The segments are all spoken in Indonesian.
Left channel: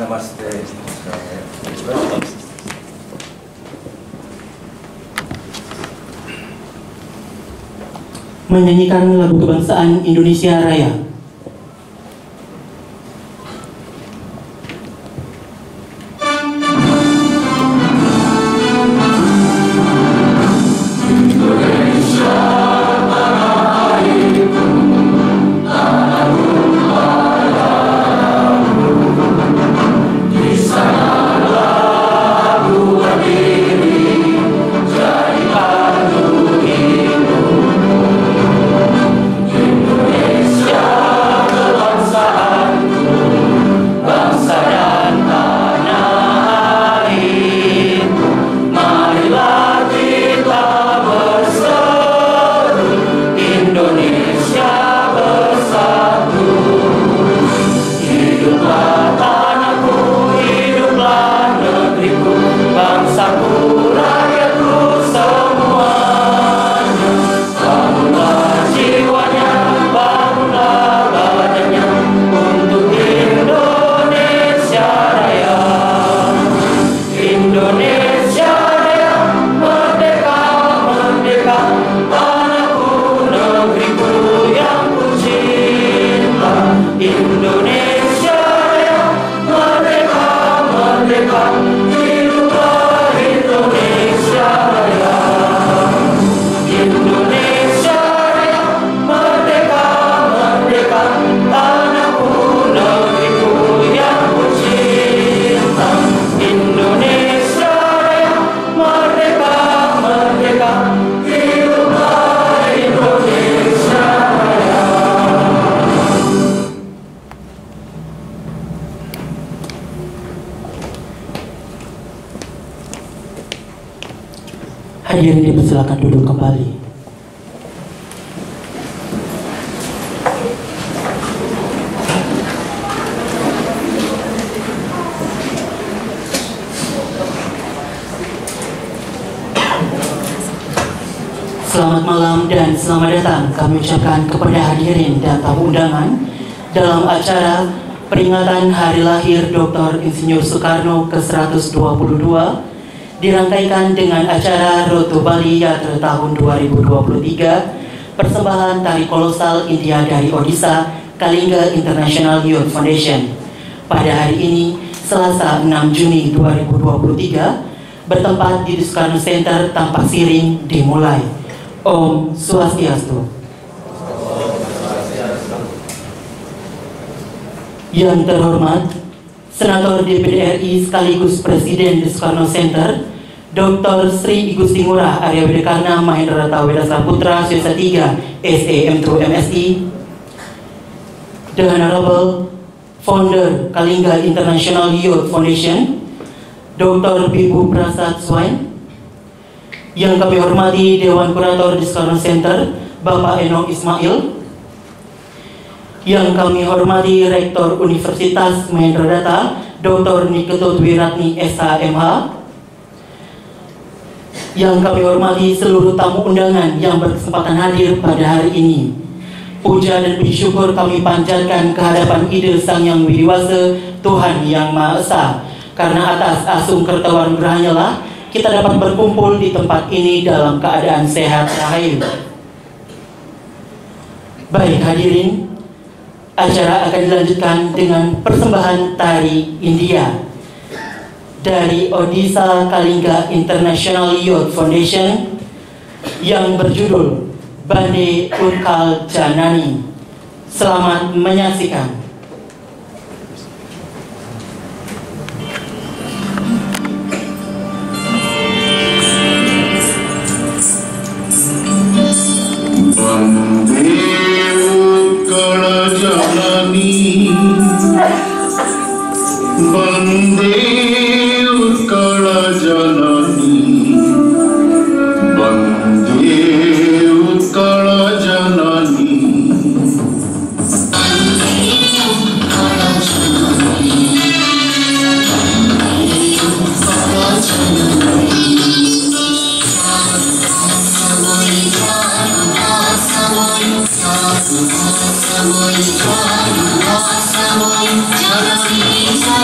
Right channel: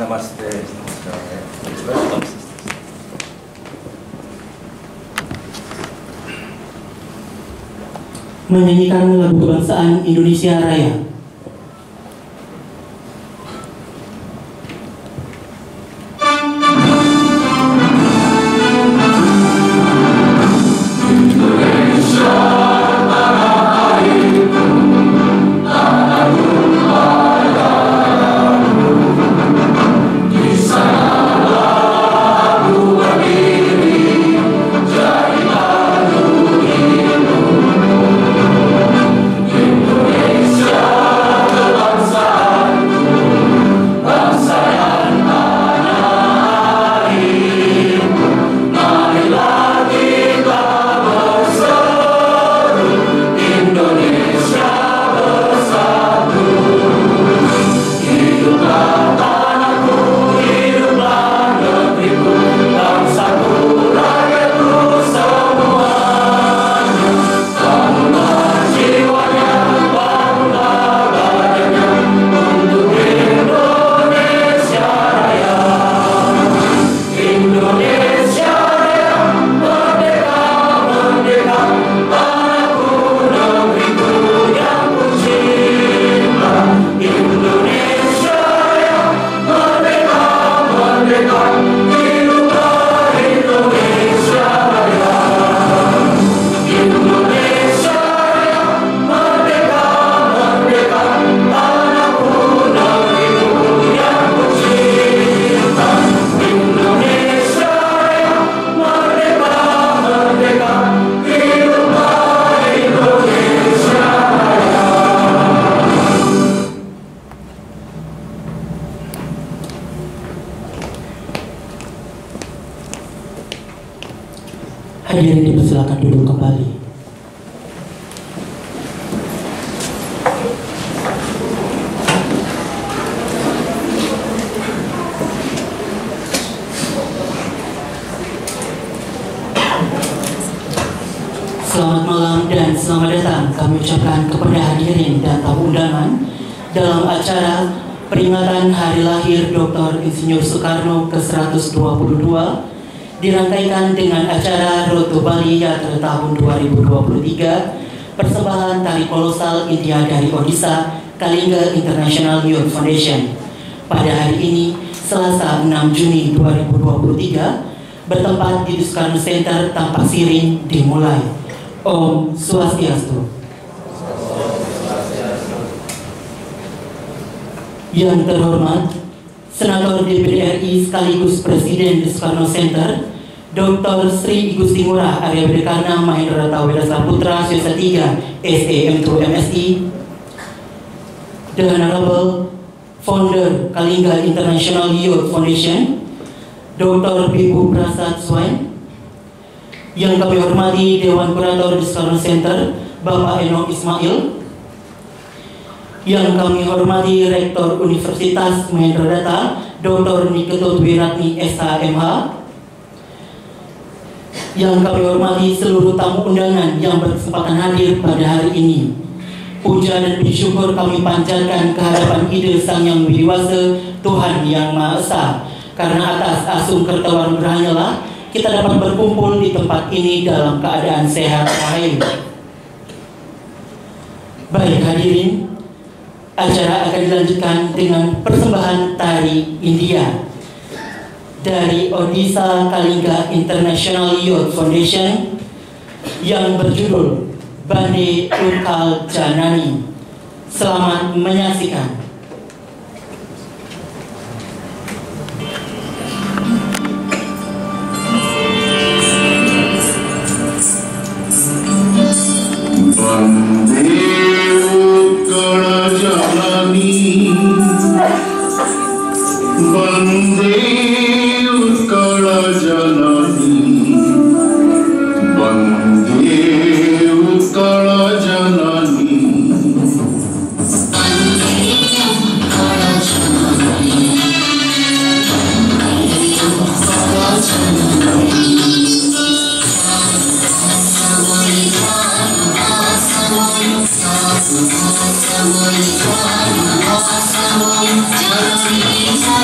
Namaste. Menyanyikan lagu kebangsaan Indonesia Raya. Hadirin dipersilakan duduk kembali. Selamat malam dan selamat datang kami ucapkan kepada hadirin dan tamu undangan dalam acara peringatan Hari Lahir Dr. Insinyur Soekarno ke-122 dirangkaikan dengan acara Road to Bali Yatra tahun 2023, persembahan tari kolosal India dari Odisha, Kalinga International Youth Foundation. Pada hari ini, Selasa 6 Juni 2023, bertempat di Soekarno Center Tampak Siring dimulai. Om Swastiastu. Yang terhormat, Senator DPD RI sekaligus Presiden di Soekarno Center, Dr. Sri Igusti Ngurah Arya Widikarna Mahendra Taweda Saputra Swasta 3 SAM2 MSI, The Honorable Founder Kalinga International Youth Foundation, Dr. Bibu Prasad Swain, yang kami hormati Dewan Kurator di Soekarno Center, Bapak Eno Ismail, yang kami hormati Rektor Universitas Mahendra Data, Dr. Niketut Wiratni SHMH, yang kami hormati seluruh tamu undangan yang berkesempatan hadir pada hari ini. Puja dan puji syukur kami panjatkan kehadapan Ide Sang Yang Widiwasa, Tuhan Yang Maha Esa, karena atas asung kertawan gerahnya lah kita dapat berkumpul di tempat ini dalam keadaan sehat rahayu. Baik hadirin, acara akan dilanjutkan dengan persembahan tari India dari Odisha Kalinga International Youth Foundation yang berjudul Bande Utkal Janani. Selamat menyaksikan.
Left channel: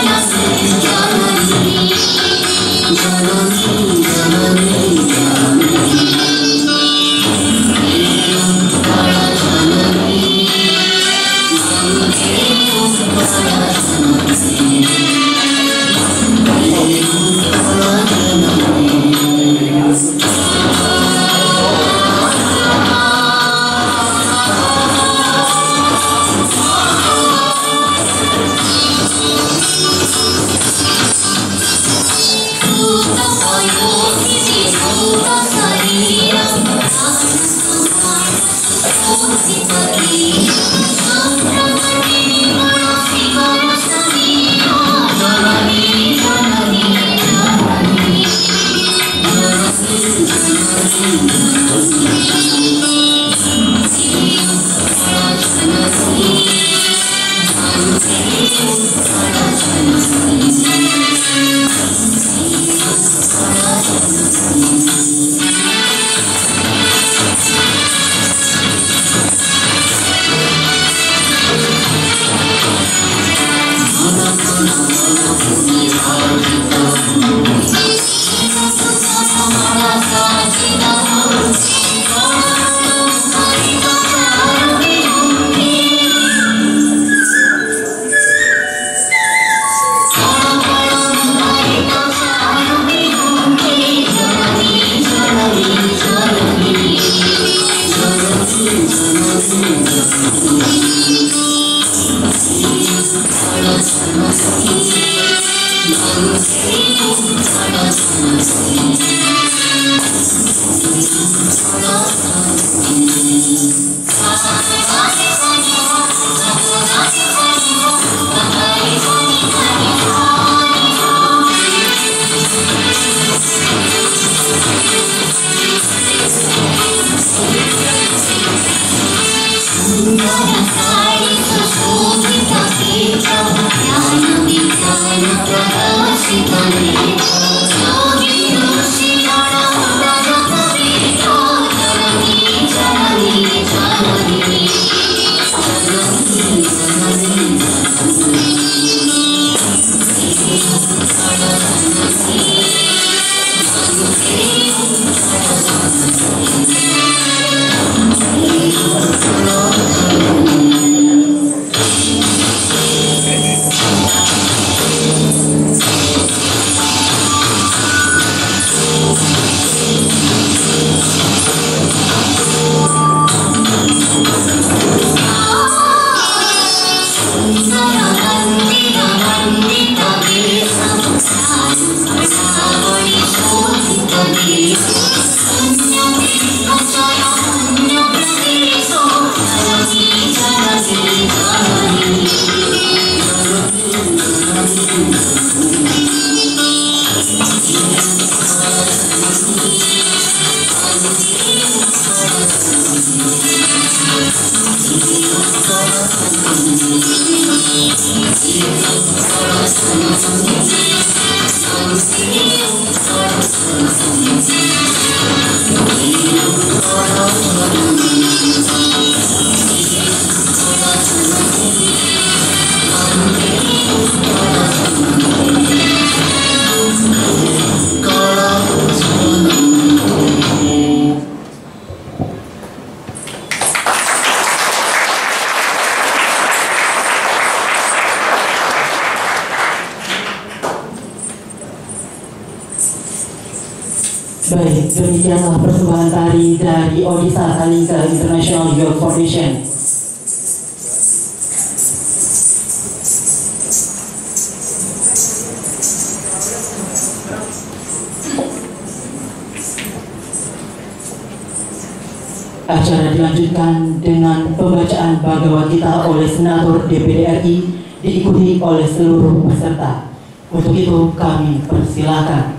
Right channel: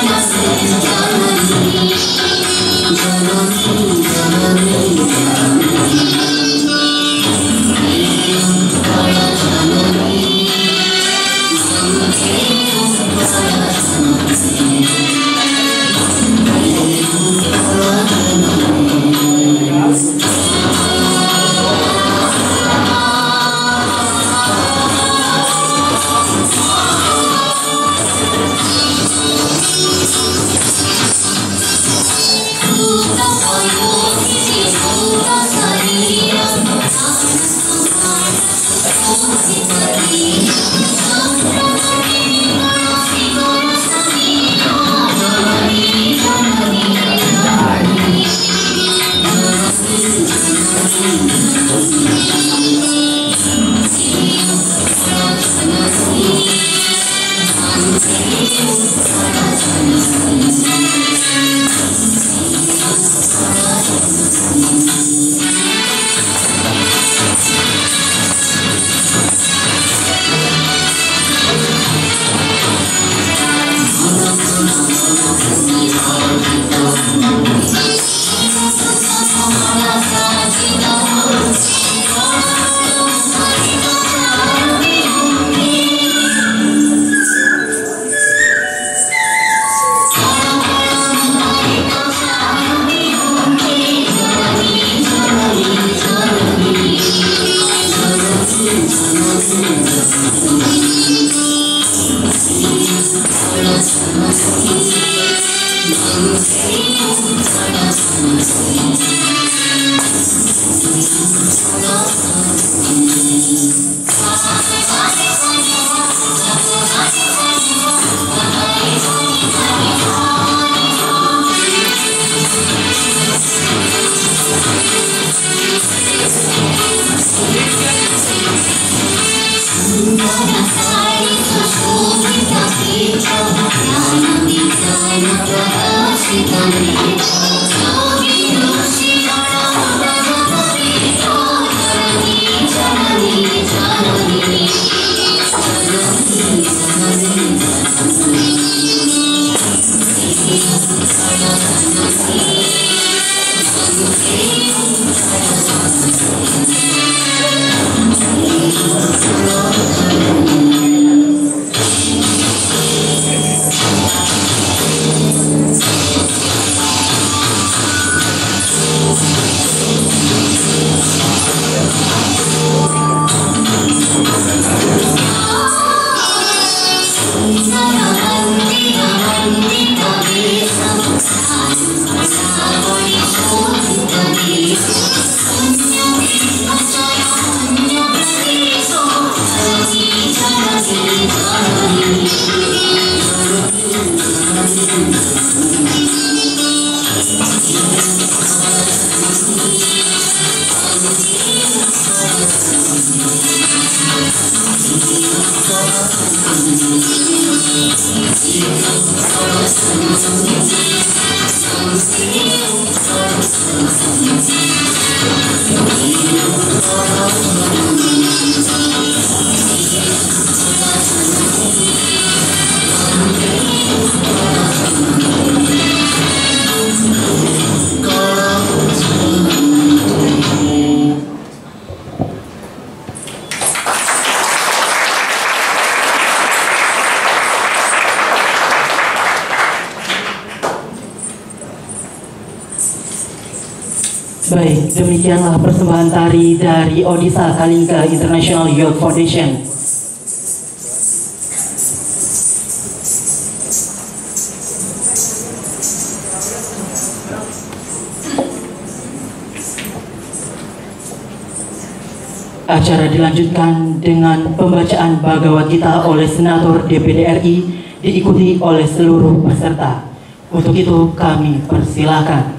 Jangan Baik, demikianlah persembahan tari dari Odisha Kalinga International Youth Foundation. Acara dilanjutkan dengan pembacaan Bhagavad Gita oleh Senator DPD RI diikuti oleh seluruh peserta. Untuk itu kami persilakan.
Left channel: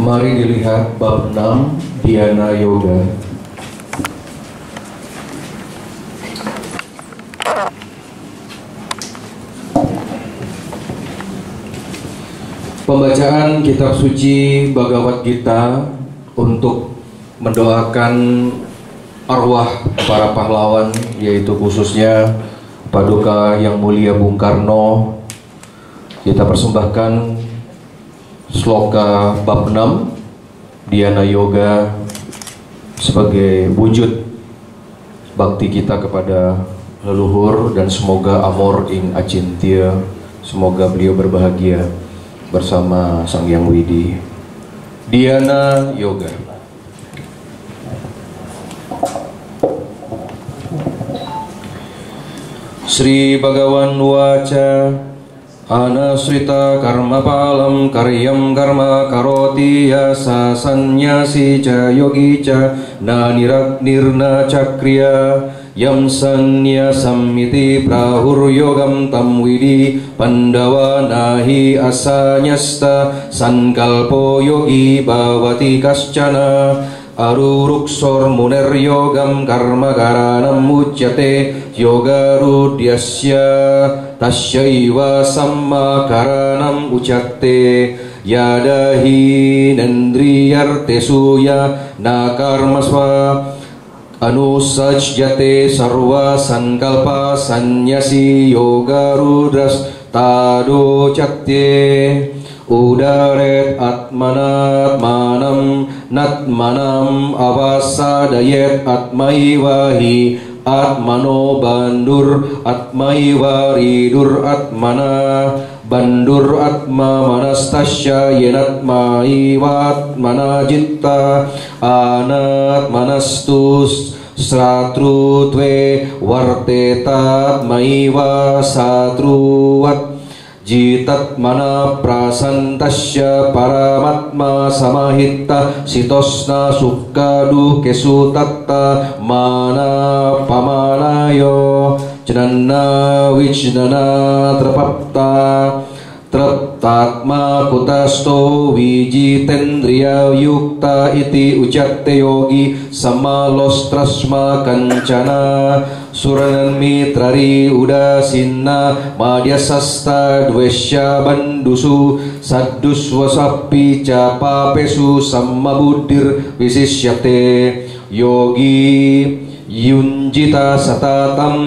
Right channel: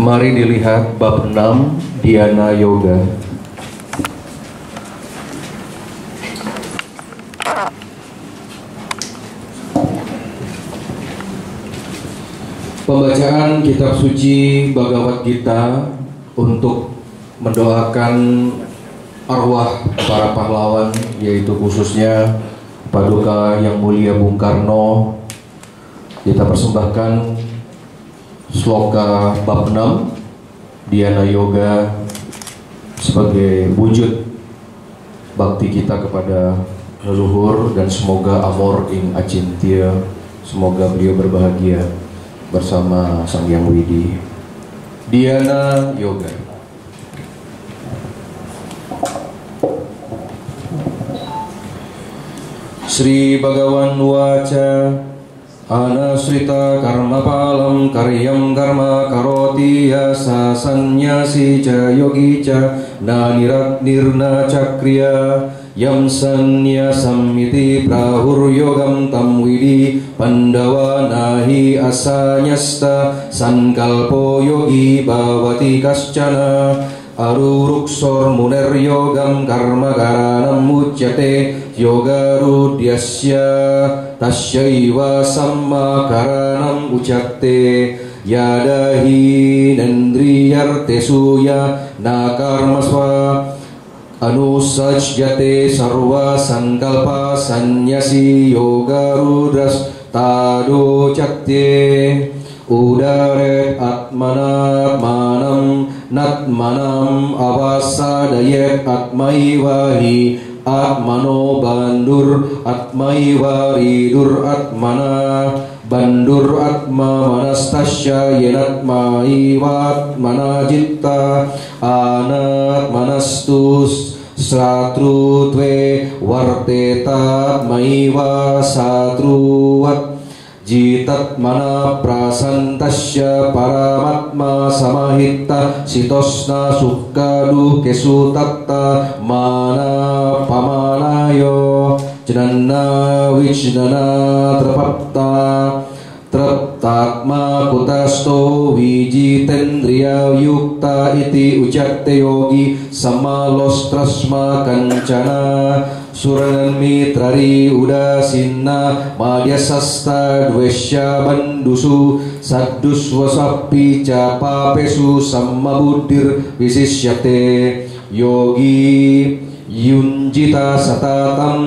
Mari dilihat bab 6 Dhyana Yoga. Pembacaan kitab suci Bhagavad Gita untuk mendoakan arwah para pahlawan, yaitu khususnya Paduka Yang Mulia Bung Karno. Kita persembahkan sloka bab 6 Dhyana Yoga sebagai wujud bakti kita kepada leluhur, dan semoga amor ing acintya, semoga beliau berbahagia bersama Sang Hyang Widi. Dhyana Yoga. Sri Bhagavan Waca Anasrita karma palam karyam karma karoti yasa sanyasi ca yogi ca na nirna cakriya yam sanya samiti prahur yogam tam widi pandawa nahi asanyasta sankalpo yogi bhavati kaschana aruruksor muner yogam karma karanam ucyate yoga rudyasya tasyaiva samma karanam ucate yadahi nendriyarte suya nakarmasva anusajyate sarva sankalpa sanyasi yoga rudras tado chatye udaret atmanatmanam natmanam avasadayet atmaivahi atmano bandur atmaiva ridur atmana bandur atma manastasya yenatmaiva atmana jitta anat manastus satrutve vartetat maiva satruvat jitat mana prasantasya paramatma samahitta sitosna sukkadu kesutatta mana pamanayo janana wijnana trapapta Traptatma kutasto wijitendriya yukta iti ucatte yogi samalostrasma kancana suranan mitrari udasinna madyasasta dwesya bandusu saddus wasapi capapesu sammabuddhir wisisyate yogi yunjita satatam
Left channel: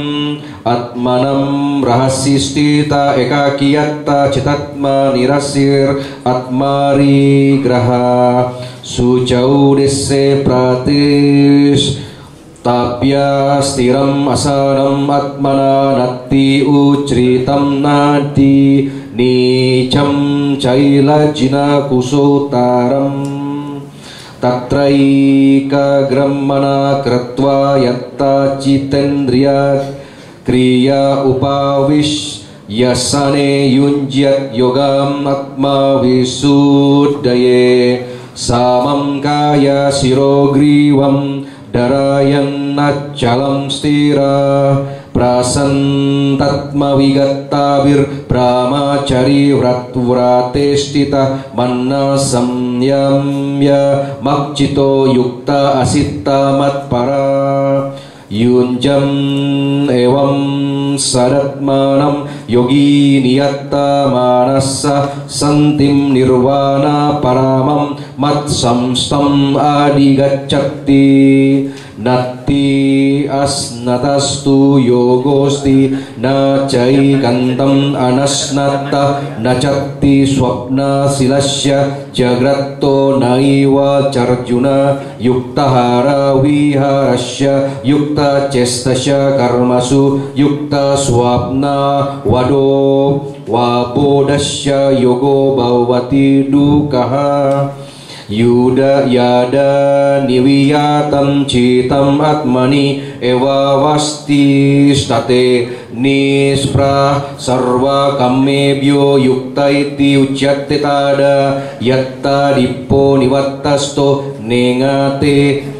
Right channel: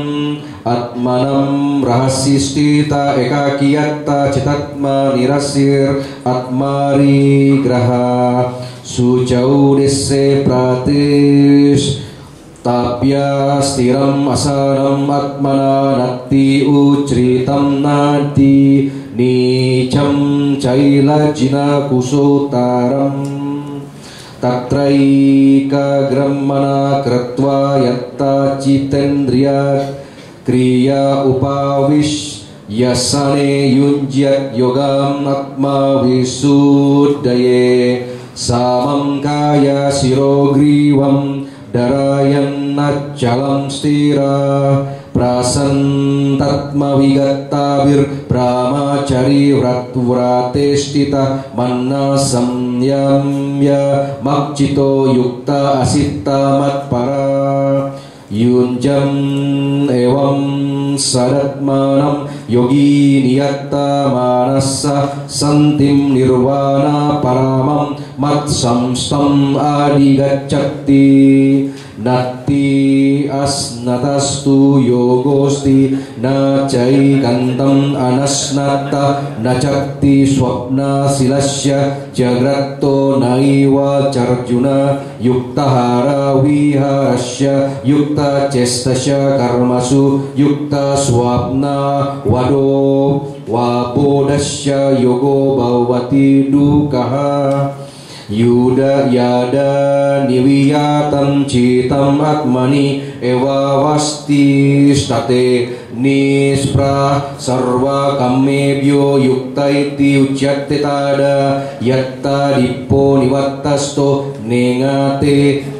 atmanam rahasistita ekakiyatta citatma nirasir atmari graha sucau desse pratis tapya stiram asanam atmana natti ucritam nati nicam caila jina kusutaram tatraika grammana kratva yatta citendriya kriya upawish yasane yunjat yogam atma visuddhaye samam kaya sirogrivam darayan nacalam stira prasantatma vigattabir brahmacari vratestita manna samyamya makcito yukta asitta matpara yunjam evam sadatmanam yogi niyatta manasa santim nirvana paramam mat samstam adigacchati natti asnatastu yogosti nacai kantam anasnata nacatti swapna silasya jagratto naiva charjuna yuktahara viharasya yukta cestasya karmasu yukta swapna wado wabodasya yogo bhavati dukaha yuda yada niwiyatam citam atmani eva vasti state nispra sarva kamebhyo yukta iti ucyatte tada yatta dippo nivattasto nengate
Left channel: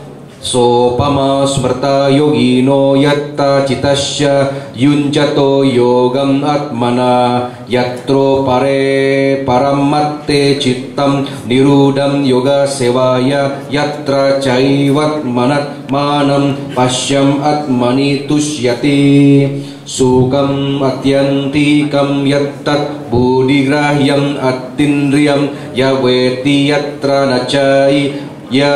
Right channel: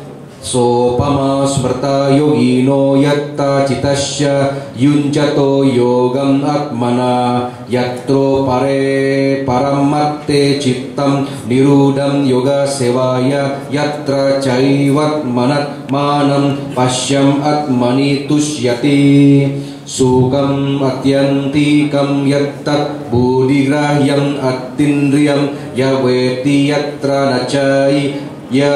sopama smerta yogino yatta citasya yunjato yogam atmana yatro pare paramatte cittam nirudam yoga sevaya yatra caivat manat manam pasyam atmani tusyati sukam atyantikam yattat budigrahyam attindriyam yaweti yatra nacai ya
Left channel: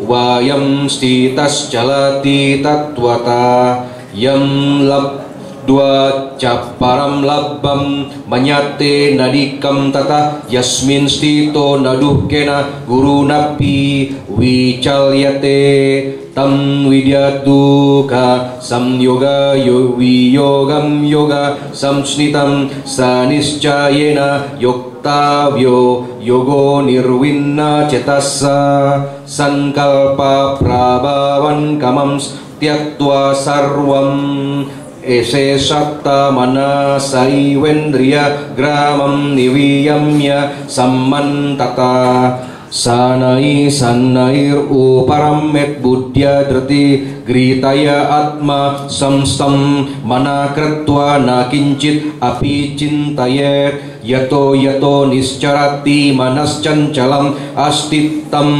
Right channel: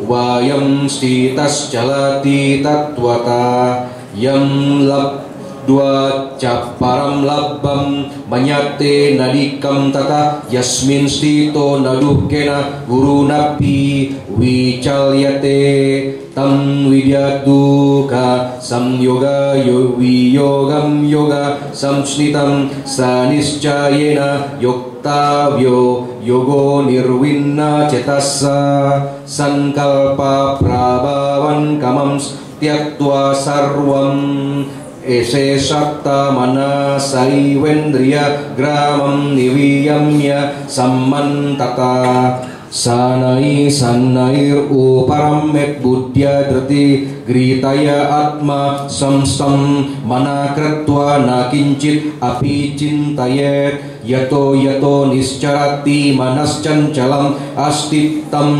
wayam stitas jalati tatwata yam lab dua caparam labbam manyate nadikam tata yasmin stito naduhkena guru napi wicalyate tam widyaduka samyoga viyogam yoga samsnitam saniscayena yoktavyo yogo nirvinna cetassa sankalpa prabhavan kamam tyaktva sarvam ese satta manasai wendriya gramam niviyamya sammantata sanai sanair uparamet buddhya drati gritaya atma samstam manakratva nakincit api cintayet yato yato niscarati manascancalam astittam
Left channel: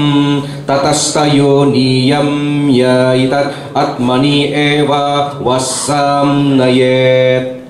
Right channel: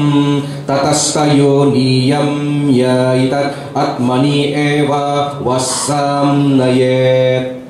tatastayo niyam yaitat atmani eva wasam nayet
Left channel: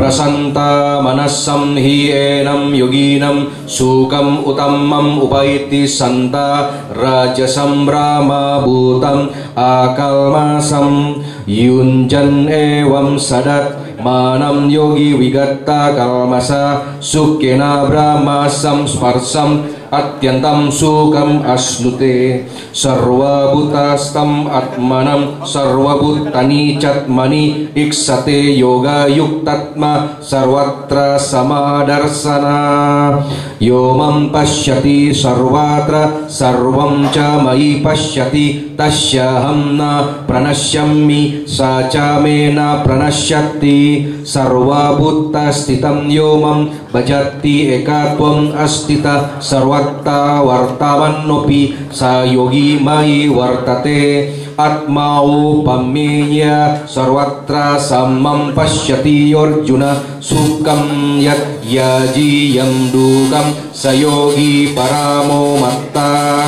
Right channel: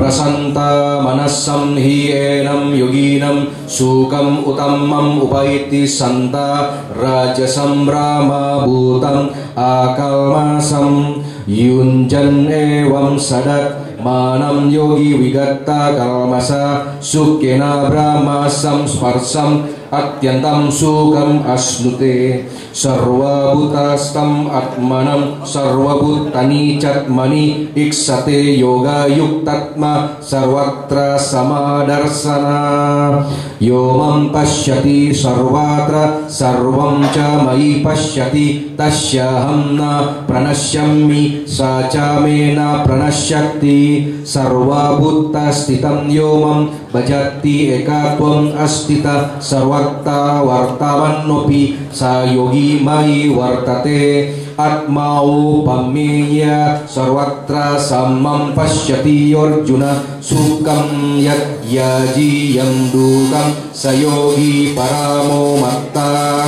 prasanta manasam hi enam yoginam sukam utamam upaiti santa rajasam brahma bhutam akalmasam yunjan evam sadat manam yogi vigatta kalmasa sukkena brahmasam sparsam atyantam sukam asnute sarva bhutastam atmanam sarva bhutani catmani iksate yoga yuktatma sarvatra samadarsana yomam pasyati sarvatra sarvam ca mai pasyati tasyaham na pranasyami saca mena pranasyati sarva bhuttastitam yomam bajati ekatvam astita sarvatta wartavannopi sayogi mai wartate atmau pameya sarvatra samam pasyati Arjuna sukam yat yaji yang dukam sayogi paramo matta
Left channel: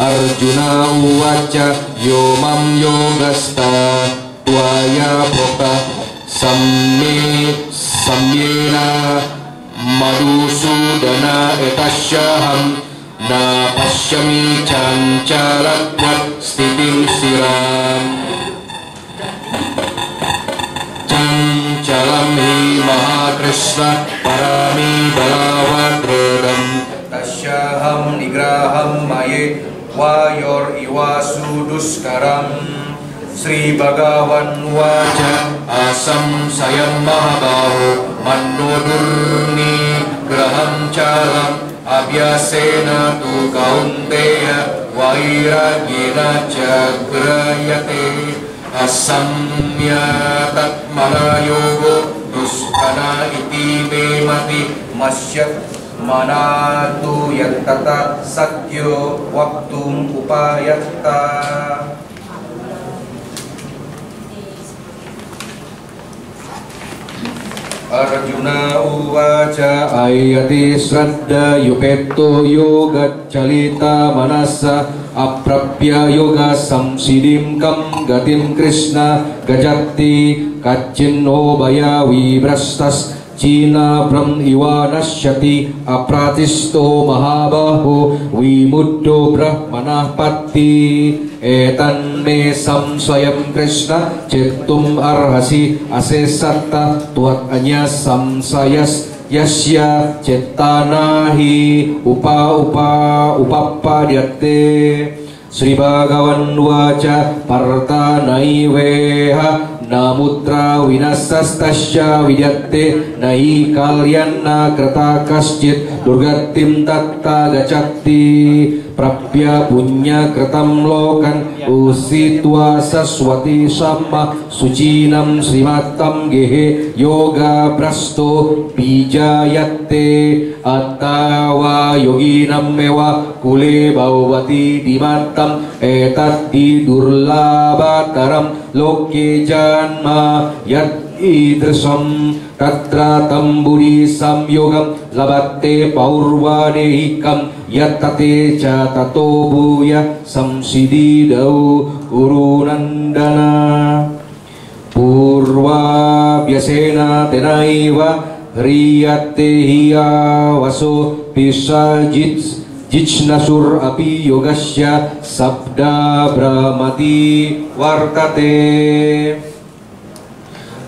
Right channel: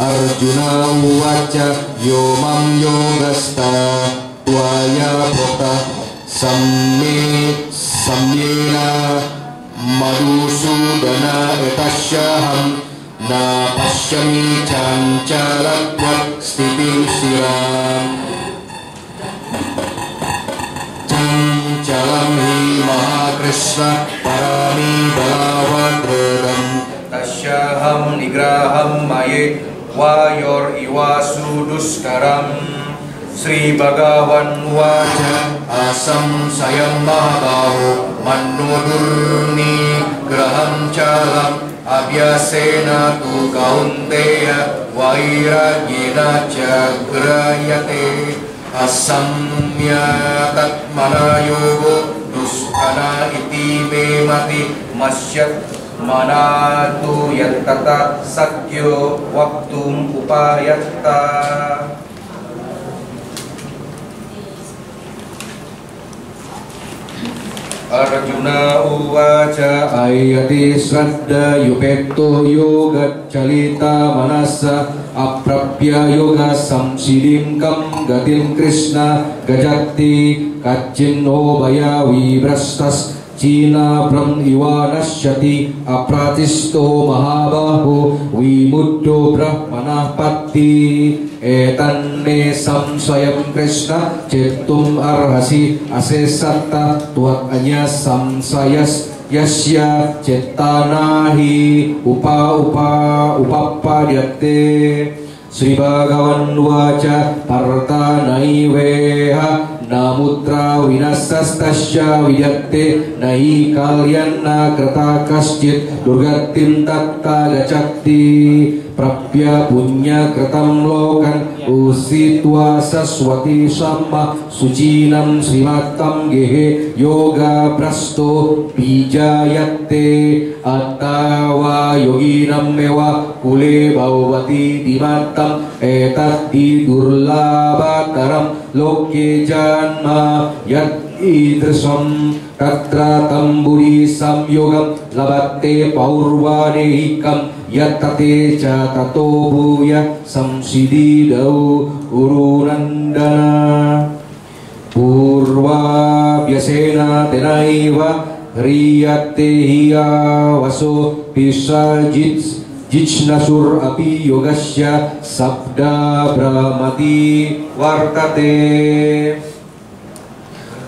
Arjuna uwaca yomam yogasta tuaya prokta samyena madusudana etasyaham na pasyami cancalatvat stitim siram cancalam hi mahakrishna parami balawatrodam tasyaham nigraham maye wayor iwasu duskaram Sri Bhagavan waca asam sayam mahabaho manodurni graham calam abhyasena tu kaunteya vairagyena cagrayate asamya tatmana yogo duskana iti me mati masyat manatu yattata sakyo waktum upayatta Arjuna uwaca ayati sraddha yupeto yoga calita manasa aprapya yoga samsidim kam gatim Krishna gajati kaccinno baya vibrastas Cina bram iwanasyati apratisto mahabaho wimuddo brahmanah patti etan me samsayam Krishna cettum arhasi asesatta tuat anya samsayas yasya cetanahi upappadyate Sri Bhagavan waca partanaiveha namutra vinasastasya vidyate nai kalyanna krata kaschit durgatim tatta gacakti prapya punya kratam lokan usitwa saswati sama sucinam srimatam gehe yoga prasto bijayate atawa yoginam mewa kule bhavati dimatam etat idurlabataram loke janma yat idrsam tatra tamburi samyogam labate paurvanehikam yattate ca tato bhuya samsididau urunandana purva vyasena tenaiva hriyate hiya vaso pisajit jichnasur api yogasya sabda brahmati vartate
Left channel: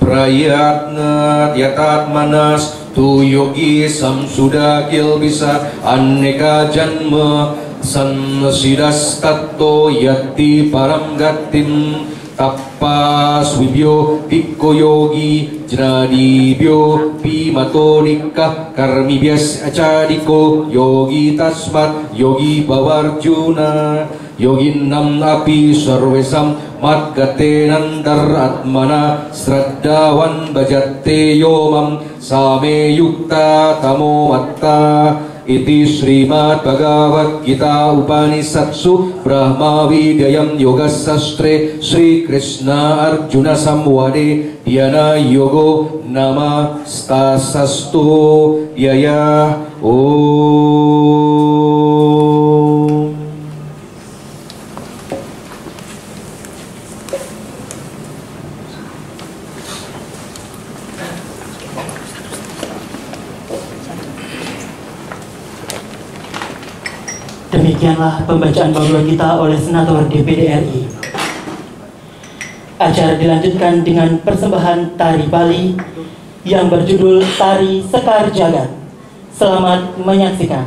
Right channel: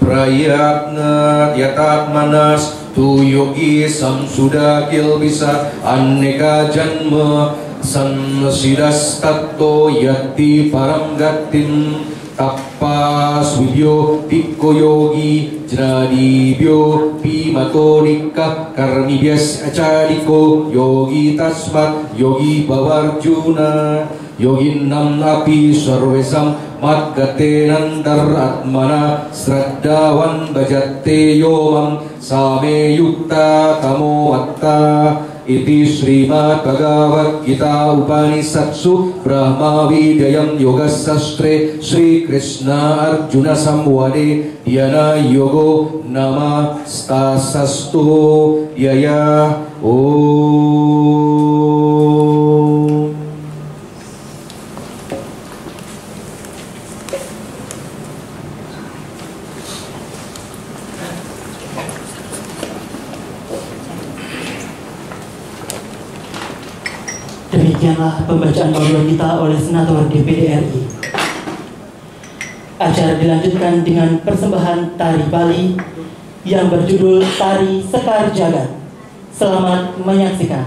prayatna yatatmanas tu yogi samsuda kilbisa aneka janma sansidas tatto yati param gatim tappas vibyo pikko yogi jnadibyo pimatodika karmibyas acadiko yogi tasmat yogi bavarjuna yoginnam api sarvesam matgatenandar atmana sraddavan bhajatte yomam same yukta tamo matta iti Srimad Bhagavad Gita Upanishatsu Brahma Vidyayam Yoga Sastre Sri Krishna Arjuna Samvade Dhyana Yogo Nama Stasastu Yaya Om. Demikianlah pembacaan Bhagavad Gita oleh Senator DPD RI. Acara dilanjutkan dengan persembahan tari Bali yang berjudul Tari Sekar Jagat. Selamat menyaksikan.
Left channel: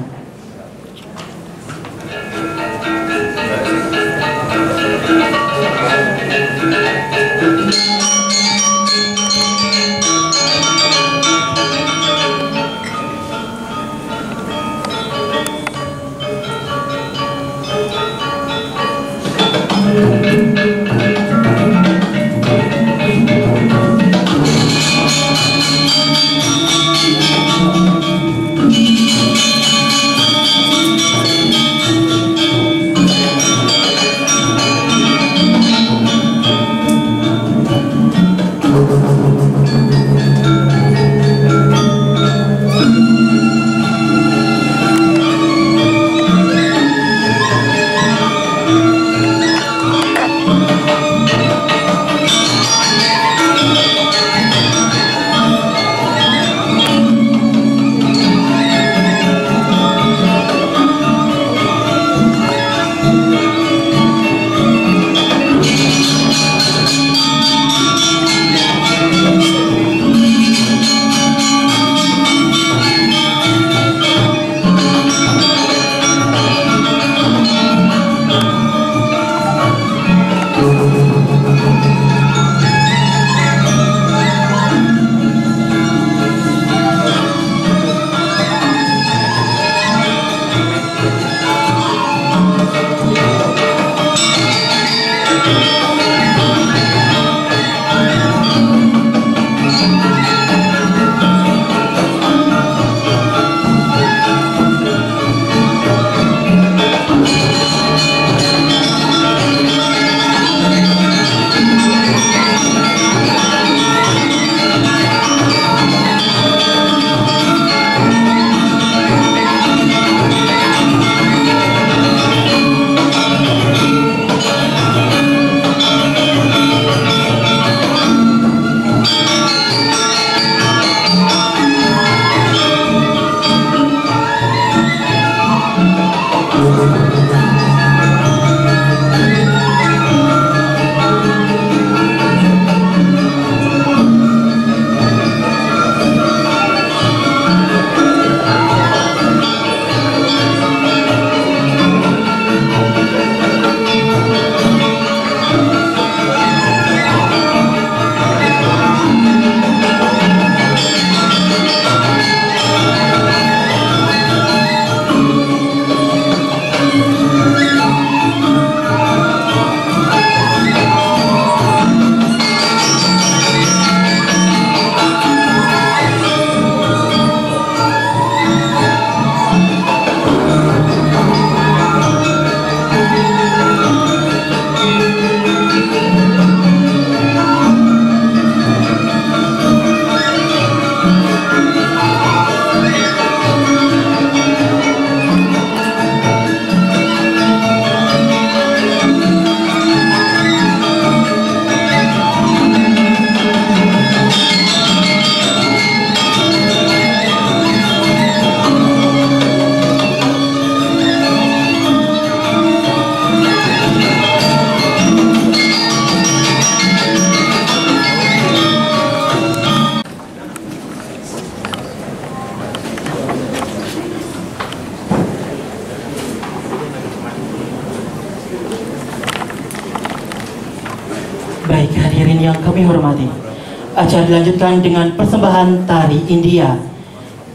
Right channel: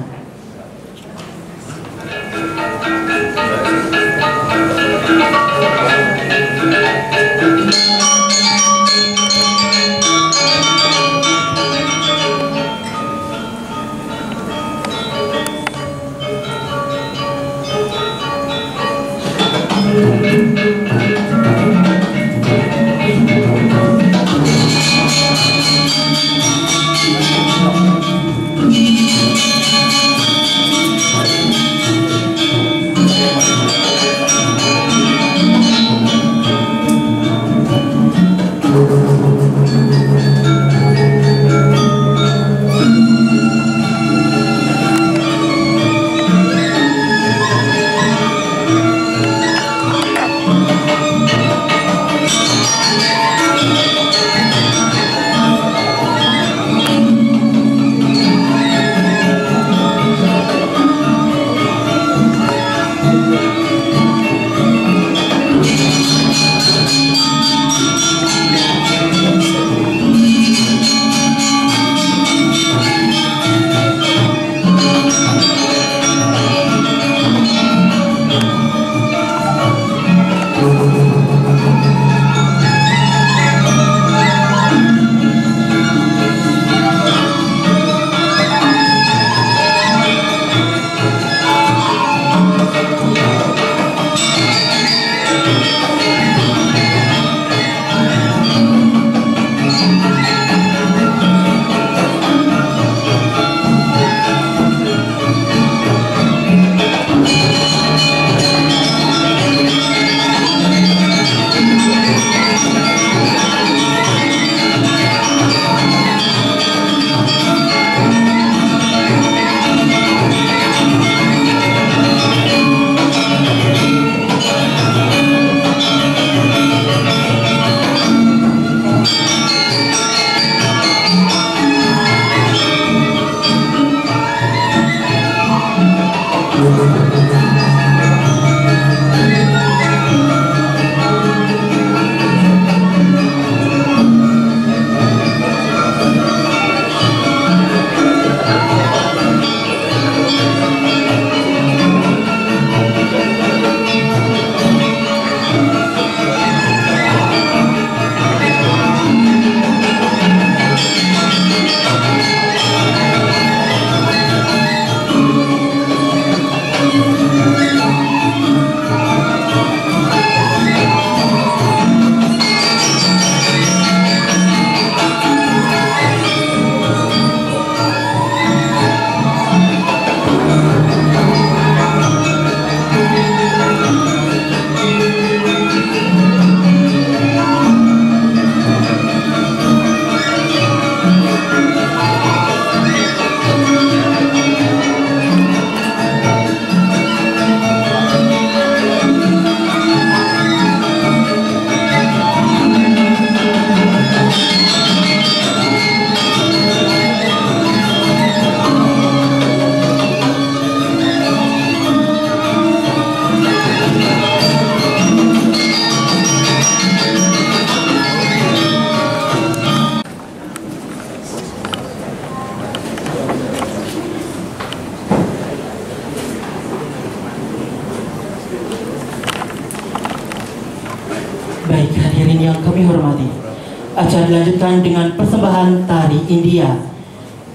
Baik, hadirin yang kami hormati, acara dilanjutkan dengan persembahan tari India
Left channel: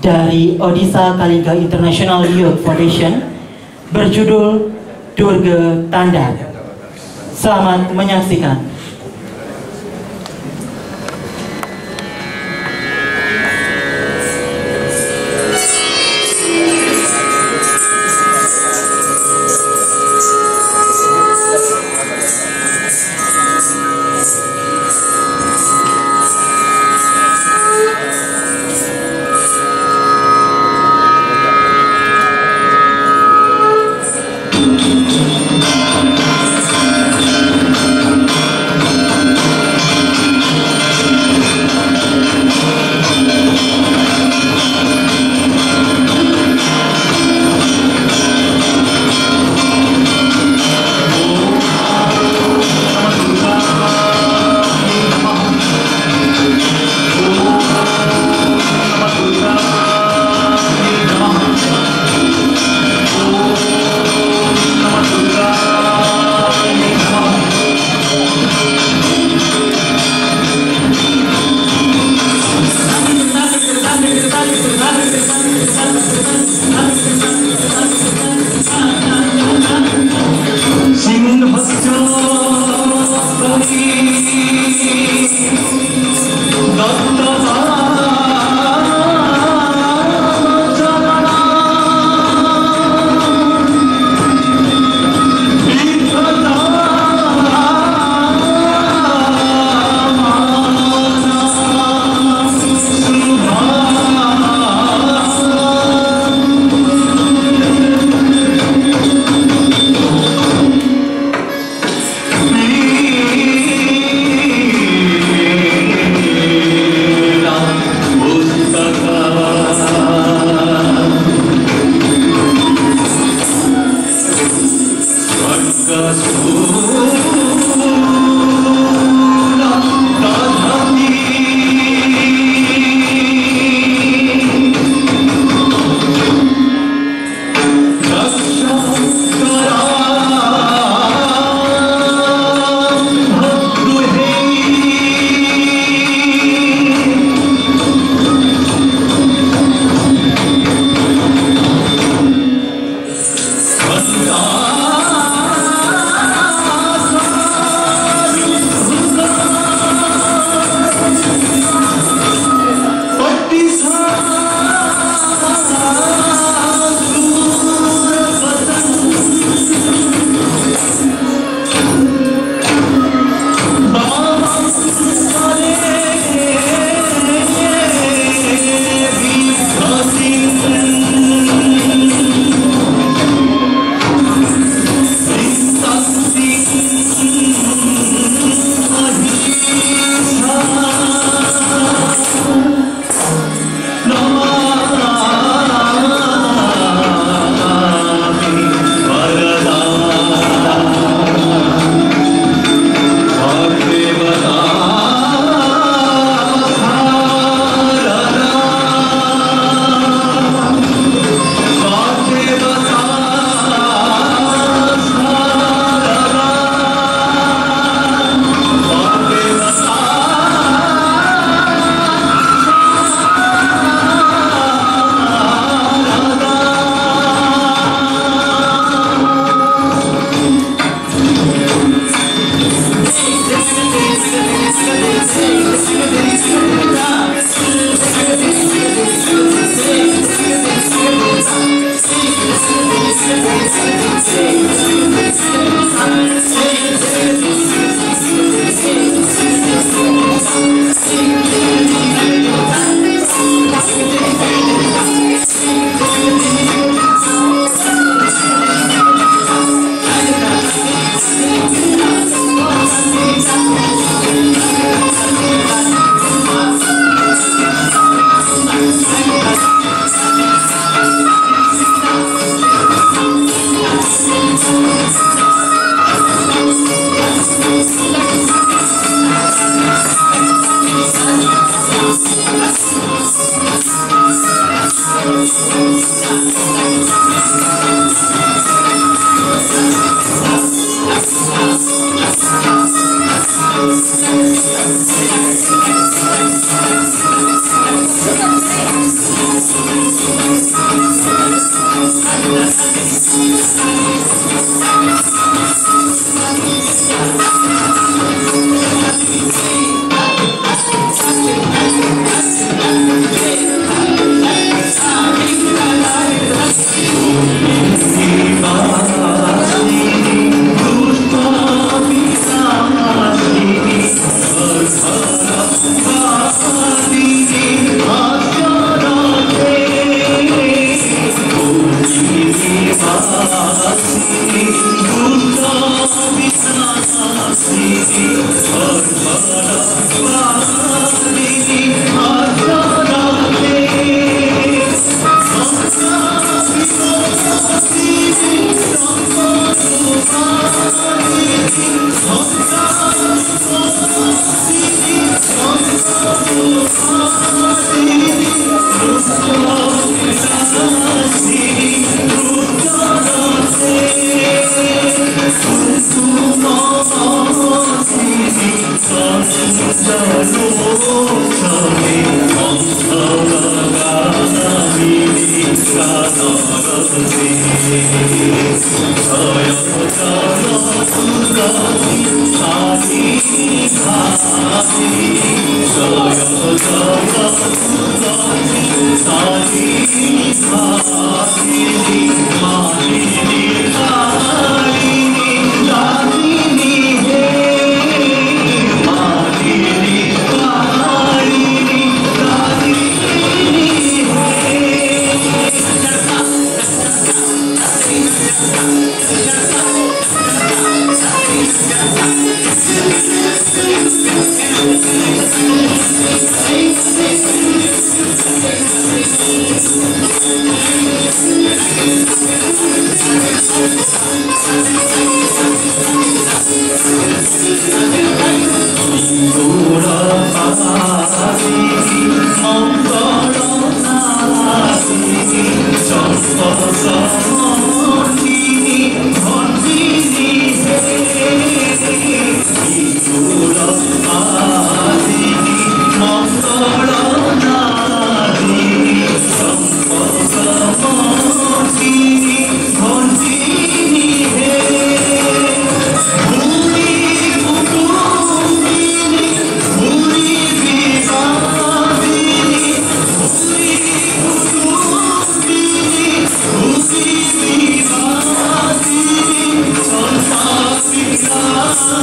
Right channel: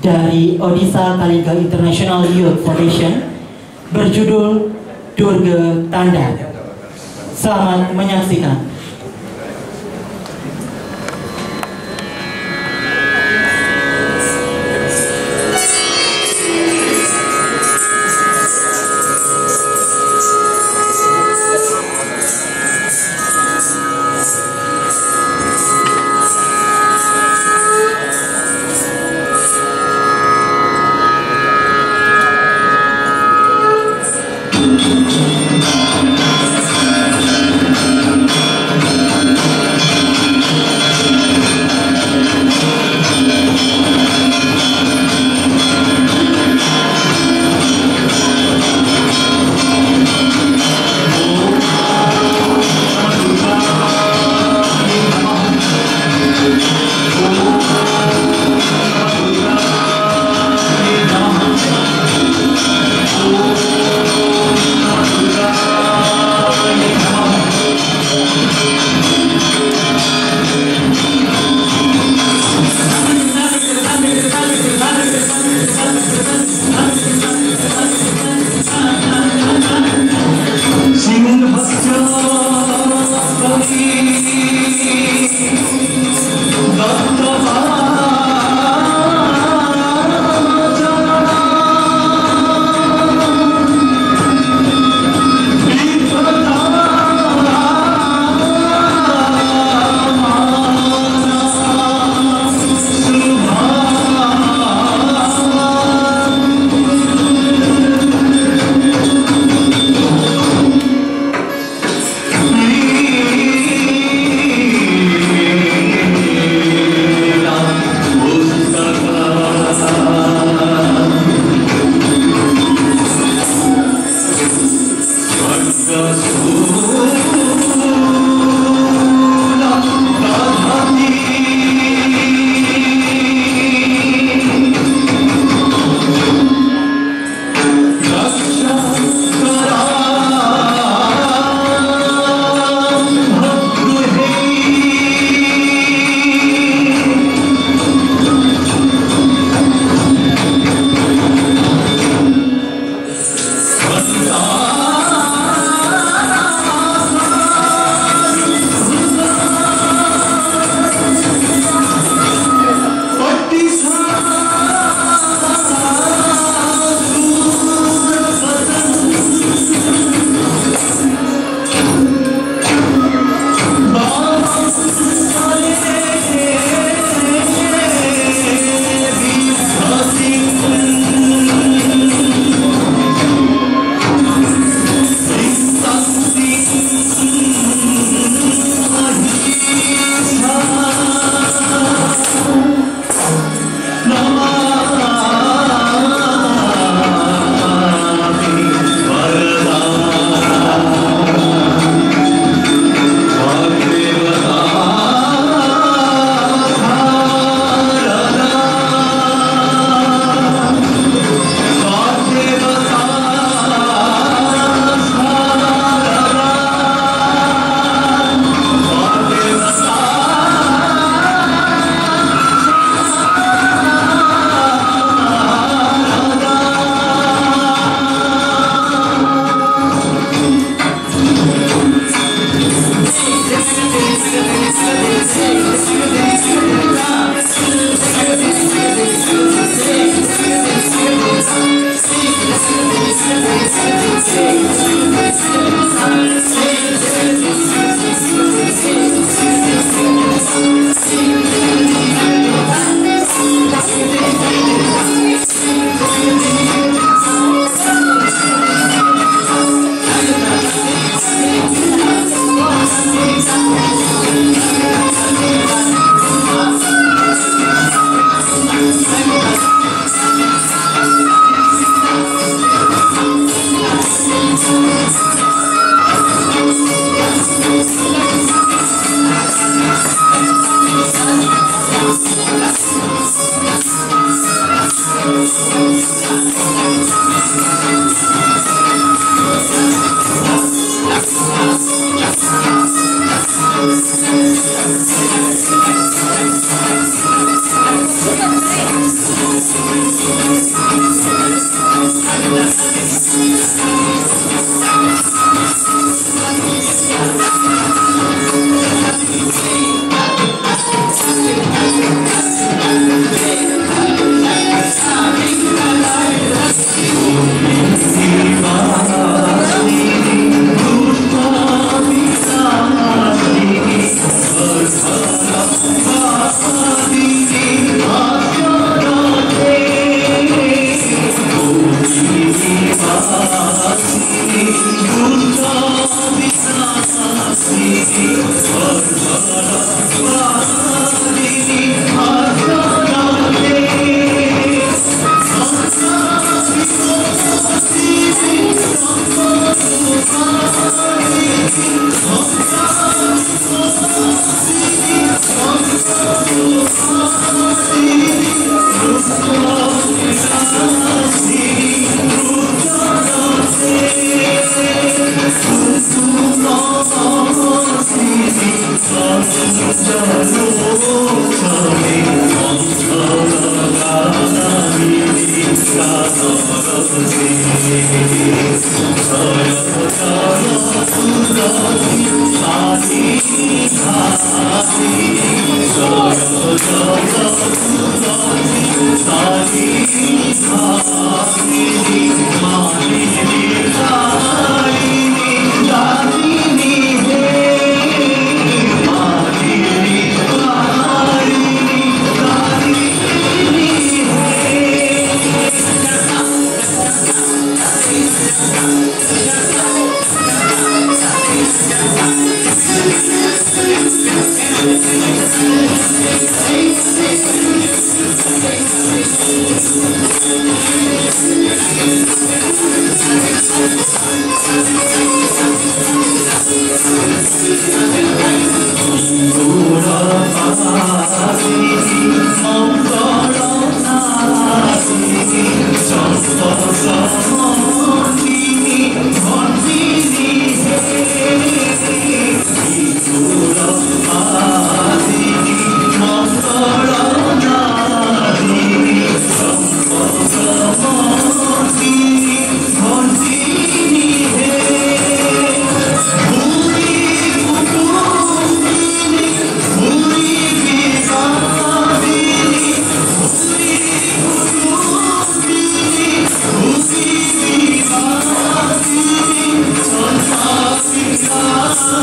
dari Odisha Kalinga International Youth Foundation berjudul Durga Tanda. Selamat menyaksikan.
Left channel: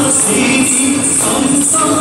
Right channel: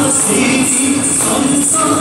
Jai Jai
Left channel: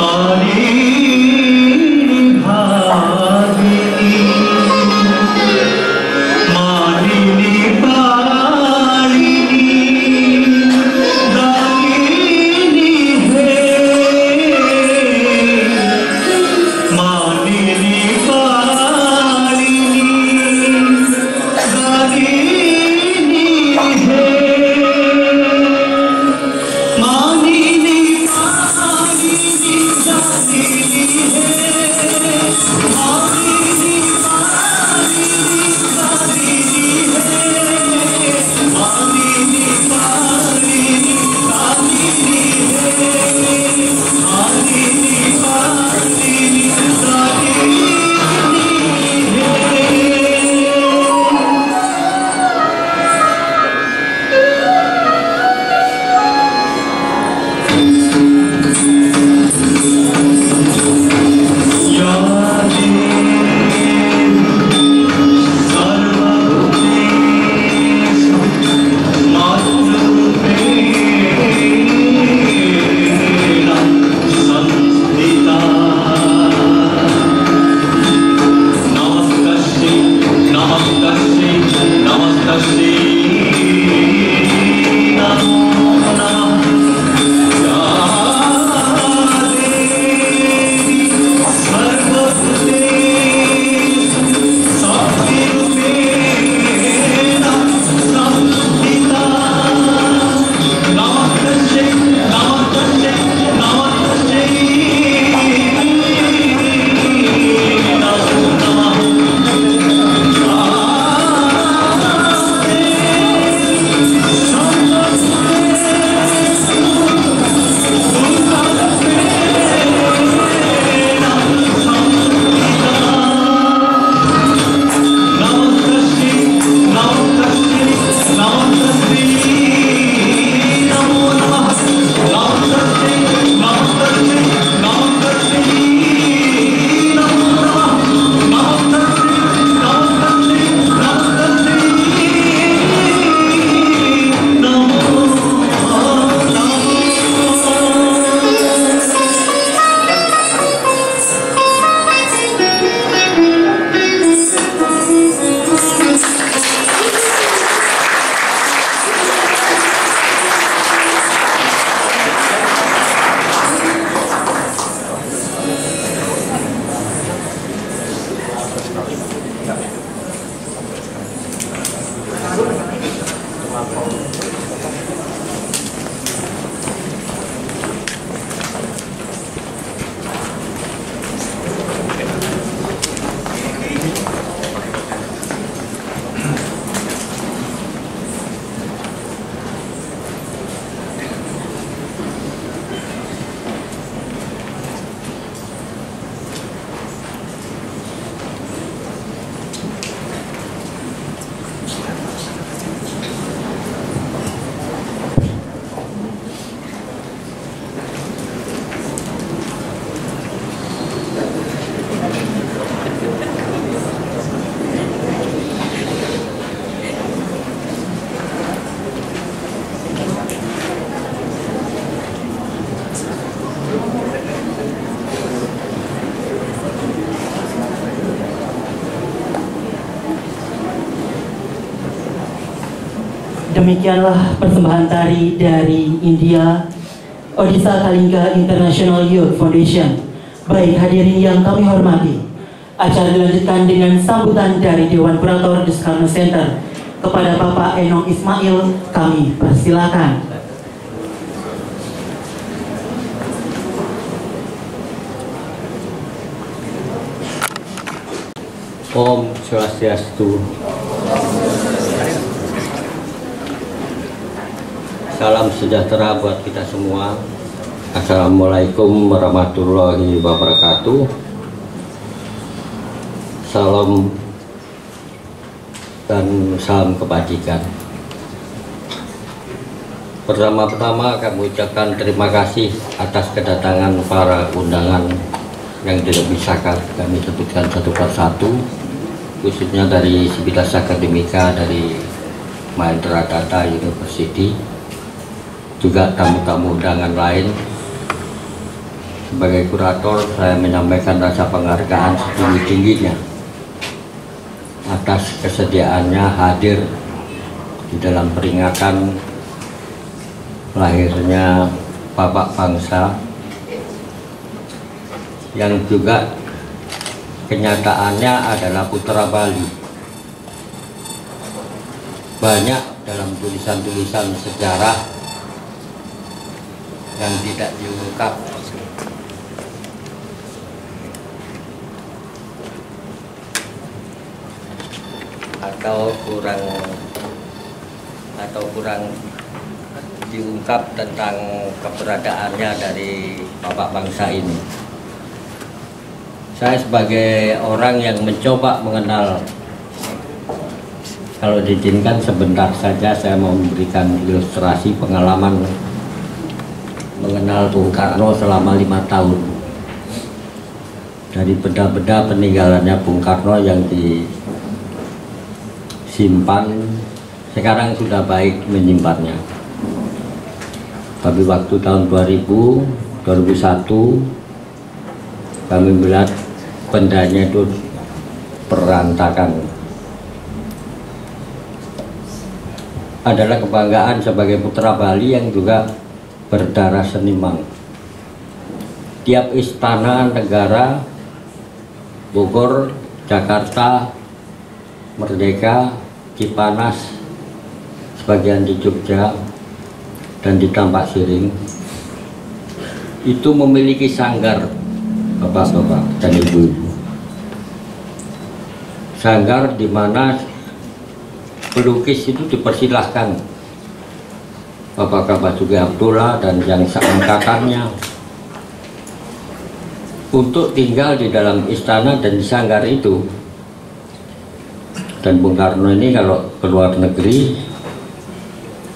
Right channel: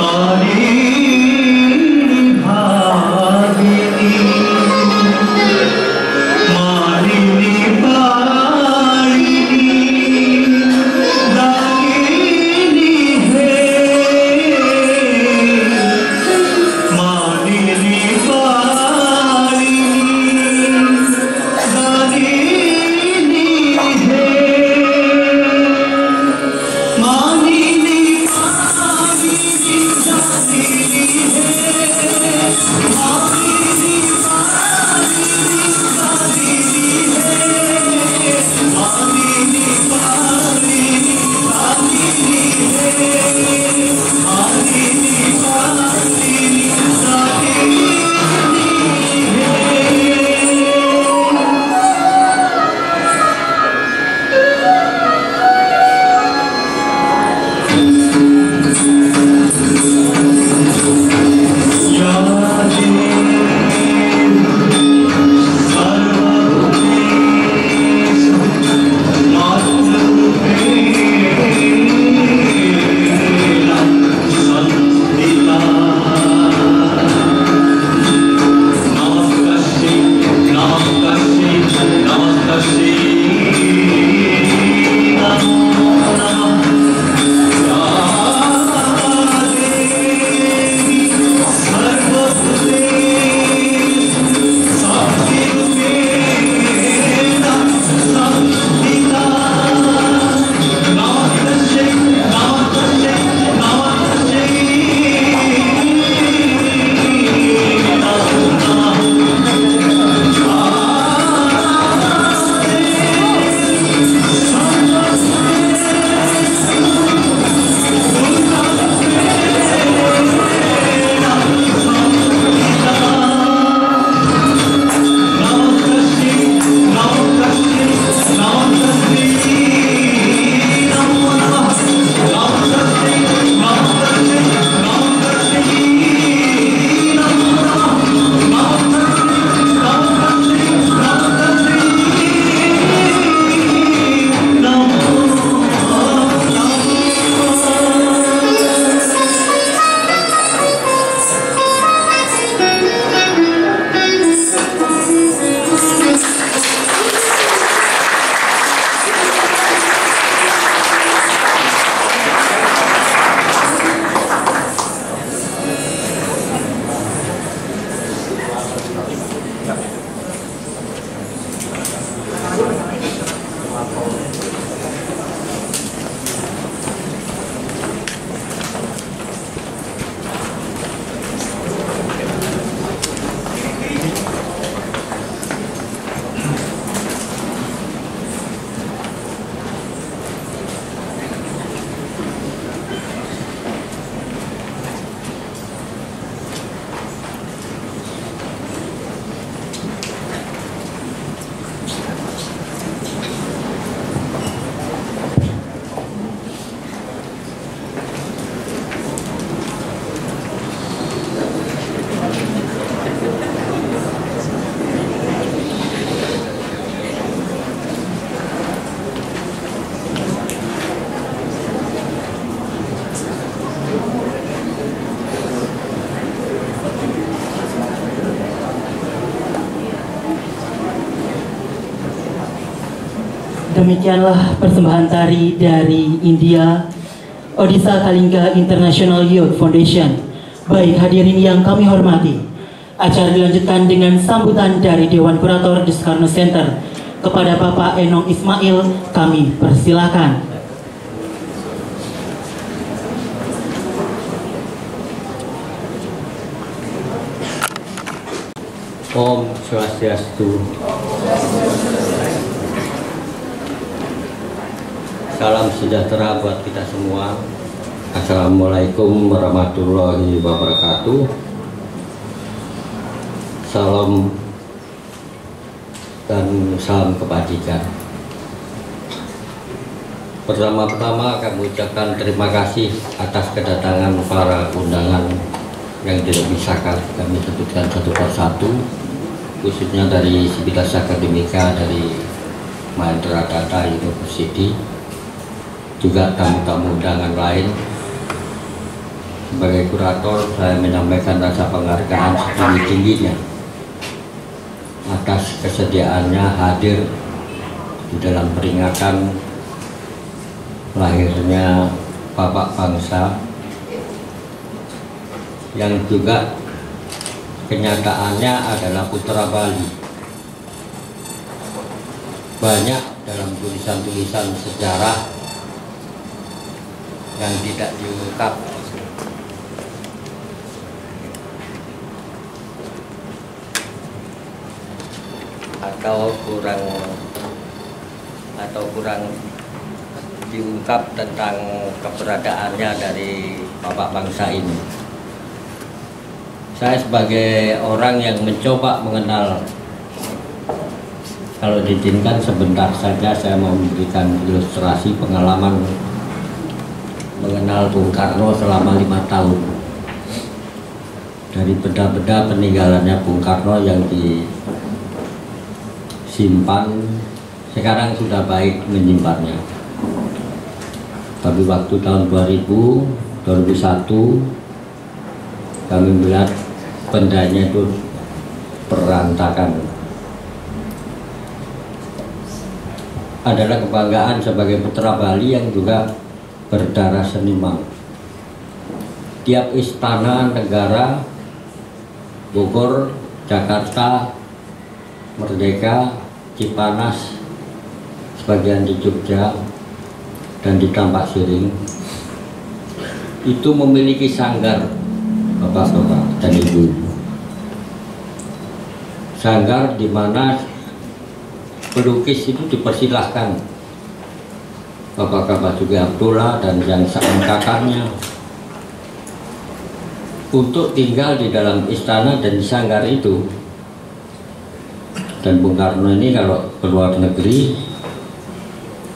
Durga Demikianlah persembahan tari dari India, Odisha Kalinga International Youth Foundation. Baik hadirin yang kami hormati, acara dilanjutkan dengan sambutan dari Dewan Kurator di Soekarno Center. Kepada Bapak Enong Ismail, kami persilakan. Om Swastiastu. Salam sejahtera buat kita semua. Assalamualaikum warahmatullahi wabarakatuh. Salam dan salam kebajikan. Pertama-tama kami ucapkan terima kasih atas kedatangan para undangan yang tidak bisa kami sebutkan satu persatu, khususnya dari Sivitas Akademika dari Mahendra Data University, juga tamu-tamu undangan lain. Sebagai kurator, saya menyampaikan rasa penghargaan setinggi-tingginya atas kesediaannya hadir di dalam peringatan lahirnya Bapak Bangsa, yang juga kenyataannya adalah putra Bali. Banyak dalam tulisan-tulisan sejarah yang tidak diungkap atau kurang diungkap tentang keberadaannya dari Bapak Bangsa ini. Saya sebagai orang yang mencoba mengenal, kalau diizinkan sebentar saja saya mau memberikan ilustrasi pengalaman mengenal Bung Karno selama 5 tahun. Dari benda-benda peninggalannya Bung Karno yang disimpan, sekarang sudah baik menyimpannya. Tapi waktu tahun 2001 kami melihat bendanya itu berantakan. Adalah kebanggaan sebagai putra Bali yang juga berdarah seniman. Tiap istana negara, Bogor, Jakarta, Merdeka, Cipanas, sebagian di Jogja dan di Tampak Siring, itu memiliki sanggar, bapak-bapak dan ibu-ibu. Sanggar di mana pelukis itu dipersilahkan, Bapak Basuki Abdullah dan yang seangkatannya, untuk tinggal di dalam istana dan di sanggar itu. Dan Bung Karno ini kalau keluar negeri,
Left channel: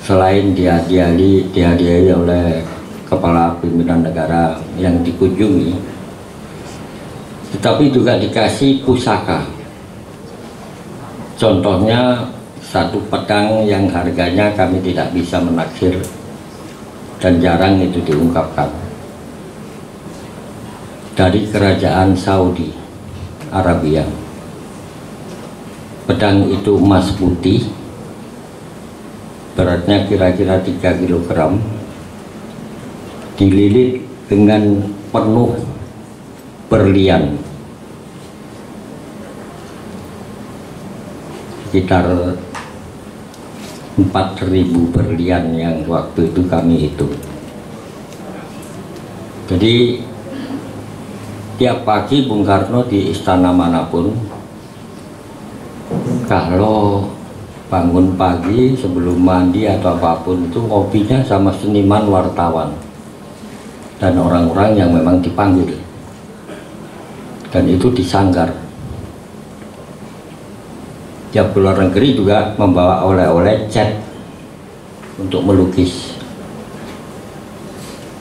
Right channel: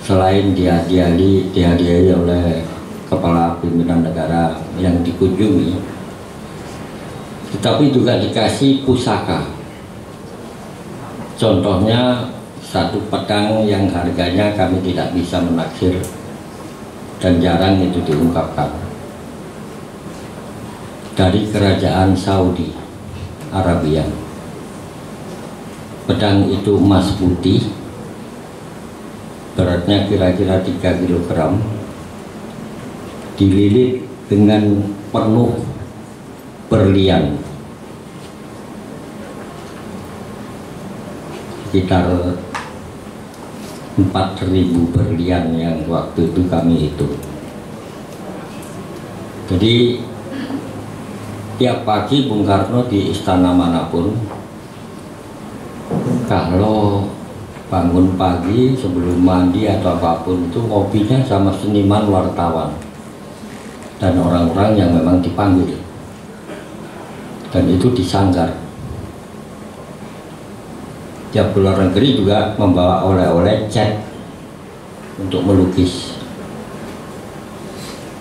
selain dihadiahi oleh kepala pimpinan negara yang dikunjungi, tetapi juga dikasih pusaka. Contohnya satu pedang yang harganya kami tidak bisa menaksir dan jarang itu diungkapkan, dari kerajaan Saudi Arabia. Pedang itu emas putih, beratnya kira-kira 3 kg, dililit dengan penuh berlian, sekitar 4.000 berlian yang waktu itu kami hitung. Jadi tiap pagi Bung Karno di istana manapun, kalau bangun pagi sebelum mandi atau apapun itu, ngopinya sama seniman, wartawan, dan orang-orang yang memang dipanggil, dan itu disanggar. Tiap luar negeri juga membawa oleh-oleh cat untuk melukis,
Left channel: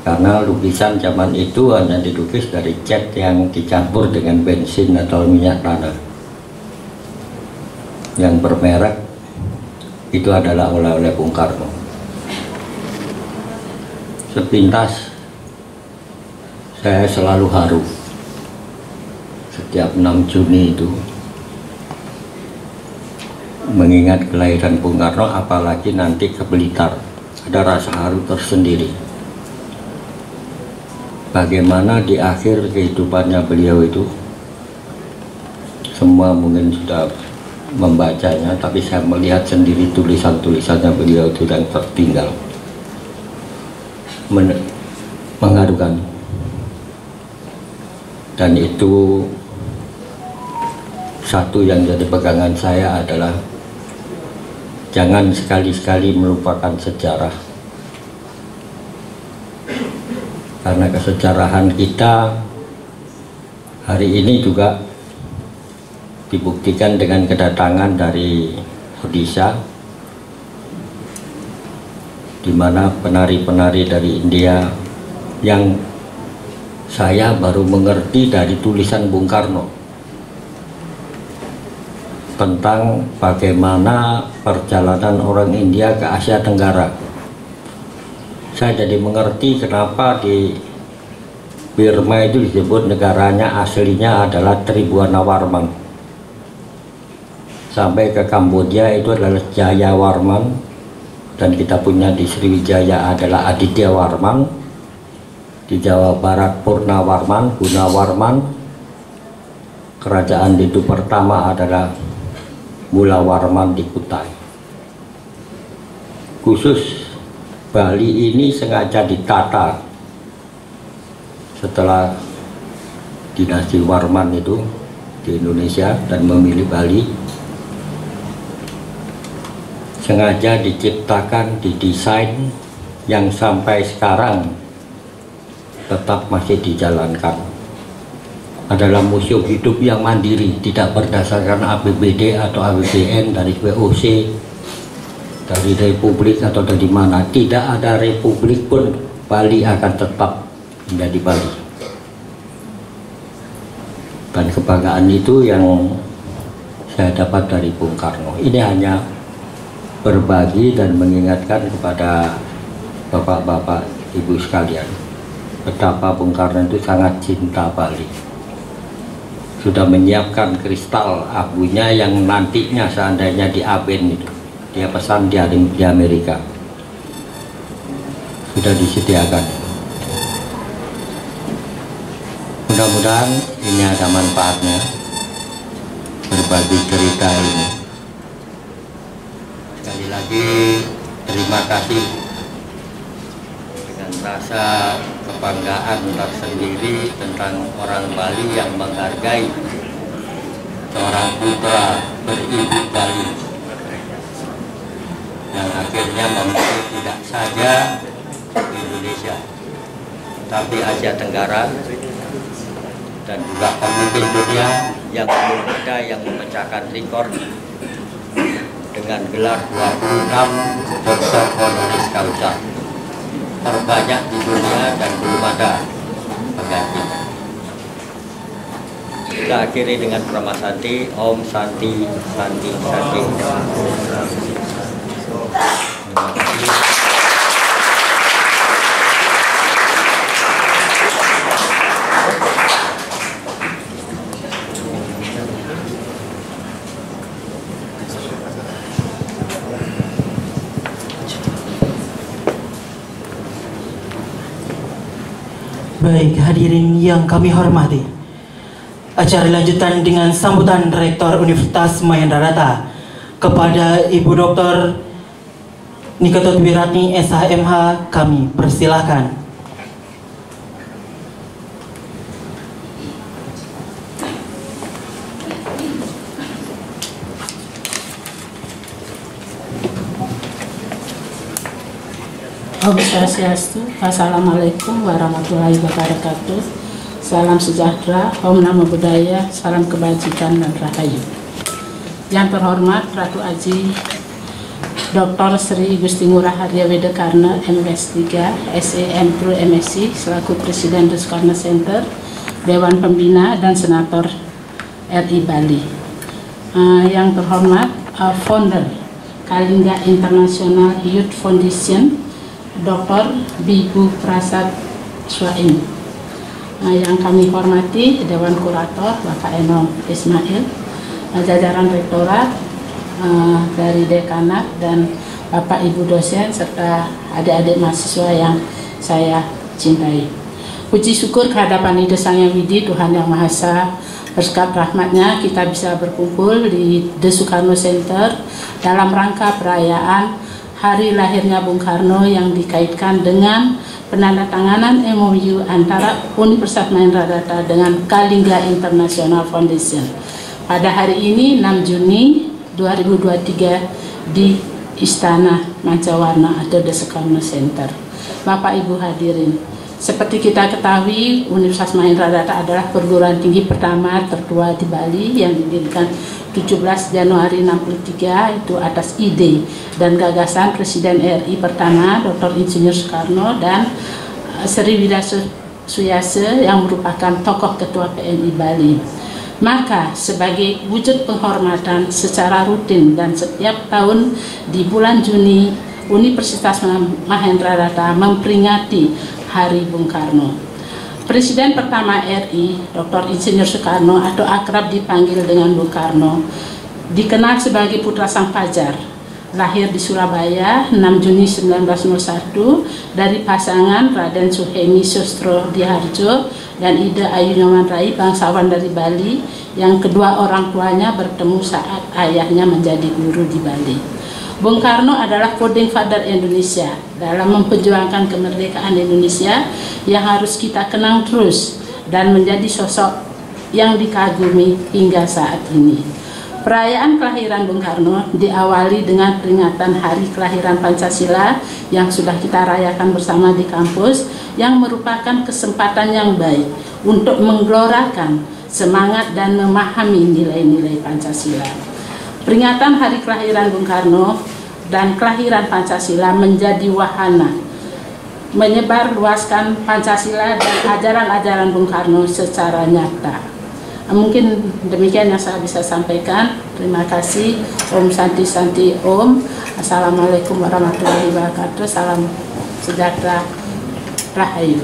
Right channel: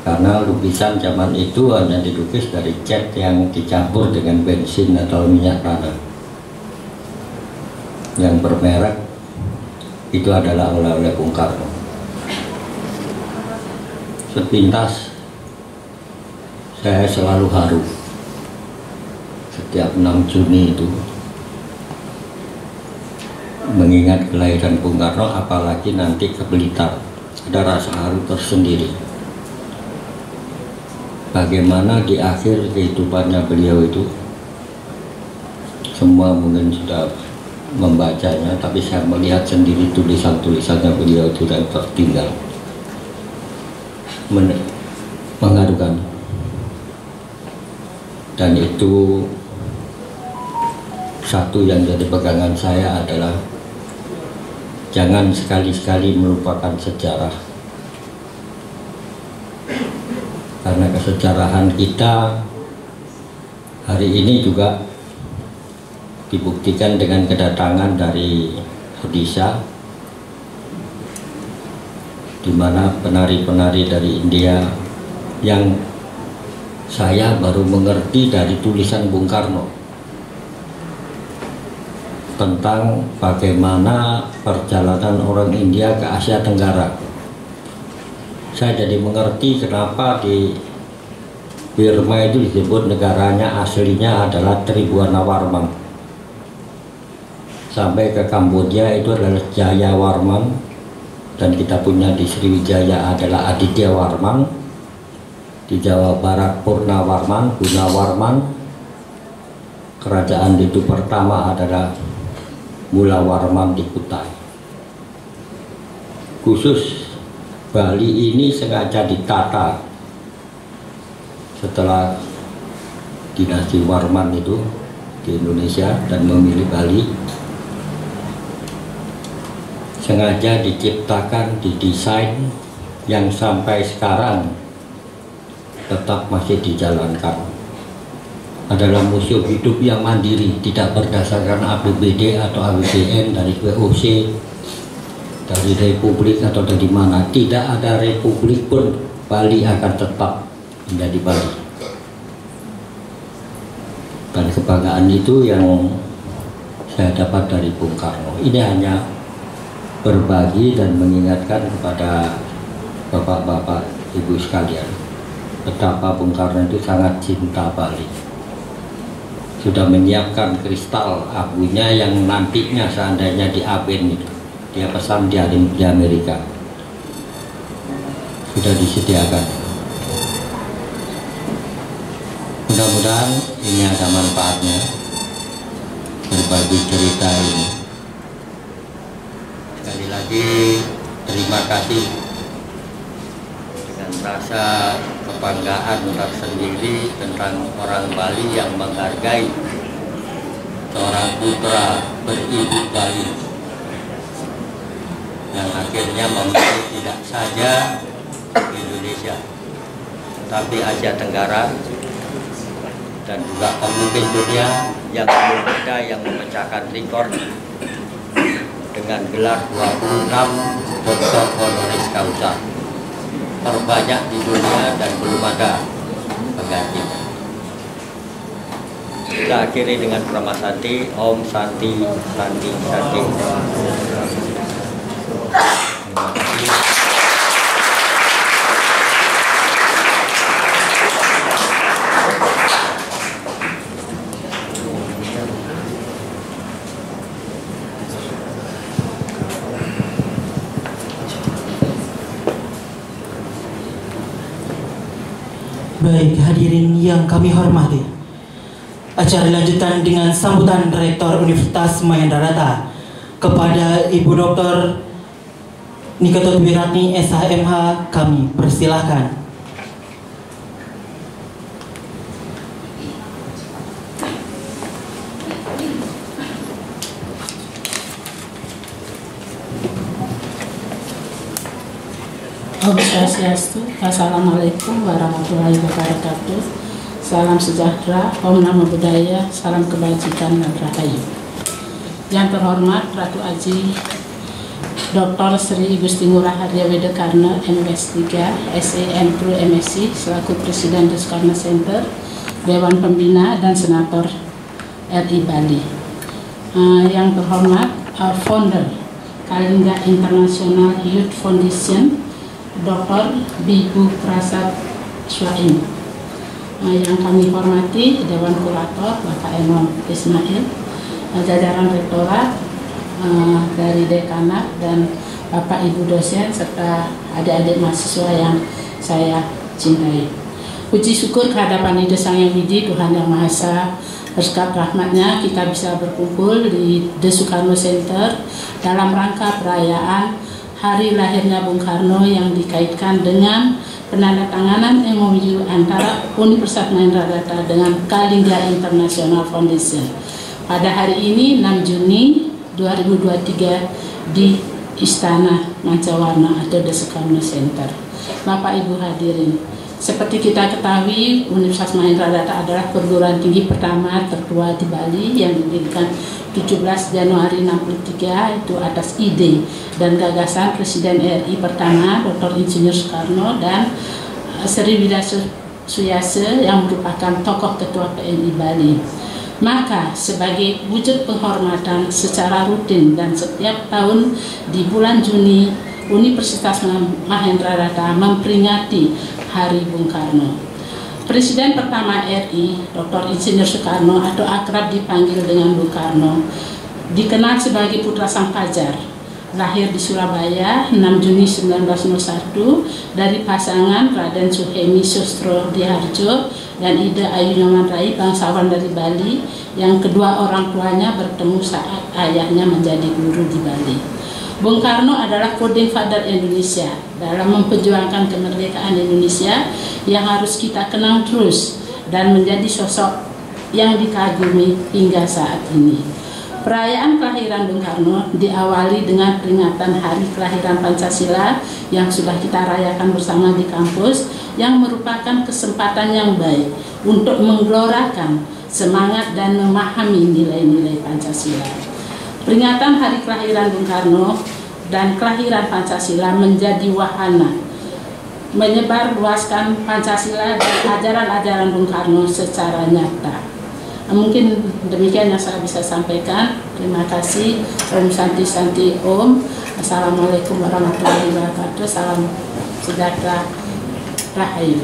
karena lukisan zaman itu hanya dilukis dari cat yang dicampur dengan bensin atau minyak tanah. Yang bermerek itu adalah oleh-oleh Bung Karno. Sepintas saya selalu haru setiap 6 Juni itu, mengingat kelahiran Bung Karno, apalagi nanti ke Blitar, ada rasa haru tersendiri. Bagaimana di akhir kehidupannya beliau itu, semua mungkin sudah membacanya, tapi saya melihat sendiri tulisan-tulisannya beliau itu yang tertinggal, mengharukan. Dan itu satu yang jadi pegangan saya adalah jangan sekali-sekali melupakan sejarah, karena kesejarahan kita hari ini juga dibuktikan dengan kedatangan dari Odisha, di mana penari-penari dari India yang saya baru mengerti dari tulisan Bung Karno tentang bagaimana perjalanan orang India ke Asia Tenggara. Saya jadi mengerti kenapa di Burma itu disebut negaranya aslinya adalah Tribhuwanawarman. Sampai ke Kamboja itu adalah Jayawarman, dan kita punya di Sriwijaya adalah Adityawarman, di Jawa Barat Purnawarman, Gunawarman, kerajaan itu pertama adalah Mulawarman di Kutai. Khusus Bali ini sengaja ditata setelah dinasti Warman itu di Indonesia dan memilih Bali, sengaja diciptakan, didesain yang sampai sekarang tetap masih dijalankan. Adalah museum hidup yang mandiri, tidak berdasarkan APBD atau APBN dari VOC, dari Republik atau dari mana. Tidak ada Republik pun Bali akan tetap menjadi Bali. Dan kebanggaan itu yang saya dapat dari Bung Karno. Ini hanya berbagi dan mengingatkan kepada bapak-bapak, ibu sekalian, betapa Bung Karno itu sangat cinta Bali. Sudah menyiapkan kristal abunya yang nantinya seandainya di Aben itu, dia pesan di Amerika, sudah disediakan. Mudah-mudahan ini ada manfaatnya, berbagi cerita ini. Sekali lagi terima kasih, dengan rasa kebanggaan tersendiri tentang orang Bali yang menghargai seorang putra beribu Bali yang akhirnya memilih tidak saja Indonesia tapi Asia Tenggara, dan juga pemimpin dunia yang belum ada yang memecahkan rekor dengan gelar 26 doktor honoris causa, terbanyak di dunia dan belum ada pengganti. Kita akhiri dengan Prama Santi, Om Santi Santi Santi. Terima kasih. Baik, hadirin yang kami hormati, acara lanjutan dengan sambutan Rektor Universitas Mahendrarata kepada Ibu Dr. Niketot Wiratni SHMH kami persilahkan. Om Swastiastu, Assalamualaikum warahmatullahi wabarakatuh. Salam sejahtera, Om Namo Buddhaya, salam kebajikan dan rahayu. Yang terhormat Ratu Aji Dr. Sri Igusti Ngurah Aryaweda Karna, MS 3, SEM Pro MSc, selaku Presiden The Soekarno Center, Dewan Pembina dan Senator RI Bali. Yang terhormat Founder Kalinga International Youth Foundation, Dr. Bibu Prasad Swaim. Yang kami hormati Dewan Kurator Bapak Enom Ismail, jajaran Rektorat, dari dekanat dan Bapak Ibu dosen serta adik-adik mahasiswa yang saya cintai. Puji syukur kehadapan Ida Sang Yang Widi, Tuhan Yang Maha Esa, berkat rahmatnya kita bisa berkumpul di The Soekarno Center dalam rangka perayaan hari lahirnya Bung Karno yang dikaitkan dengan penandatanganan MOU antara Universitas Mahendra Data dengan Kalingga International Foundation pada hari ini 6 Juni 2023 di Istana Mancawarna atau The Soekarno Center. Bapak Ibu hadirin, seperti kita ketahui, Universitas Mahendra Data adalah perguruan tinggi pertama tertua di Bali yang didirikan 17 Januari 63 itu atas ide dan gagasan Presiden RI pertama Dr. Insinyur Soekarno dan Sri Widya Suyase yang merupakan tokoh ketua PMI Bali. Maka sebagai wujud penghormatan secara rutin dan setiap tahun di bulan Juni, Universitas Mahendra Data memperingati Hari Bung Karno. Presiden pertama RI, Dr. Insinyur Soekarno atau akrab dipanggil dengan Bung Karno, dikenal sebagai putra Sang Fajar. Lahir di Surabaya 6 Juni 1901 dari pasangan Raden Suhemi Sustro Diharjo dan Ida Ayu Nyoman Rai, bangsawan dari Bali, yang kedua orang tuanya bertemu saat ayahnya menjadi guru di Bali. Bung Karno adalah founding father Indonesia dalam memperjuangkan kemerdekaan Indonesia yang harus kita kenang terus dan menjadi sosok yang dikagumi hingga saat ini. Perayaan kelahiran Bung Karno diawali dengan peringatan Hari Kelahiran Pancasila yang sudah kita rayakan bersama di kampus, yang merupakan kesempatan yang baik untuk menggelorakan semangat dan memahami nilai-nilai Pancasila. Peringatan Hari Kelahiran Bung Karno dan kelahiran Pancasila menjadi wahana menyebarluaskan Pancasila dan ajaran-ajaran Bung Karno secara nyata. Mungkin demikian yang saya bisa sampaikan. Terima kasih. Om Santi Santi Om. Assalamualaikum warahmatullahi wabarakatuh. Salam sejahtera. Rahayu.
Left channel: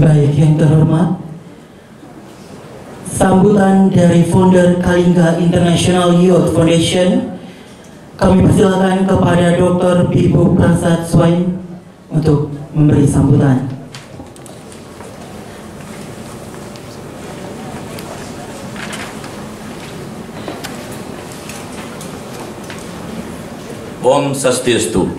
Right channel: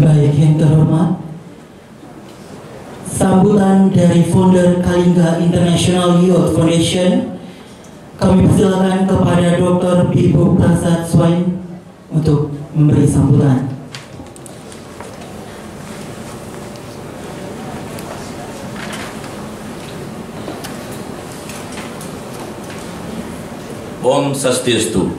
Baik, yang terhormat, sambutan dari founder Kalingga International Youth Foundation, kami persilakan kepada Dr. Bibu Prasad Swain untuk memberi sambutan. Om Swastiastu.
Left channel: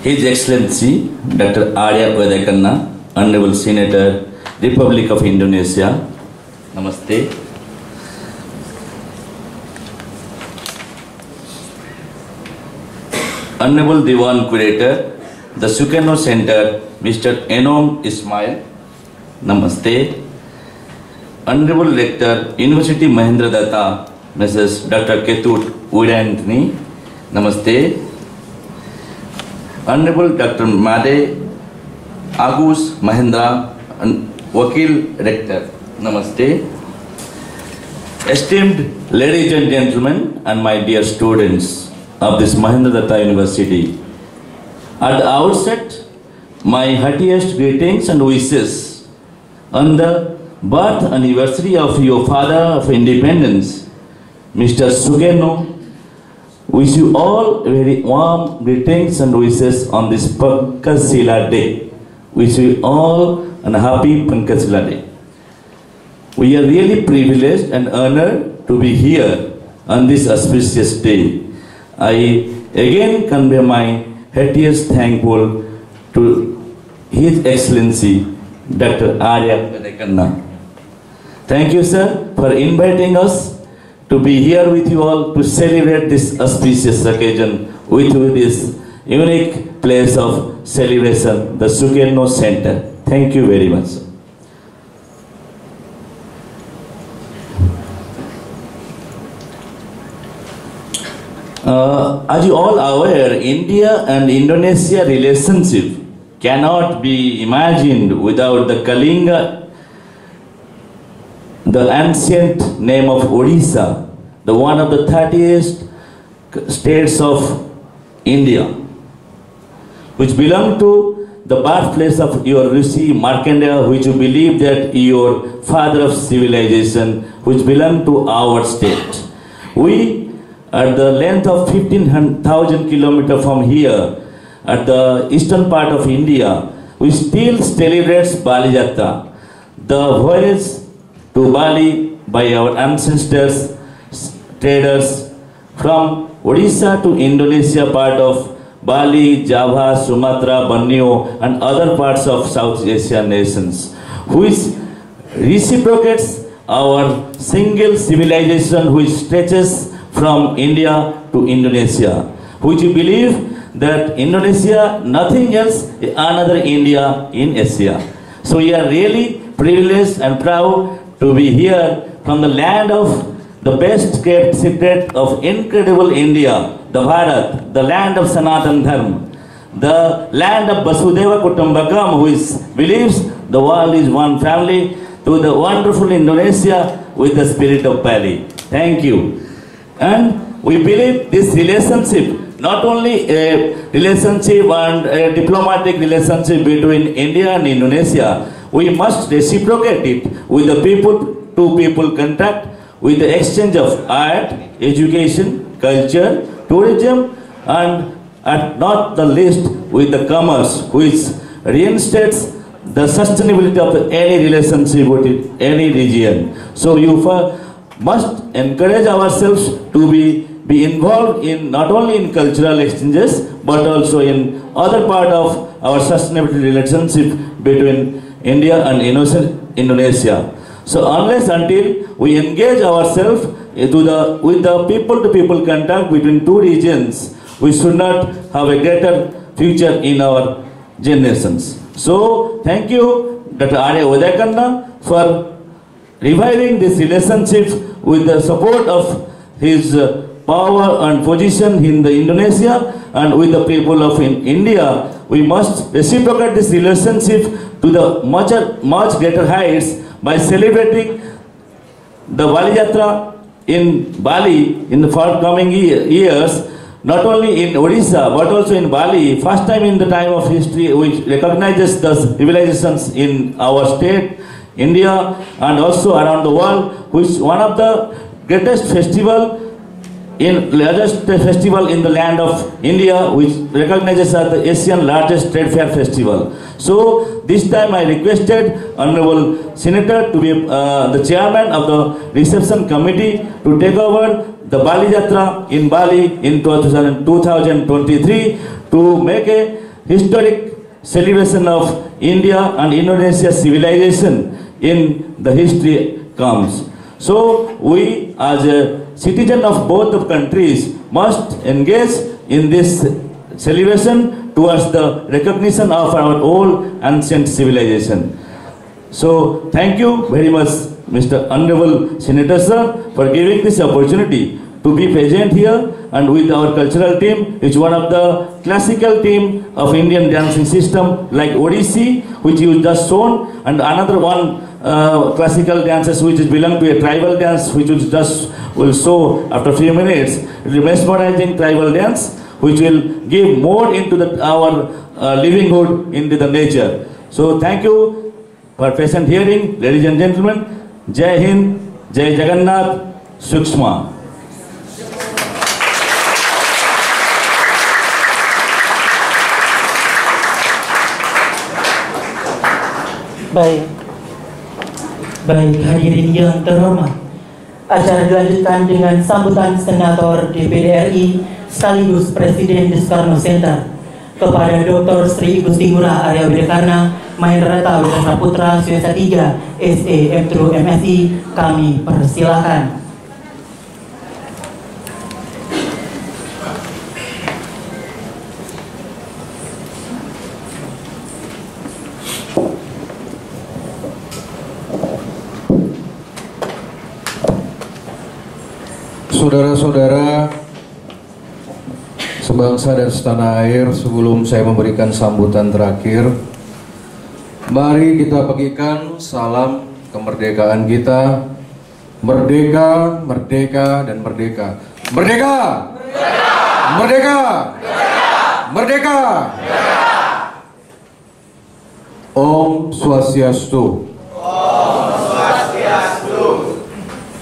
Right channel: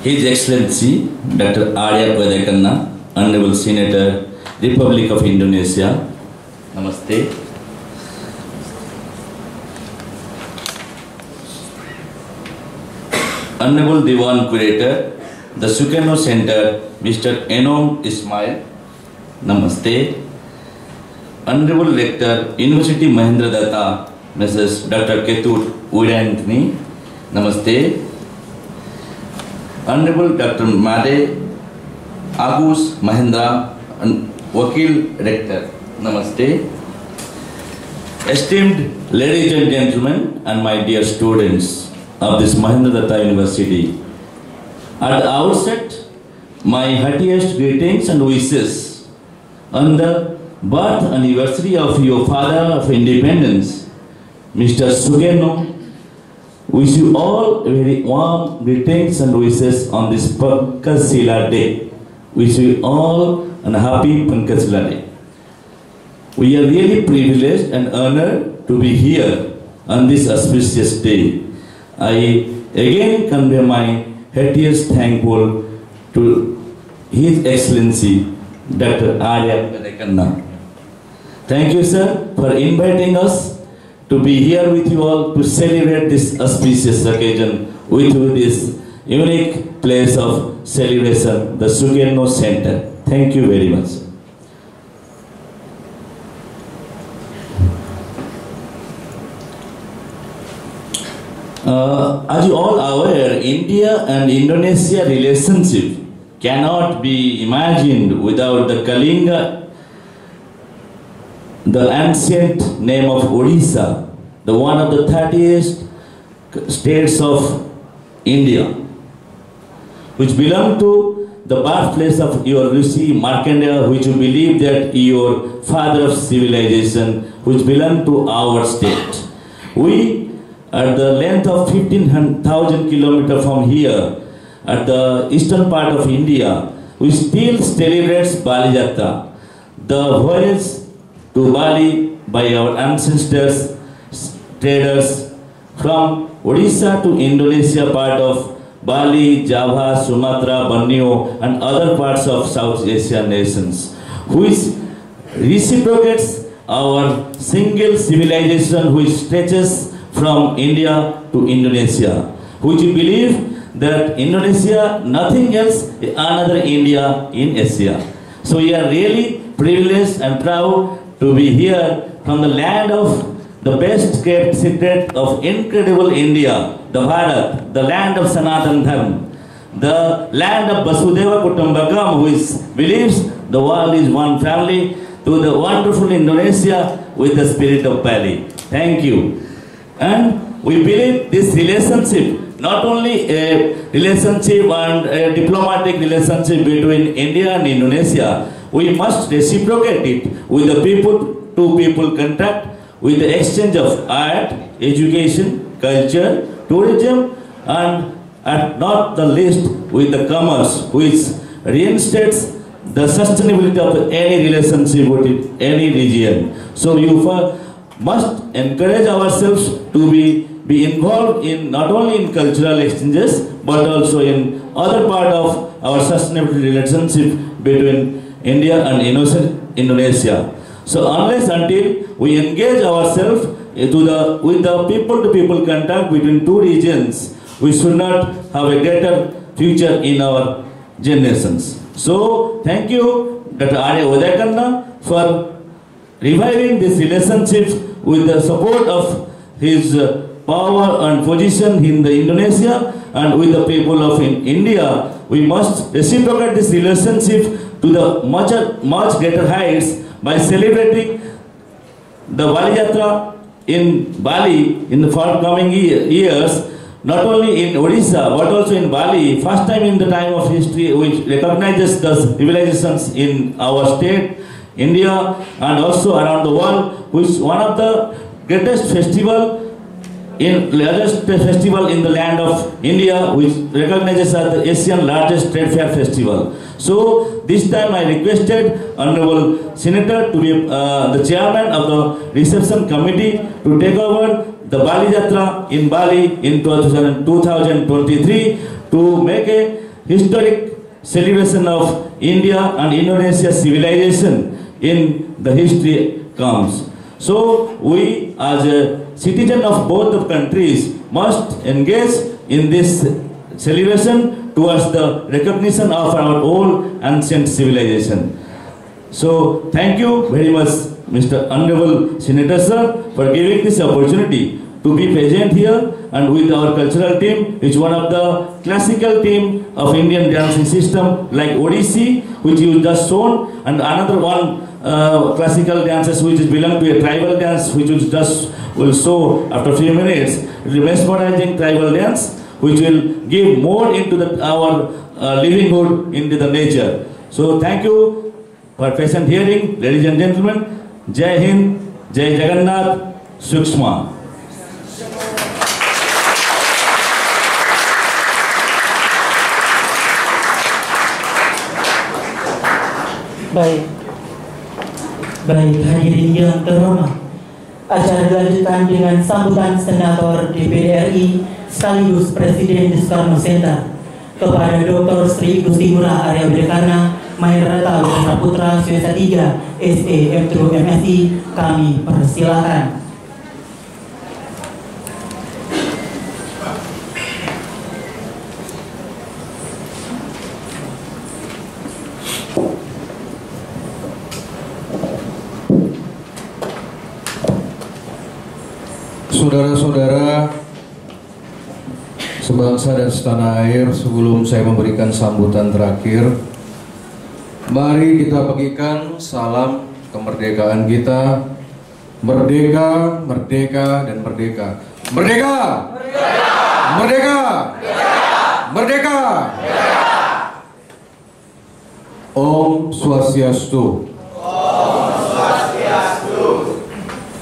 His Excellency Dr. Arya Vedakanna, Honorable Senator, Republic of Indonesia. Namaste. Honorable Diwan Curator, the Soekarno Center, Mr. Enom Ismail. Namaste. Honorable Rector, University Mahendra Datta, Mrs. Dr. Ketut Udanthni. Namaste. Honorable Dr. Made Agus Mahendra, Wakil Rector. Namaste. Esteemed ladies and gentlemen and my dear students of this Mahendra Datta University, at the outset, my heartiest greetings and wishes on the birth anniversary of your father of independence, Mr. Sukarno. Wish you all very warm greetings and wishes on this Pancasila Day. Wish you all a happy Pancasila Day. We are really privileged and honored to be here on this auspicious day. I again convey my heartiest thankful to His Excellency Dr. Arya Vedakanna. Thank you, sir, for inviting us to be here with you all to celebrate this auspicious occasion with this unique place of celebration, the Soekarno Center. Thank you very much. As you all are aware, India and Indonesia relationship cannot be imagined without the Kalinga, the ancient name of Odisha, the one of the 30th states of India. which belong to the birthplace of your Rishi Markandeya, which you believe that your father of civilization, which belong to our state. We, at the length of 15,000 kilometers from here, at the eastern part of India, we still celebrate Bali Jatra, the voyage to Bali by our ancestors, traders from Odisha to Indonesia, part of Bali, Java, Sumatra, Borneo, and other parts of South Asian nations, which reciprocates our single civilization which stretches from India to Indonesia, which we believe that Indonesia, nothing else, another India in Asia. So we are really privileged and proud to be here from the land of the best kept secret of incredible India, the Bharat, the land of Sanatan Dharma, the land of Vasudeva Kutumbakam, which believes the world is one family, to the wonderful Indonesia with the spirit of Bali. Thank you. And we believe this relationship, not only a relationship and a diplomatic relationship between India and Indonesia, we must reciprocate it with the people-to-people contact, with the exchange of art, education, culture, tourism, and at not the least with the commerce, which reinstates the sustainability of any relationship with any region. So you must encourage ourselves to be involved in not only in cultural exchanges but also in other part of our sustainability relationship between India and Indonesia. So unless until we engage ourselves with the people-to-people contact between two regions, we should not have a greater future in our generations. So thank you, Dr. Arya Udayakanna, for reviving this relationship with the support of his power and position in the Indonesia and with the people of India. We must reciprocate this relationship to the much greater heights by celebrating the Bali Jatra in Bali in the forthcoming years, not only in Odisha but also in Bali. First time in the time of history which recognizes the civilizations in our state, India, and also around the world, which one of the greatest largest festival in the land of India, which recognizes as the Asian largest trade fair festival. So this time I requested Honorable Senator to be the chairman of the reception committee to take over the Bali Jatra in Bali in 2023 to make a historic celebration of India and Indonesia civilization in the history comes. So we as a citizen of both the countries must engage in this celebration towards the recognition of our old ancient civilization. So thank you very much, Mr. Honorable Senator Sir, for giving this opportunity to be present here and with our cultural team, which is one of the classical team of Indian dancing system like Odissi, which you just shown, and another one classical dances which belong to a tribal dance, which will show after a few minutes. It is mesmerizing tribal dance, which will give more into our livelihood into the nature. So thank you for patient hearing, ladies and gentlemen. Jai Hind, Jai Jagannath, Sukshma. Baik hadirin yang terhormat, acara dilanjutkan dengan sambutan Senator DPD RI sekaligus Presiden Soekarno Center kepada Dr. Sri Igusti Ngurah Arya Widekarna, Mahendrata Widya Putra Swesa 3 SE M2 MSI, kami persilakan. Saudara-saudara sebangsa dan setanah air, sebelum saya memberikan sambutan terakhir, mari kita bagikan salam kemerdekaan kita. Merdeka, merdeka, dan merdeka. Merdeka! Merdeka! Merdeka! Merdeka! Om Swastiastu.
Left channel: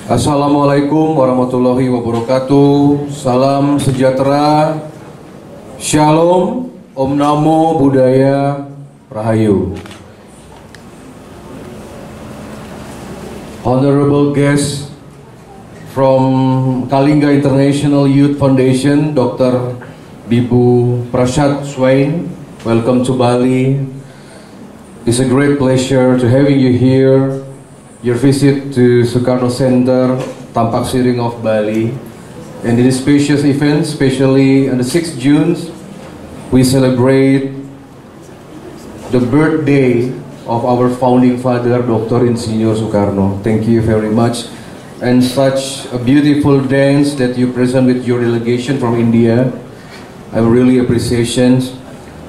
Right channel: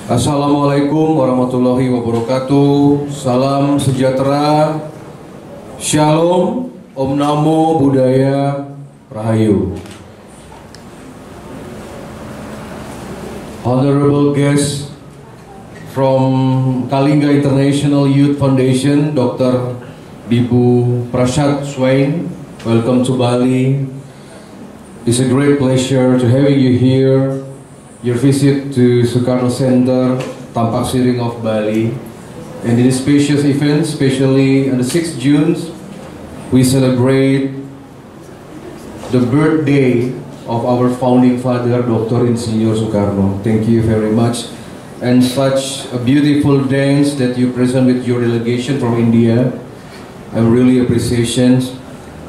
Assalamualaikum warahmatullahi wabarakatuh. Salam sejahtera. Shalom. Om Namo Buddhaya. Rahayu. Honorable guests from Kalinga International Youth Foundation, Dr. Bibu Prashad Swain, welcome to Bali. It's a great pleasure to having you here. Your visit to Sukarno Center, Tampak Siring of Bali. And in this spacious event, especially on the 6th June, we celebrate the birthday of our founding father, Dr. Insinyur Soekarno. Thank you very much. And such a beautiful dance that you present with your delegation from India. I really appreciate.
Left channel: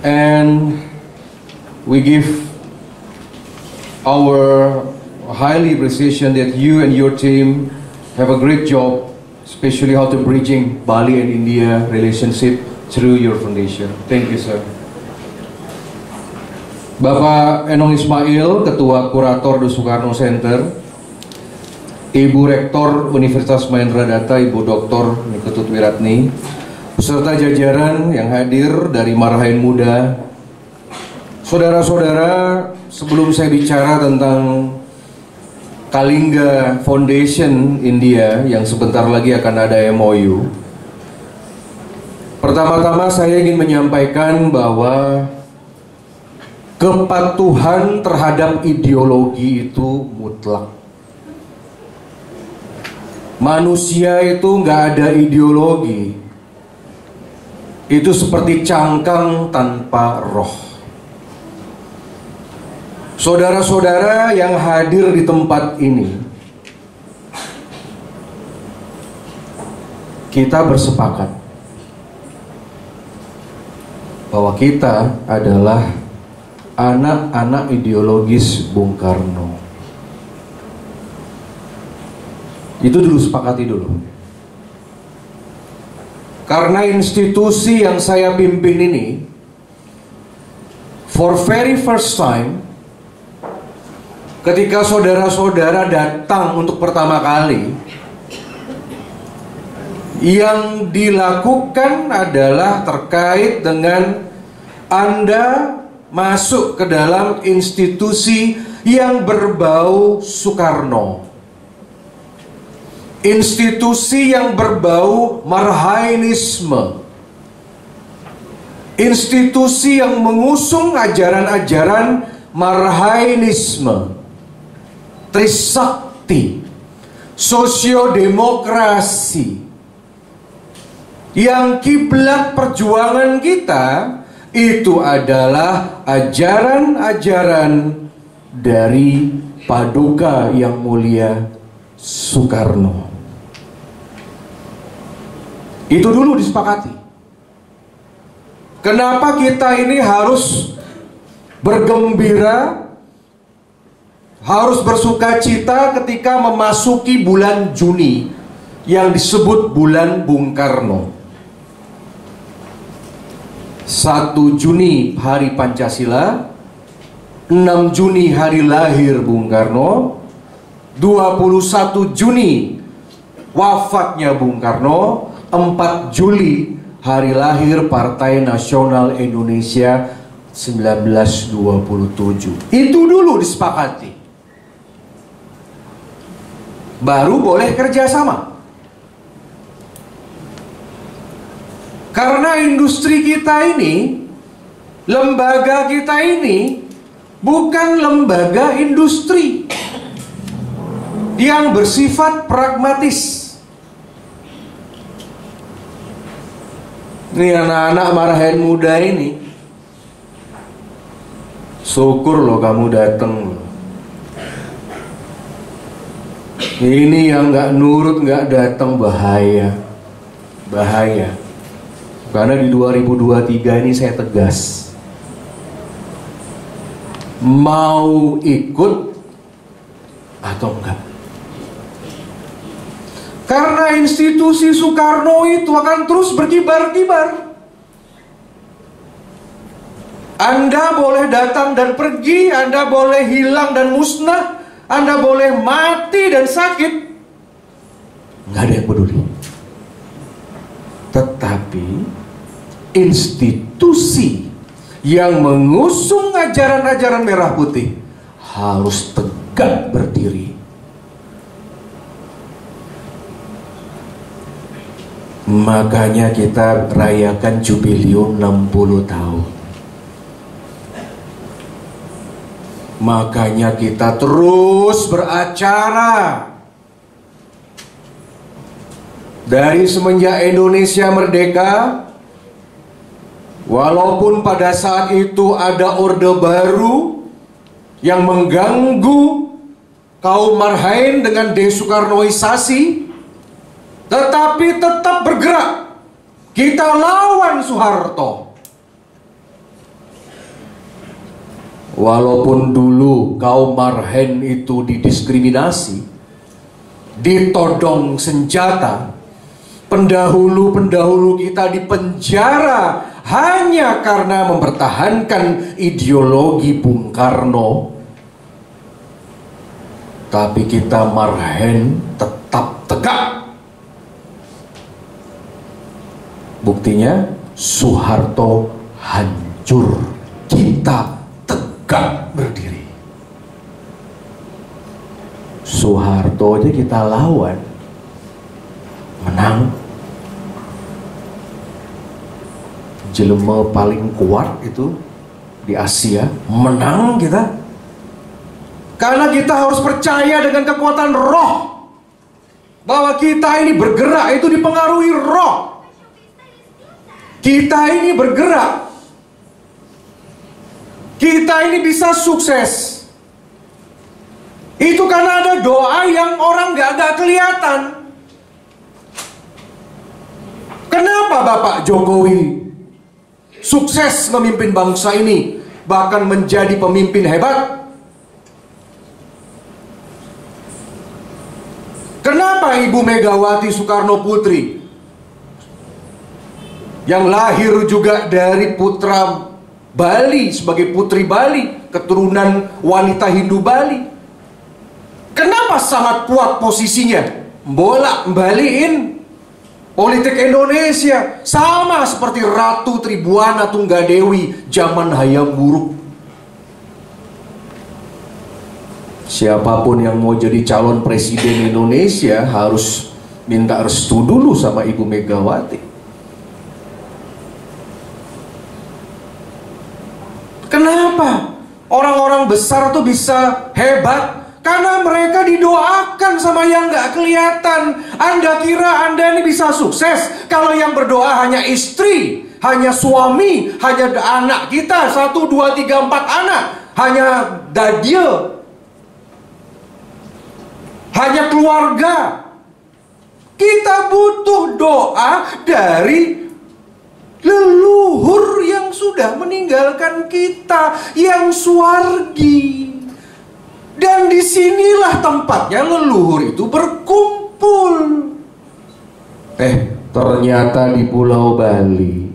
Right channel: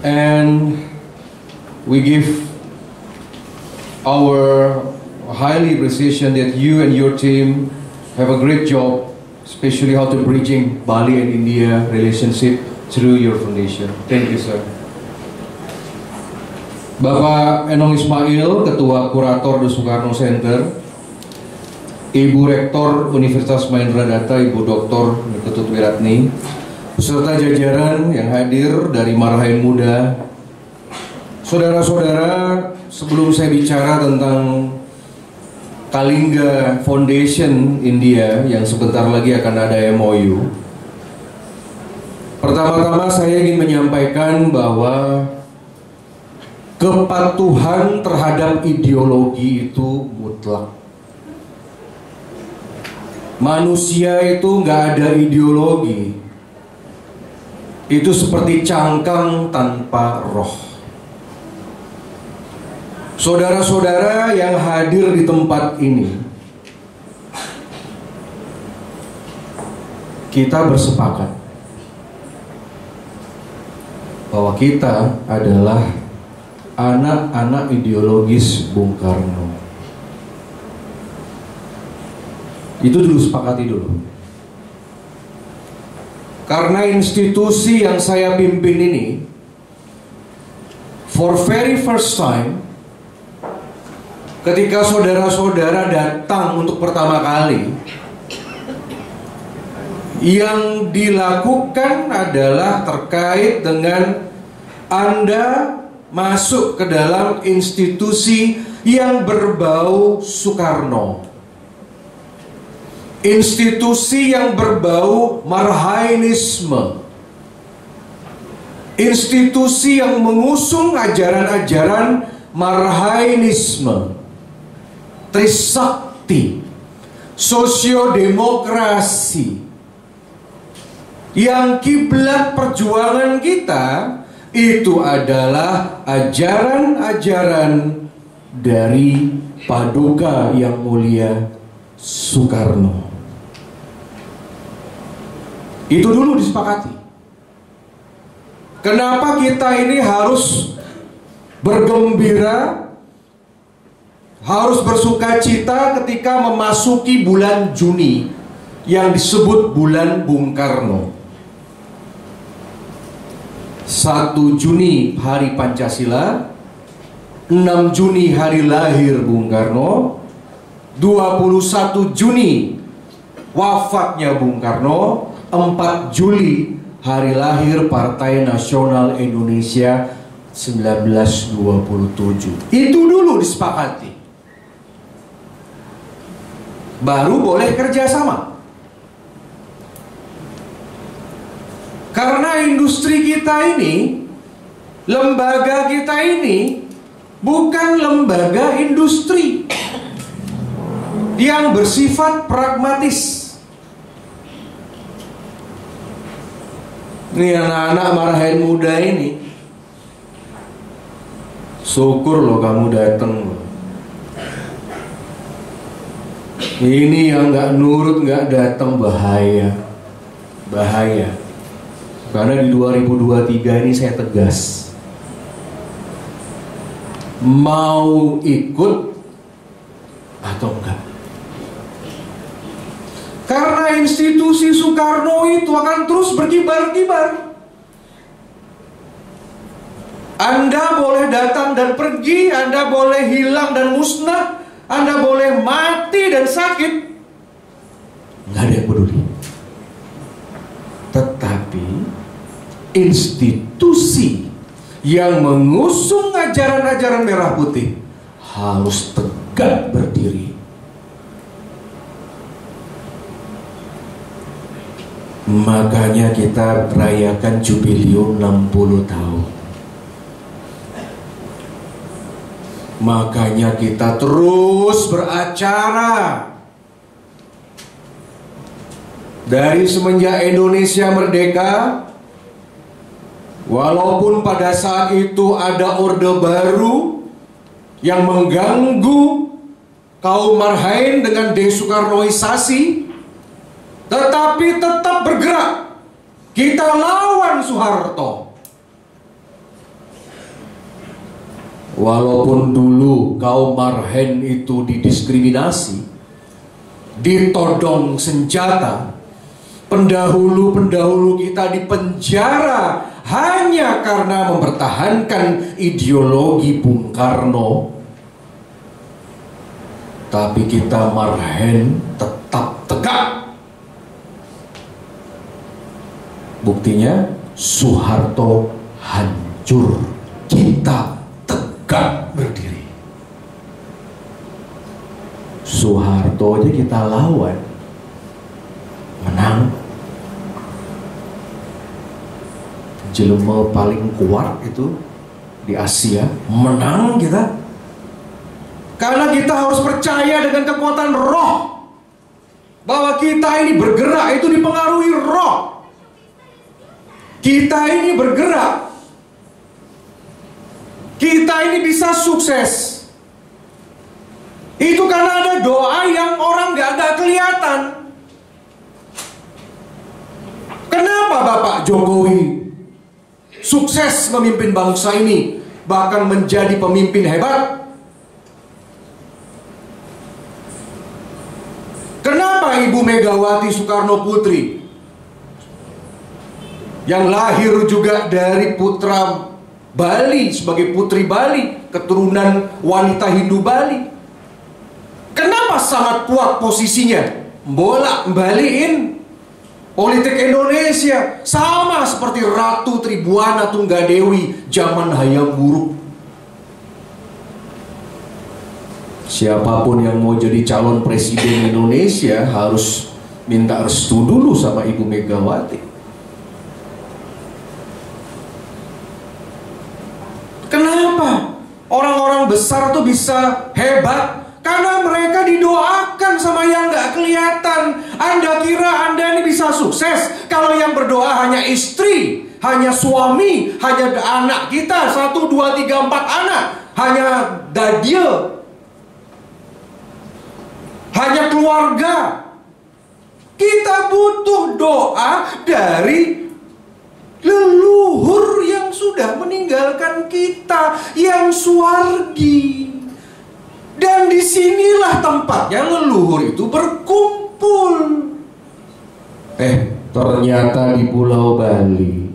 And we give our highly appreciation that you and your team have a great job, especially how to bridging Bali and India relationship through your foundation. Thank you, sir. Bapak Enong Ismail, Ketua Kurator The Sukarno Center, Ibu Rektor Universitas Mahendra Data, Ibu Dr. Niketut Wiratni, beserta jajaran yang hadir dari Marhain Muda, saudara-saudara, sebelum saya bicara tentang Kalinga Foundation India yang sebentar lagi akan ada MOU, pertama-tama saya ingin menyampaikan bahwa kepatuhan terhadap ideologi itu mutlak. Manusia itu nggak ada ideologi, itu seperti cangkang tanpa roh. Saudara-saudara yang hadir di tempat ini, kita bersepakat bahwa kita adalah anak-anak ideologis Bung Karno. Itu dulu, sepakati dulu. Karena institusi yang saya pimpin ini, for very first time, ketika saudara-saudara datang untuk pertama kali, yang dilakukan adalah terkait dengan Anda masuk ke dalam institusi yang berbau Soekarno, institusi yang berbau Marhainisme, institusi yang mengusung ajaran-ajaran Marhainisme, Trisakti, sosiodemokrasi, yang kiblat perjuangan kita itu adalah ajaran-ajaran dari Paduka Yang Mulia Soekarno. Itu dulu disepakati. Kenapa kita ini harus bergembira, harus bersuka cita ketika memasuki bulan Juni yang disebut bulan Bung Karno. 1 Juni hari Pancasila, 6 Juni hari lahir Bung Karno, 21 Juni wafatnya Bung Karno, 4 Juli hari lahir Partai Nasional Indonesia 1927. Itu dulu disepakati. Baru boleh kerjasama. Karena industri kita ini, lembaga kita ini bukan lembaga industri yang bersifat pragmatis. Ini anak-anak Marhain Muda ini, syukur loh kamu datang loh. Ini yang nggak nurut, nggak datang, bahaya, bahaya. Karena di 2023 ini saya tegas, mau ikut atau enggak. Karena institusi Soekarno itu akan terus berkibar-kibar. Anda boleh datang dan pergi, Anda boleh hilang dan musnah, Anda boleh mati dan sakit, nggak ada yang peduli. Tetapi institusi yang mengusung ajaran-ajaran merah putih harus tegak berdiri. Makanya kita rayakan jubilium 60 tahun. Makanya kita terus beracara. Dari semenjak Indonesia merdeka, walaupun pada saat itu ada orde baru yang mengganggu kaum Marhaen dengan desoekarnoisasi, tetapi tetap bergerak. Kita lawan Soeharto. Walaupun dulu kaum Marhaen itu didiskriminasi, ditodong senjata, pendahulu-pendahulu kita dipenjara hanya karena mempertahankan ideologi Bung Karno. Tapi kita Marhaen tetap tegak. Buktinya Soeharto hancur, kita tegak berdiri. Soeharto aja kita lawan, menang. Jelema paling kuat itu di Asia, menang kita. Karena kita harus percaya dengan kekuatan roh, bahwa kita ini bergerak itu dipengaruhi roh. Kita ini bergerak, kita ini bisa sukses. Itu karena ada doa yang orang gak kelihatan. Kenapa Bapak Jokowi sukses memimpin bangsa ini, bahkan menjadi pemimpin hebat? Kenapa Ibu Megawati Soekarno Putri, yang lahir juga dari putra Bali, sebagai putri Bali, keturunan wanita Hindu Bali, kenapa sangat kuat posisinya, bolak-balikin politik Indonesia, sama seperti Ratu Tribuana Tunggadewi zaman Hayam Wuruk. Siapapun yang mau jadi calon presiden Indonesia harus minta restu dulu sama Ibu Megawati. Kenapa orang-orang besar tuh bisa hebat? Karena mereka didoakan sama yang gak kelihatan. Anda kira Anda ini bisa sukses kalau yang berdoa hanya istri, hanya suami, hanya anak kita 1, 2, 3, 4 anak, hanya dadie, hanya keluarga. Kita butuh doa dari leluhur yang sudah meninggalkan kita, yang suwargi. Dan disinilah tempatnya leluhur itu berkumpul. Ternyata di Pulau Bali,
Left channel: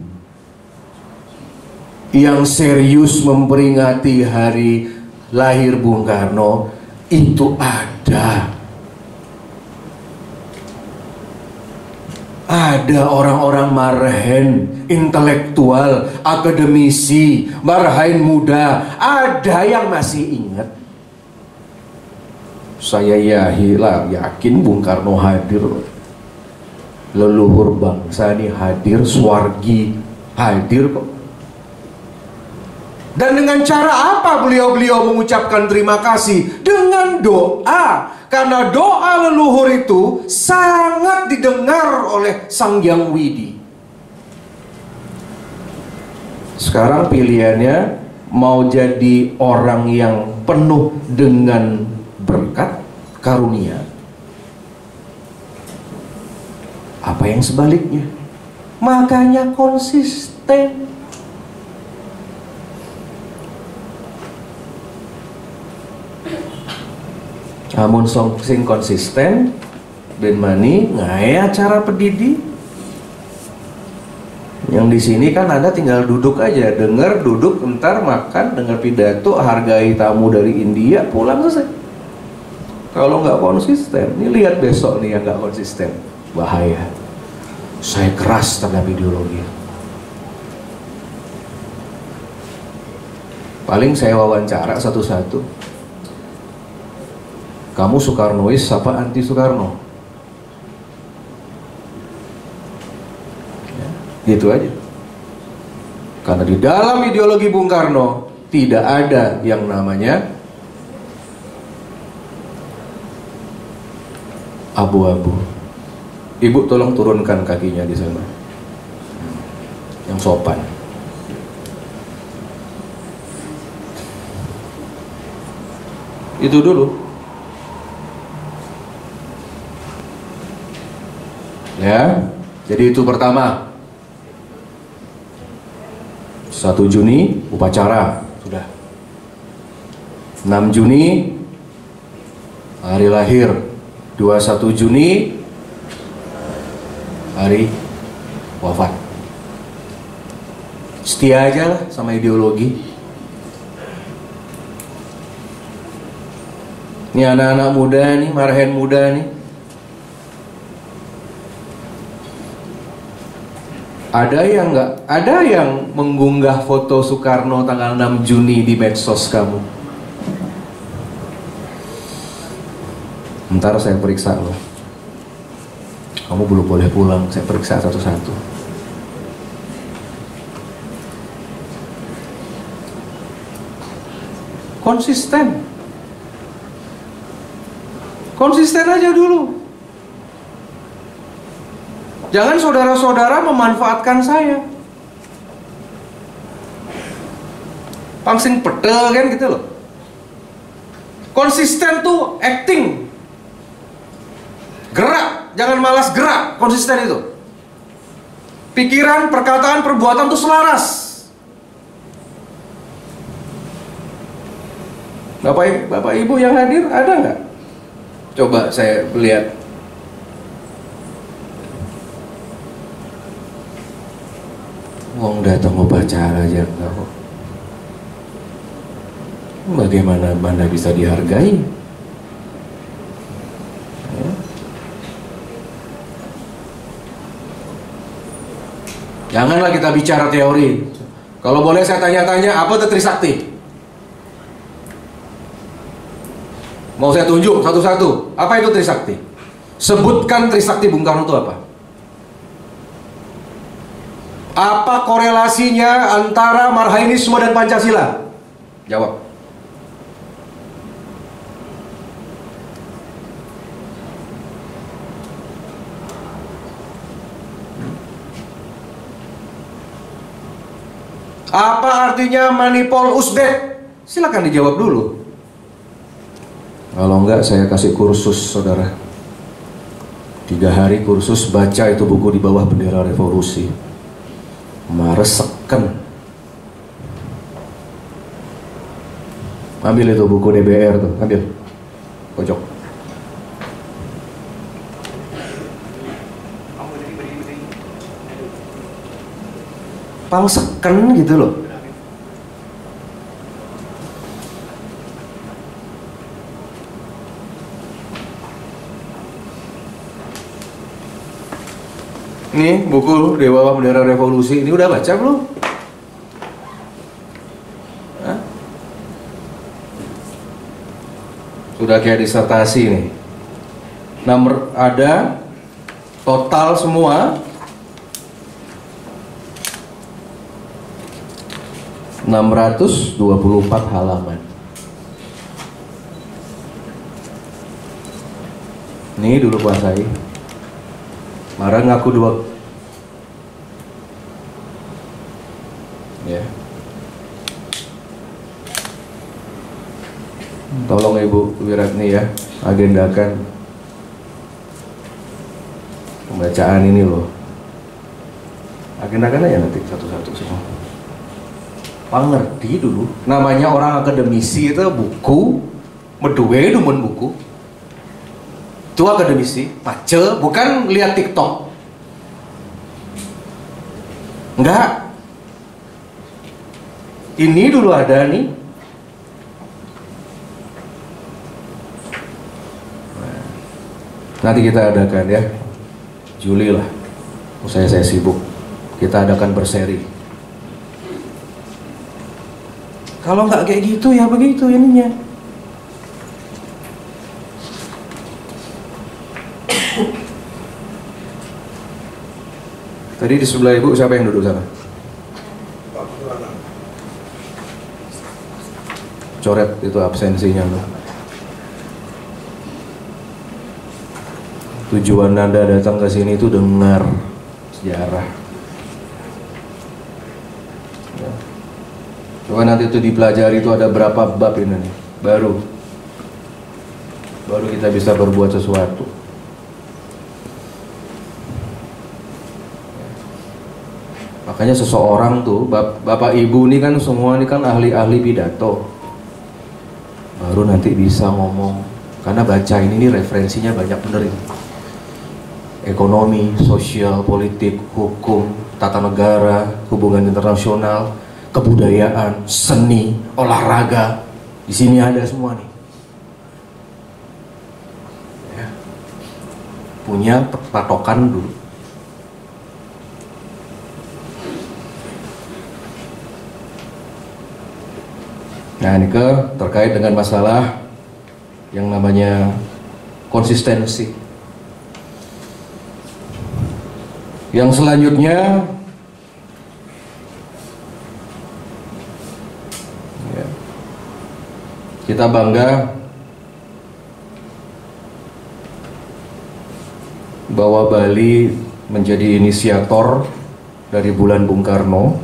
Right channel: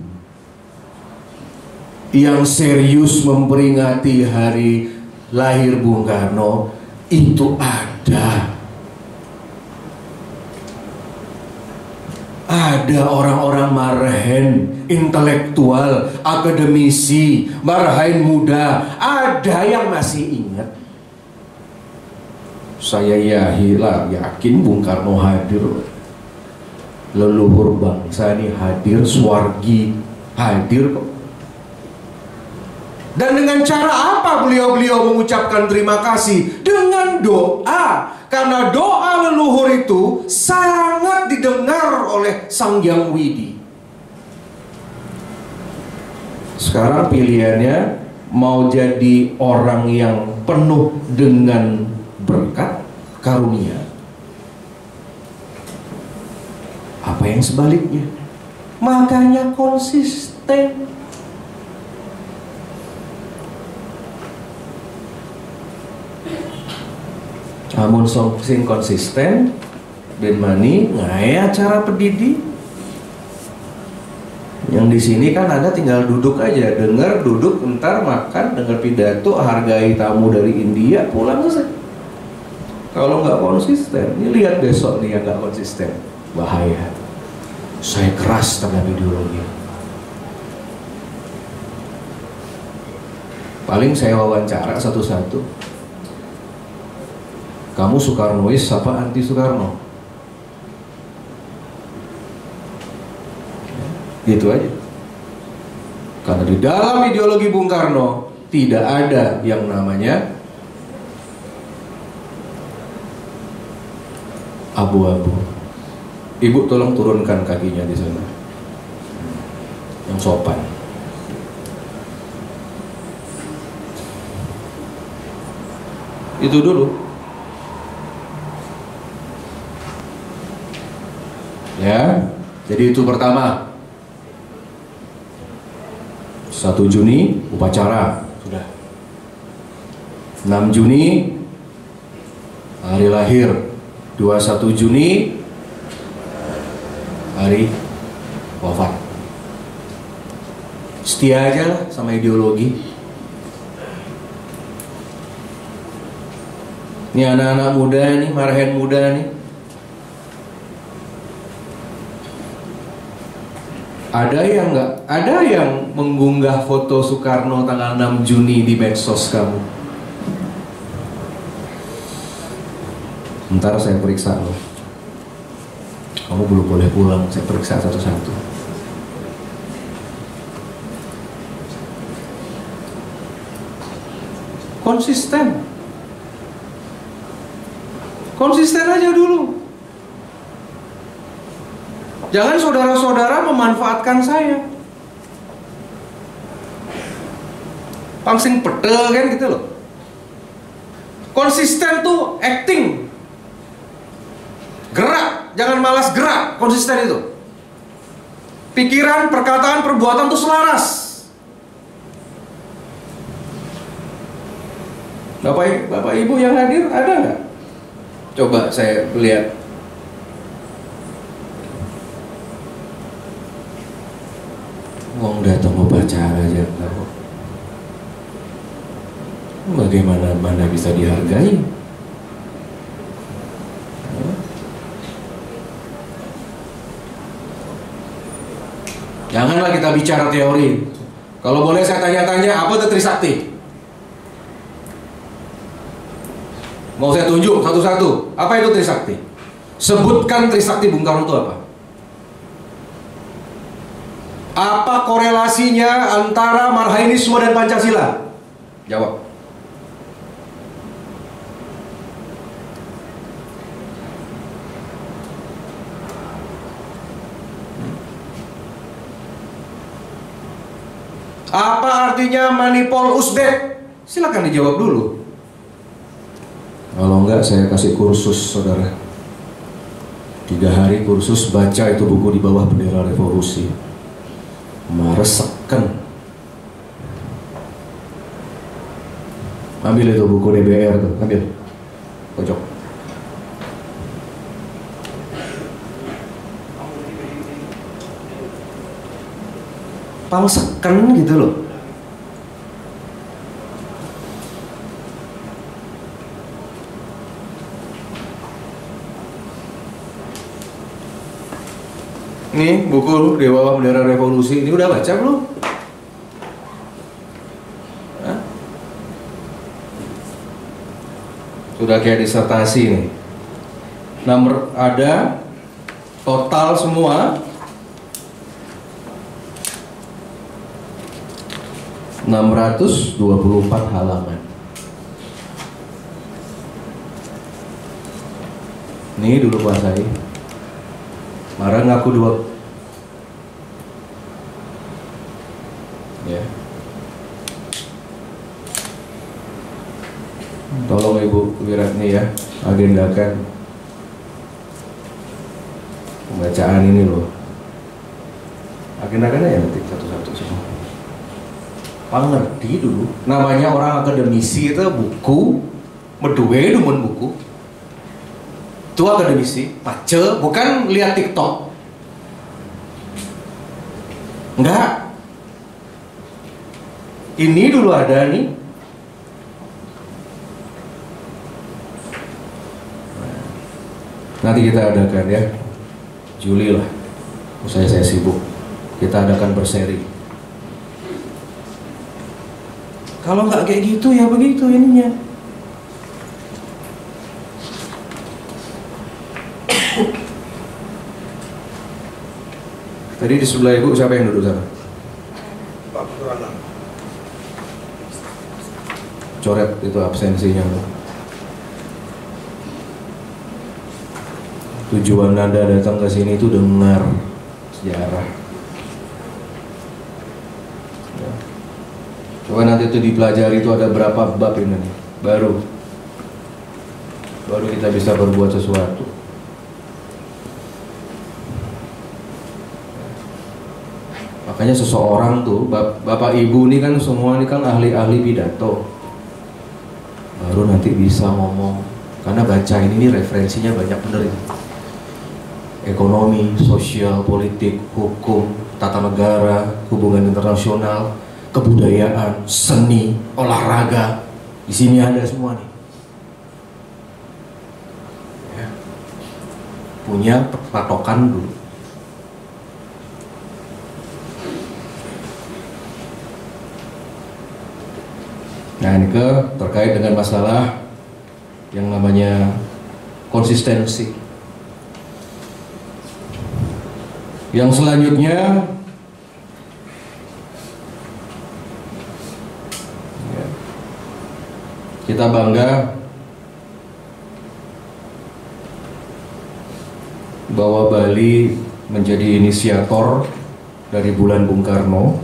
yang serius memperingati hari lahir Bung Karno itu ada orang-orang Marhaen, intelektual, akademisi, Marhaen muda, ada yang masih ingat. Saya yakin Bung Karno hadir, leluhur bangsa ini hadir, Swargi hadir kok. Dan dengan cara apa beliau-beliau mengucapkan terima kasih? Dengan doa. Karena doa leluhur itu sangat didengar oleh Sang Hyang Widi. Sekarang pilihannya mau jadi orang yang penuh dengan berkat, karunia, apa yang sebaliknya. Makanya konsisten. Namun sing konsisten ben mani ngaya acara pedidi Yang di sini kan Anda tinggal duduk aja, dengar, duduk, ntar makan, dengar pidato, hargai tamu dari India, pulang selesai. Kalau nggak konsisten, ini lihat besok nih yang nggak konsisten, bahaya. Saya keras terhadap ideologi. Paling saya wawancara satu-satu. Kamu Soekarnois apa anti Soekarno? Gitu aja. Karena di dalam ideologi Bung Karno tidak ada yang namanya abu-abu. Ibu tolong turunkan kakinya di sana, yang sopan. Itu dulu. Ya, jadi itu pertama. 1 Juni upacara sudah. 6 Juni hari lahir. 21 Juni hari wafat. Setia aja lah sama ideologi. Ini anak-anak muda nih, marhen muda nih. Ada yang mengunggah foto Soekarno tanggal 6 Juni di medsos kamu. Ntar saya periksa lo. Kamu belum boleh pulang, saya periksa satu-satu. Konsisten. Konsisten aja dulu. Jangan saudara-saudara memanfaatkan saya. Pangsing pedel kan gitu loh. Konsisten tuh acting. Gerak, jangan malas gerak, konsisten itu. Pikiran, perkataan, perbuatan tuh selaras. Bapak Ibu yang hadir ada nggak? Coba saya lihat. Wong datang upacara aja enggak kok. Bagaimana Anda bisa dihargai? Janganlah kita bicara teori. Kalau boleh saya tanya-tanya, apa itu Trisakti? Mau saya tunjuk satu-satu. Apa itu Trisakti? Sebutkan Trisakti Bung Karno itu apa? Apa korelasinya antara Marhainisme dan Pancasila? Jawab. Apa artinya manipol usbek? Silakan dijawab dulu. Kalau enggak saya kasih kursus saudara. 3 hari kursus baca itu buku di bawah bendera revolusi. Mareseken. Ambil itu buku DBR tuh, ambil. Pojok. Pangseken gitu loh. Nih buku di bawah bendera revolusi ini udah baca belum? Hah? Sudah kayak disertasi nih. Nomor ada total semua 624 halaman. Ini dulu kuasai. Marah ngaku 2. Ya. Tolong Ibu Wiratni ya, agendakan pembacaan ini loh. Agendakan aja nanti satu-satu semua. Pangerti dulu. Namanya orang akademisi itu buku, meduwe dumun buku. Itu akademisi, pace, bukan lihat TikTok. Enggak. Ini dulu ada nih. Nanti kita adakan ya, Juli lah. Saya sibuk. Kita adakan berseri. Kalau nggak kayak gitu ya begitu ininya. Tadi di sebelah ibu siapa yang duduk sana? Pak Purana. Coret itu absensinya. Tujuan Anda datang ke sini itu dengar sejarah. Ya. Coba nanti itu dipelajari, itu ada berapa bab ini nih, baru kita bisa berbuat sesuatu. Makanya seseorang tuh, bapak ibu ini kan semua ini kan ahli-ahli pidato, baru nanti bisa ngomong. Karena baca ini referensinya banyak bener ini. Ekonomi, sosial, politik, hukum, tata negara, hubungan internasional, kebudayaan, seni, olahraga. Di sini ada semua nih. Ya. Punya patokan dulu. Nah, ini terkait dengan masalah yang namanya konsistensi. Yang selanjutnya ya, kita bangga bahwa Bali menjadi inisiator dari bulan Bung Karno.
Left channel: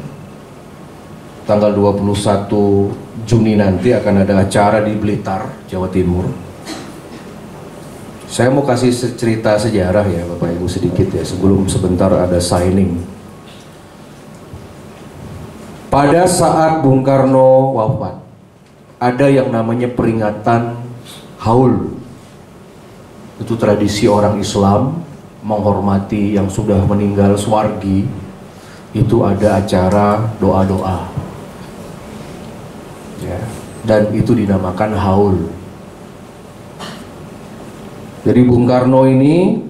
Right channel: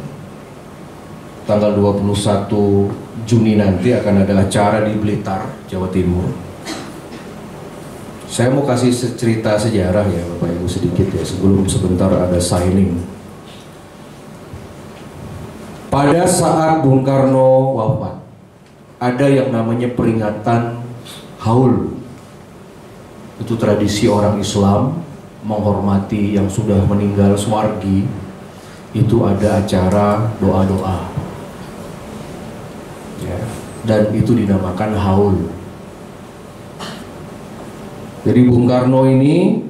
Tanggal 21 Juni nanti akan ada acara di Blitar, Jawa Timur. Saya mau kasih cerita sejarah ya Bapak Ibu sedikit ya, sebelum sebentar ada signing. Pada saat Bung Karno wafat, ada yang namanya peringatan haul. Itu tradisi orang Islam menghormati yang sudah meninggal swargi. Itu ada acara doa-doa. Ya, dan itu dinamakan haul. Jadi Bung Karno ini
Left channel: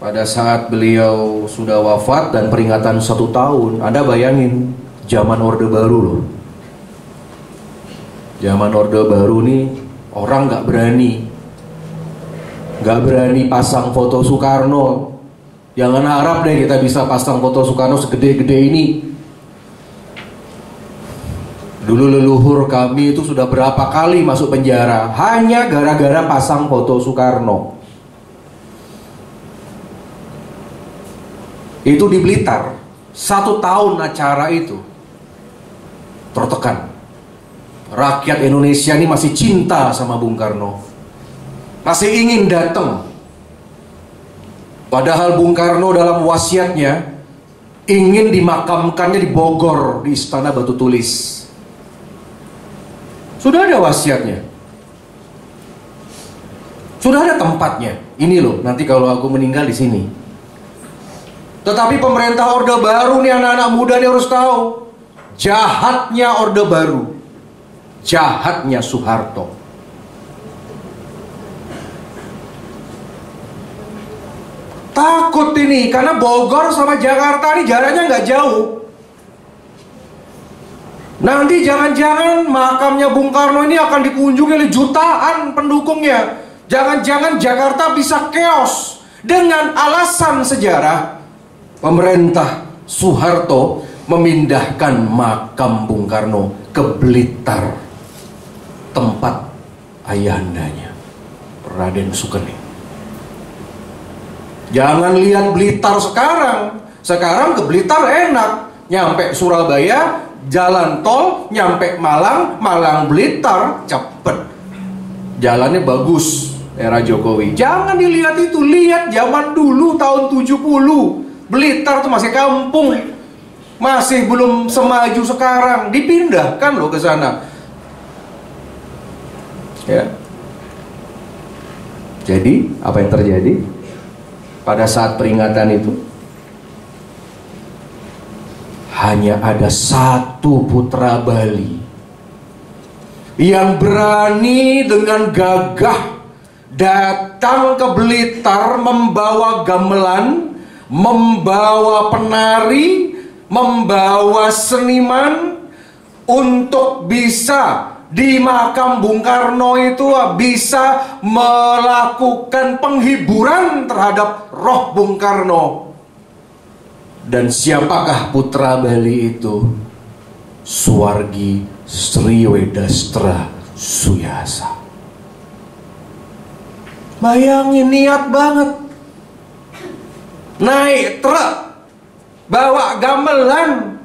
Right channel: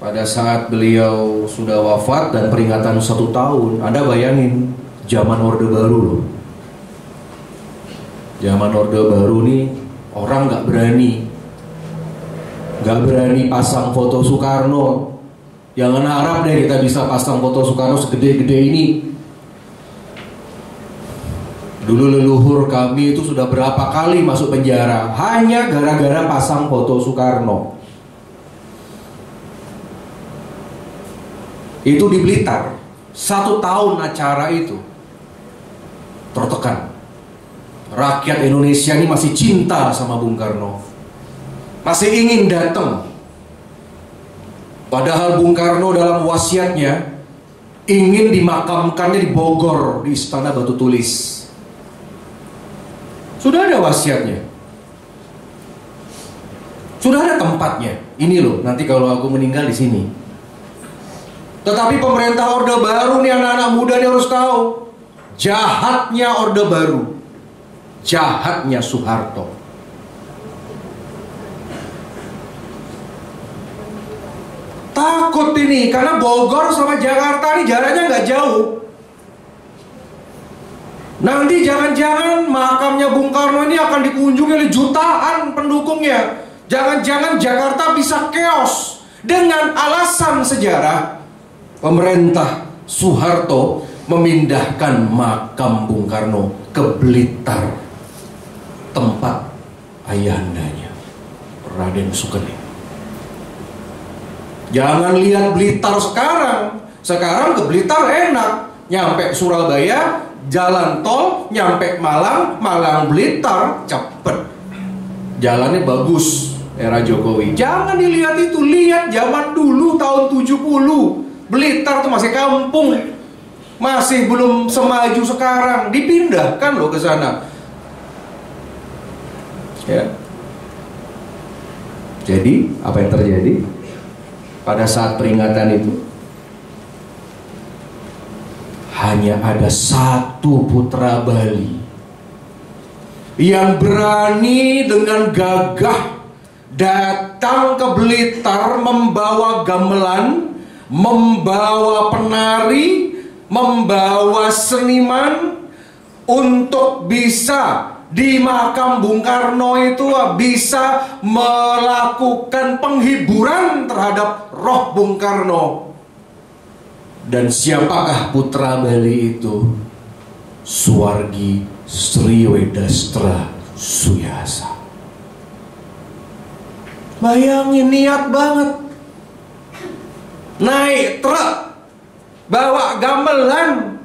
pada saat beliau sudah wafat dan peringatan 1 tahun, Anda bayangin zaman Orde Baru loh. Zaman Orde Baru nih orang nggak berani pasang foto Soekarno. Jangan harap deh kita bisa pasang foto Soekarno segede-gede ini. Dulu leluhur kami itu sudah berapa kali masuk penjara hanya gara-gara pasang foto Soekarno. Itu di Blitar, 1 tahun acara itu tertekan. Rakyat Indonesia ini masih cinta sama Bung Karno, masih ingin datang. Padahal Bung Karno dalam wasiatnya ingin dimakamkannya di Bogor, di Istana Batu Tulis. Sudah ada wasiatnya, sudah ada tempatnya. Ini loh, nanti kalau aku meninggal di sini. Tetapi pemerintah Orde Baru nih, anak-anak muda nih harus tahu, jahatnya Orde Baru, jahatnya Soeharto. Takut ini, karena Bogor sama Jakarta ini jaraknya nggak jauh. Nanti jangan-jangan makamnya Bung Karno ini akan dikunjungi oleh jutaan pendukungnya. Jangan-jangan Jakarta bisa chaos. Dengan alasan sejarah, pemerintah Soeharto memindahkan makam Bung Karno ke Blitar, tempat ayahandanya, Raden Sukeni. Jangan lihat Blitar sekarang. Sekarang ke Blitar enak, nyampe Surabaya jalan tol, nyampe Malang, Malang Blitar cepet, jalannya bagus. Era Jokowi, jangan dilihat itu, lihat zaman dulu tahun 70. Blitar tuh masih kampung, masih belum semaju sekarang, dipindahkan loh ke sana. Ya. Jadi apa yang terjadi pada saat peringatan itu? hanya ada satu putra Bali yang berani dengan gagah datang ke Blitar membawa gamelan, membawa penari, membawa seniman untuk bisa di makam Bung Karno itu bisa melakukan penghiburan terhadap roh Bung Karno. Dan siapakah putra Bali itu? Suwargi Sri Wedastra Suyasa. Bayangin, niat banget. Naik truk, bawa gamelan.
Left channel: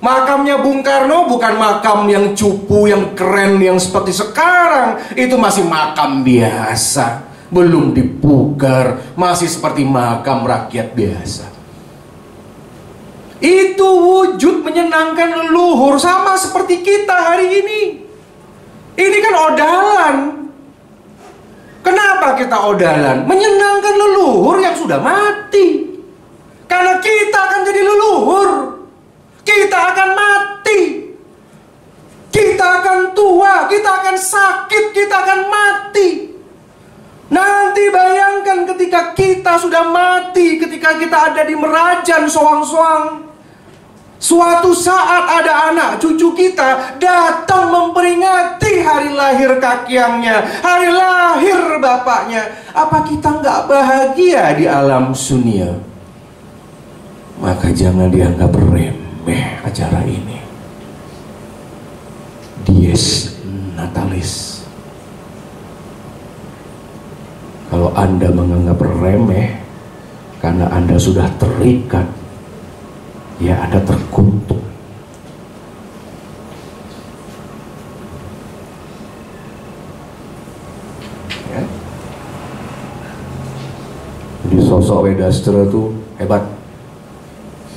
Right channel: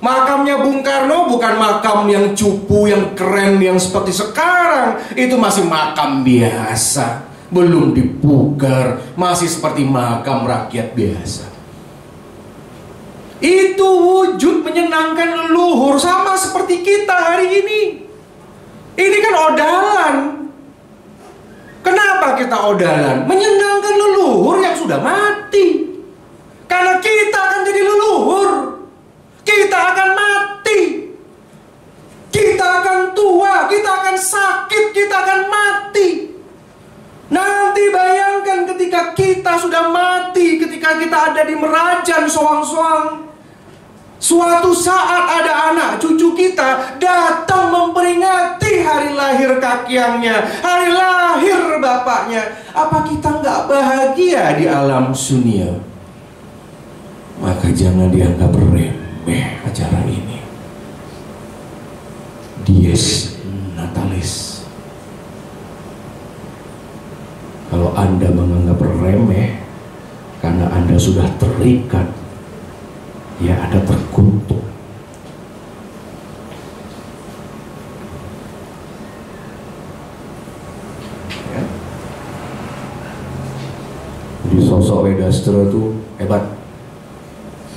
Makamnya Bung Karno bukan makam yang cupu, yang keren, yang seperti sekarang. Itu masih makam biasa, belum dipugar, masih seperti makam rakyat biasa. Itu wujud menyenangkan leluhur, sama seperti kita hari ini. Ini kan odalan. Kenapa kita odalan? Menyenangkan leluhur yang sudah mati. Karena kita akan jadi leluhur. Kita akan mati. Kita akan tua, kita akan sakit, kita akan mati. Nanti bayangkan ketika kita sudah mati, ketika kita ada di Merajan soang-soang, suatu saat ada anak cucu kita datang memperingati hari lahir kakyangnya, hari lahir bapaknya. Apa kita nggak bahagia di alam sunia? Maka jangan dianggap remeh acara ini. Dies Natalis. Kalau Anda menganggap remeh karena Anda sudah terikat, ya Anda terkutuk. Ya. Jadi sosok Wedastra itu hebat.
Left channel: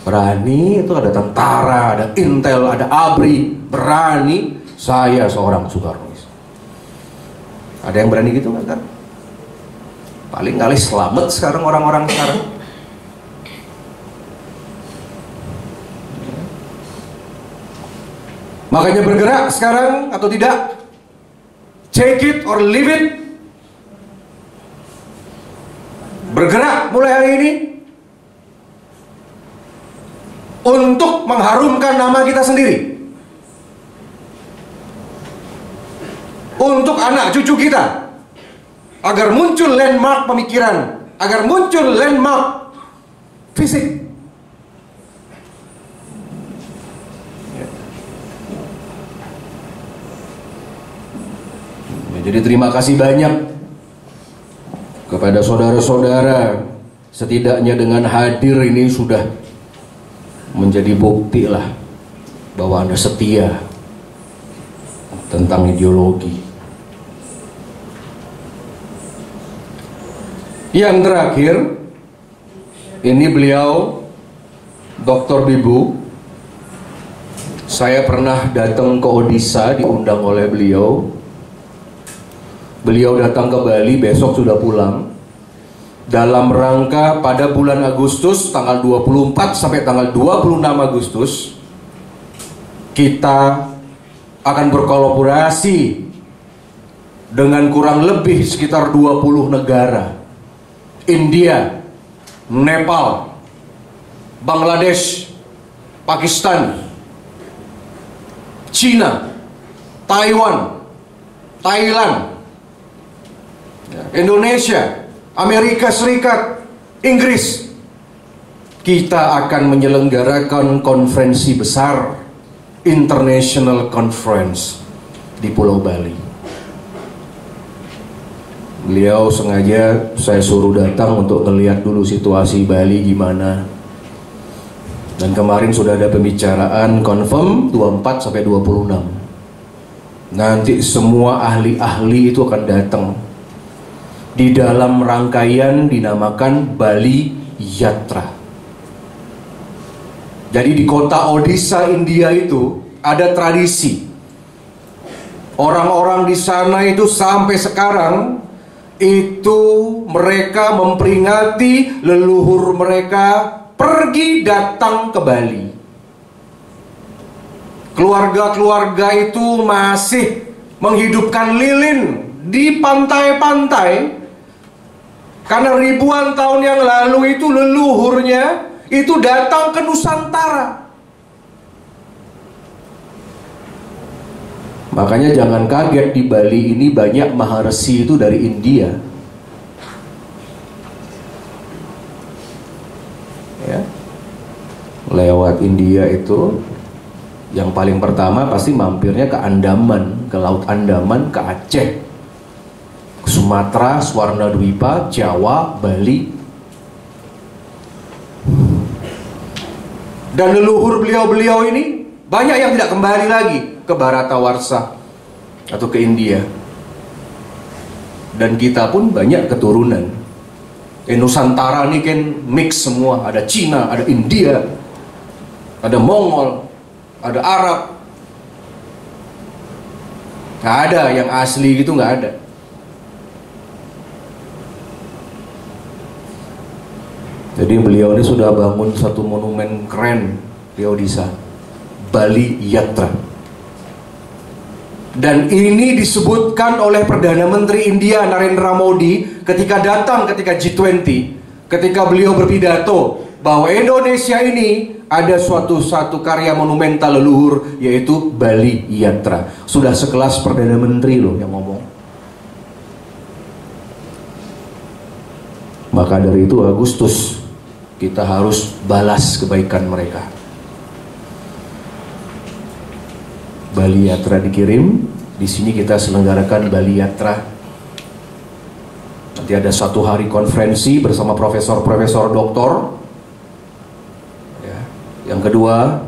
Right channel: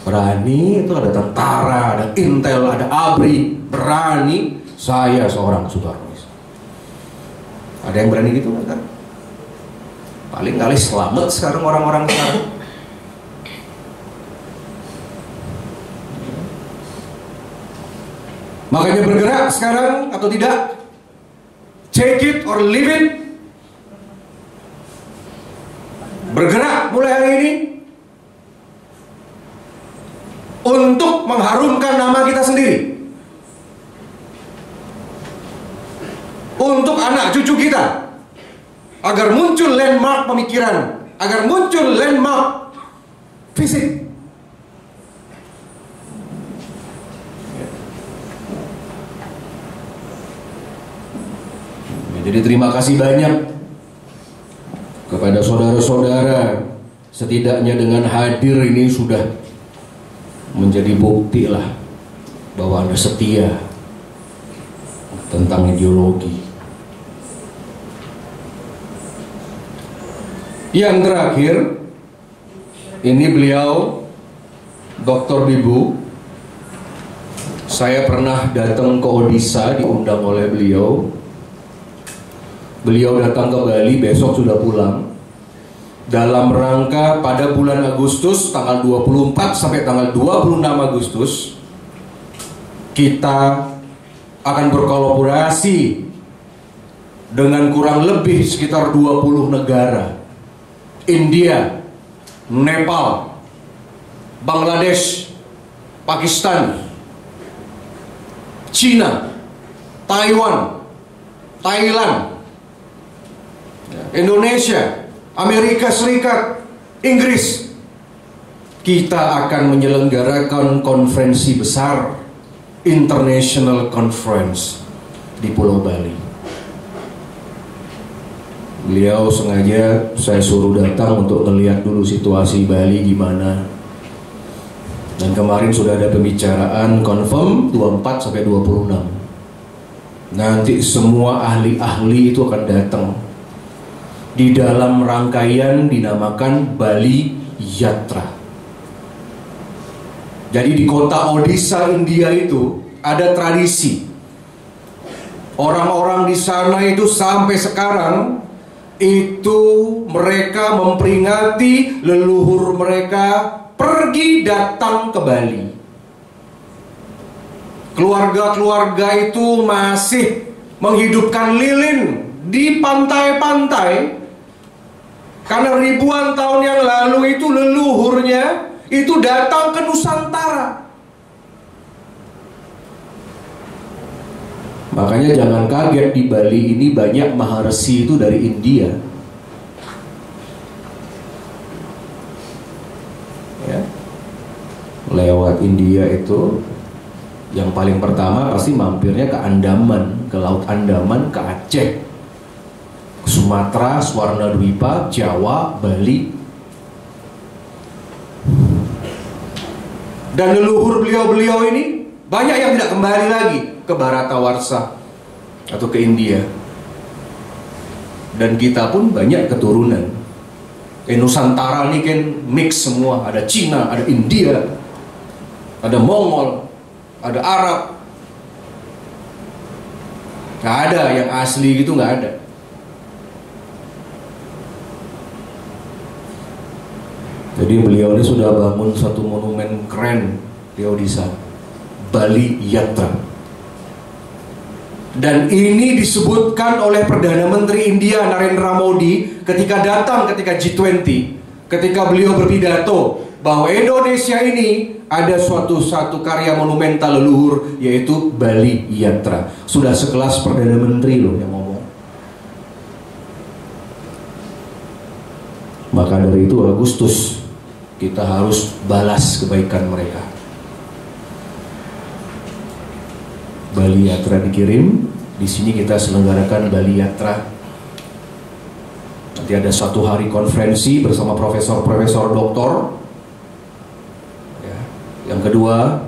Berani, itu ada tentara, ada intel, ada ABRI. Berani, saya seorang Soekarnois. Ada yang berani gitu kan? Paling kali selamat sekarang orang-orang sekarang. Makanya bergerak sekarang atau tidak? Take it or leave it. Bergerak mulai hari ini untuk mengharumkan nama kita sendiri, untuk anak cucu kita, agar muncul landmark pemikiran, agar muncul landmark fisik. Jadi terima kasih banyak kepada saudara-saudara. Setidaknya dengan hadir ini sudah menjadi bukti lah bahwa Anda setia tentang ideologi. Yang terakhir, ini beliau Dr. Bibu. Saya pernah datang ke Odisha, diundang oleh beliau. Beliau datang ke Bali, besok sudah pulang. Dalam rangka pada bulan Agustus, tanggal 24 sampai tanggal 26 Agustus, kita akan berkolaborasi dengan kurang lebih sekitar 20 negara. India, Nepal, Bangladesh, Pakistan, China, Taiwan, Thailand, Indonesia, Amerika Serikat, Inggris. Kita akan menyelenggarakan konferensi besar, International Conference di Pulau Bali. Beliau sengaja saya suruh datang untuk melihat dulu situasi Bali gimana. Dan kemarin sudah ada pembicaraan confirm 24 sampai 26. Nanti semua ahli-ahli itu akan datang. Di dalam rangkaian dinamakan Bali Yatra. Jadi di kota Odisha, India itu ada tradisi. Orang-orang di sana itu sampai sekarang itu mereka memperingati leluhur mereka pergi datang ke Bali. keluarga-keluarga itu masih menghidupkan lilin di pantai-pantai, karena ribuan tahun yang lalu itu leluhurnya itu datang ke Nusantara. Makanya jangan kaget, di Bali ini banyak maharesi itu dari India. Ya. Lewat India itu yang paling pertama pasti mampirnya ke Andaman, ke Laut Andaman, ke Aceh, ke Sumatera, Swarnadwipa, Jawa, Bali. Dan leluhur beliau-beliau ini banyak yang tidak kembali lagi ke Bharatawarsha atau ke India. Dan kita pun banyak keturunan. Nusantara ini kan mix semua, ada Cina, ada India, ada Mongol, ada Arab. Gak ada yang asli gitu, gak ada. Jadi beliau ini sudah bangun satu monumen keren di Odisha, Bali Yatra. Dan ini disebutkan oleh Perdana Menteri India Narendra Modi ketika datang ketika G20, ketika beliau berpidato bahwa Indonesia ini ada satu karya monumental leluhur, yaitu Bali Yatra. Sudah sekelas Perdana Menteri loh yang ngomong. Maka dari itu Agustus kita harus balas kebaikan mereka. Bali Yatra dikirim, di sini kita selenggarakan Bali Yatra. Nanti ada satu hari konferensi bersama profesor-profesor doktor. Ya. Yang kedua,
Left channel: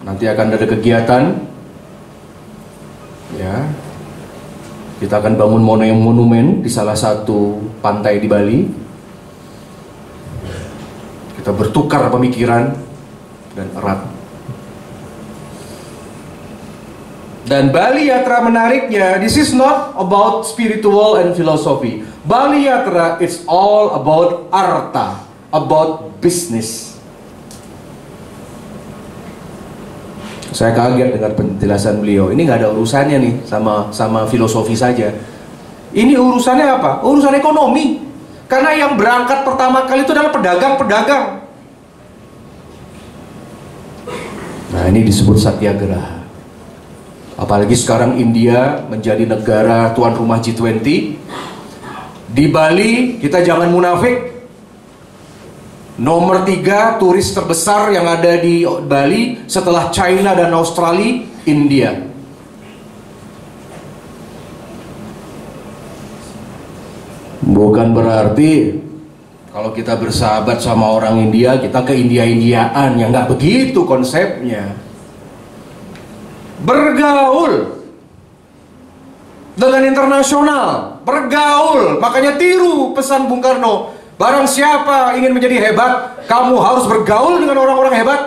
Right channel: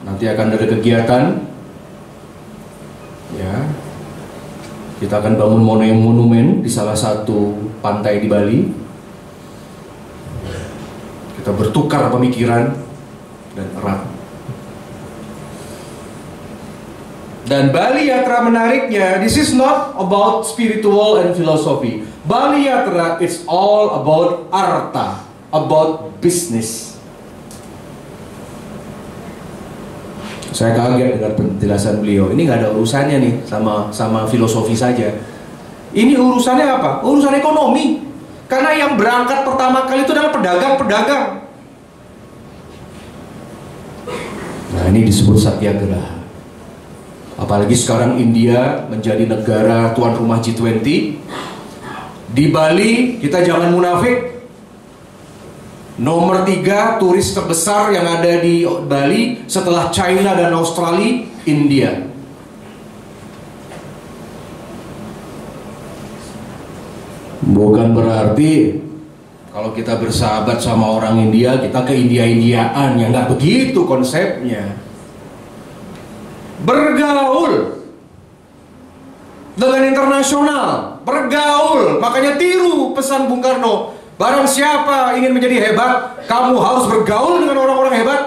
nanti akan ada kegiatan. Ya. Kita akan bangun monumen di salah satu pantai di Bali. Kita bertukar pemikiran dan erat. Dan Bali Yatra menariknya, this is not about spiritual and philosophy. Bali Yatra it's all about arta, about business. Saya kaget dengan penjelasan beliau. Ini nggak ada urusannya nih sama filosofi saja. Ini urusannya apa? Urusan ekonomi. Karena yang berangkat pertama kali itu adalah pedagang-pedagang. Nah, ini disebut satyagraha. Apalagi sekarang India menjadi negara tuan rumah G20. Di Bali kita jangan munafik. Nomor 3 turis terbesar yang ada di Bali setelah China dan Australia, India. Bukan berarti kalau kita bersahabat sama orang India kita ke India-Indiaan, ya nggak begitu konsepnya. Bergaul dengan internasional, bergaul. Makanya tiru pesan Bung Karno, barang siapa ingin menjadi hebat, kamu harus bergaul dengan orang-orang hebat.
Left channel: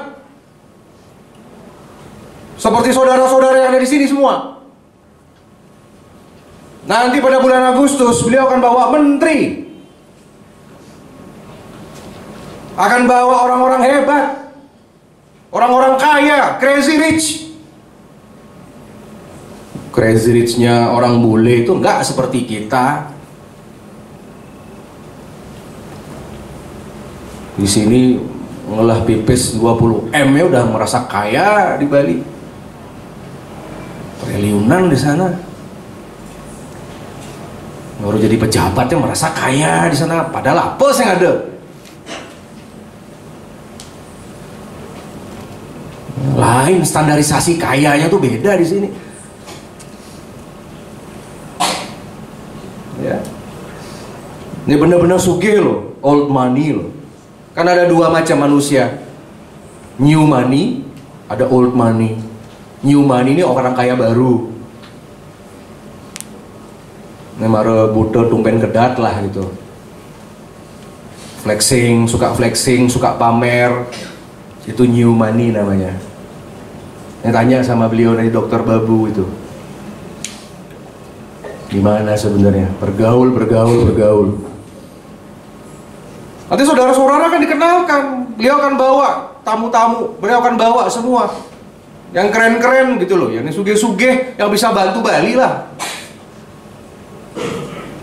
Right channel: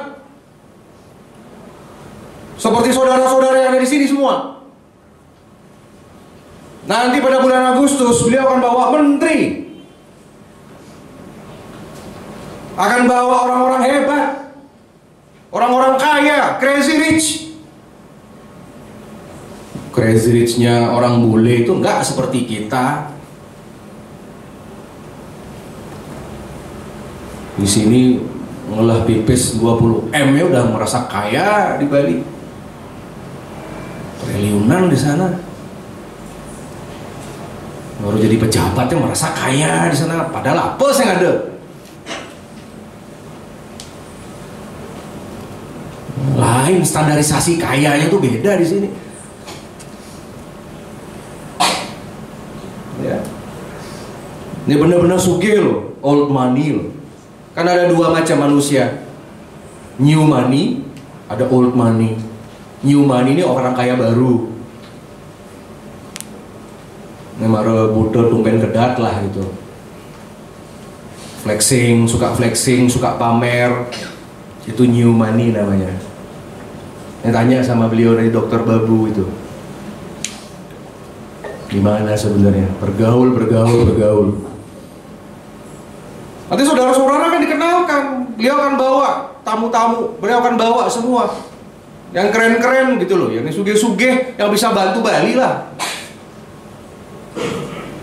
Seperti saudara-saudara yang ada di sini semua. Nanti pada bulan Agustus beliau akan bawa menteri, akan bawa orang-orang hebat, orang-orang kaya, crazy rich. Crazy rich-nya orang bule itu enggak seperti kita. Di sini ngolah pipis 20 M ya udah merasa kaya di Bali. Triliunan di sana. Baru jadi pejabatnya merasa kaya di sana, padahal apa yang ada. Lain standarisasi kayanya tuh beda di sini. Ya. Ini benar-benar sugih loh, old money loh. Kan ada dua macam manusia, new money, ada old money. New money ini orang kaya baru. Ini mara butuh tumpen kedat lah gitu. Flexing, suka pamer. Itu new money namanya. Ini tanya sama beliau dari Dokter Babu itu. Gimana sebenarnya? Bergaul. Nanti saudara-saudara akan dikenalkan. Beliau akan bawa tamu-tamu. Beliau akan bawa semua. yang keren-keren gitu loh, yang sugih-sugih, yang bisa bantu Bali lah.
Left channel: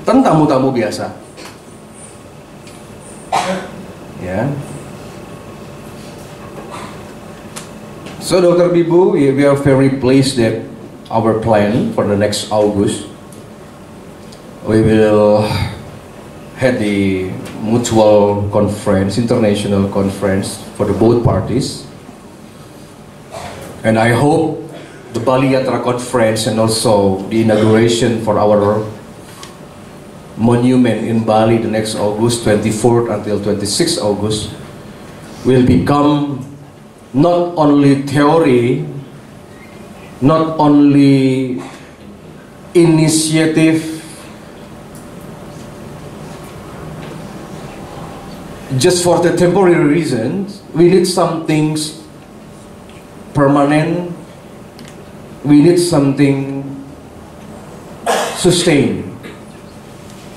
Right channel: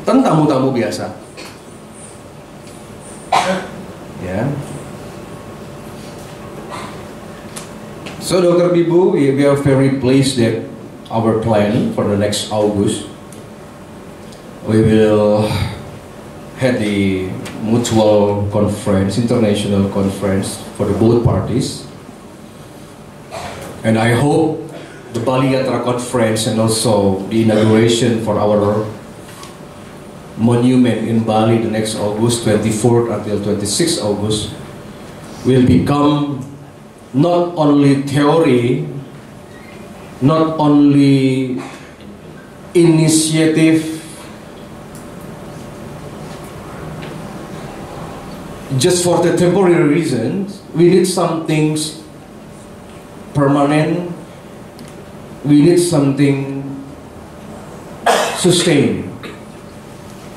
Kan tamu-tamu biasa. Ya. So Dr. Bibu, we are very pleased that our plan for the next August, we will have the mutual conference, international conference for the both parties. And I hope the Bali Yatra conference and also the inauguration for our monument in Bali the next August, 24th until 26th August, will become not only theory, not only initiative, just for the temporary reasons. We need some things permanent, we need something sustained,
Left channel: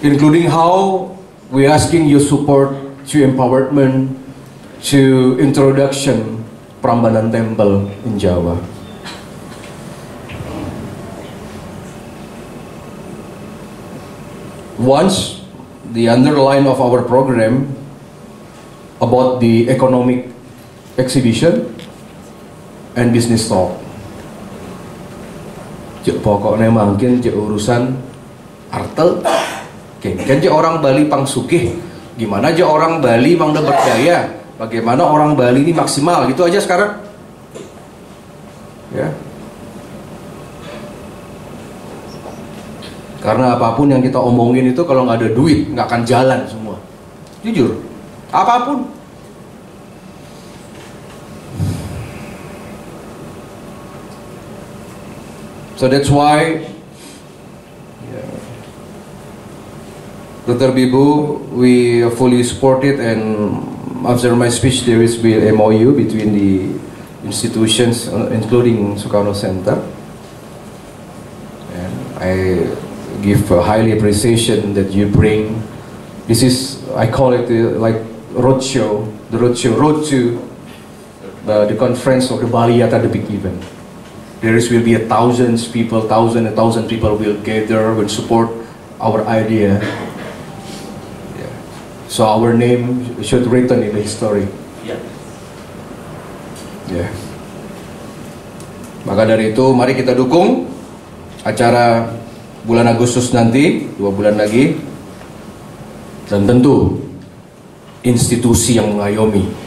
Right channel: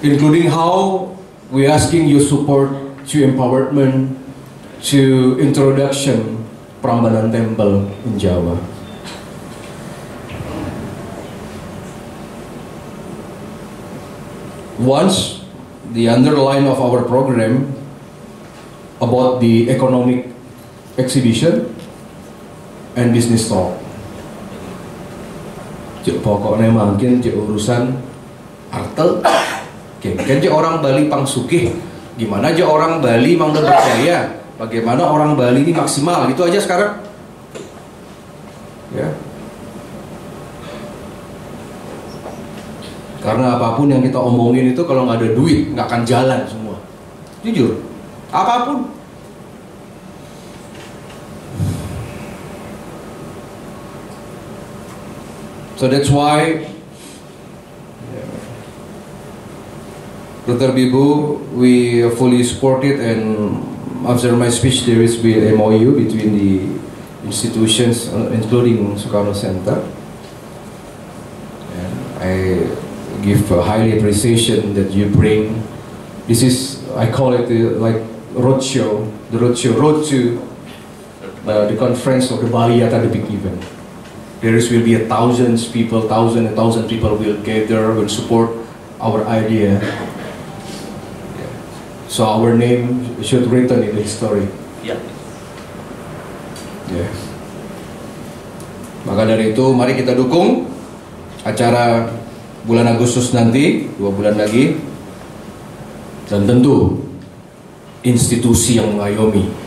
including how we're asking your support to empowerment, to introduction Prambanan Temple in Java. Once the underline of our program about the economic exhibition and business talk. Cek pokoknya mungkin cek urusan arte. Kan cek orang Bali pangsugih. Gimana aja orang Bali mang berdaya? Bagaimana orang Bali ini maksimal? Gitu aja sekarang. Ya. Karena apapun yang kita omongin itu kalau nggak ada duit nggak akan jalan semua. Jujur, apapun. So that's why, Dr. Bibu, we fully support it, and after my speech there is be MOU between the institutions, including Sukarno Center. And I give a highly appreciation that you bring. This is, I call it like roadshow, road to the conference of the Bali Yatra, the big event. There will be thousand people will gather and support our idea. Yeah. So our name should written in the history. Yeah. Yeah. Maka dari itu mari kita dukung acara bulan Agustus nanti, 2 bulan lagi, dan tentu institusi yang mengayomi.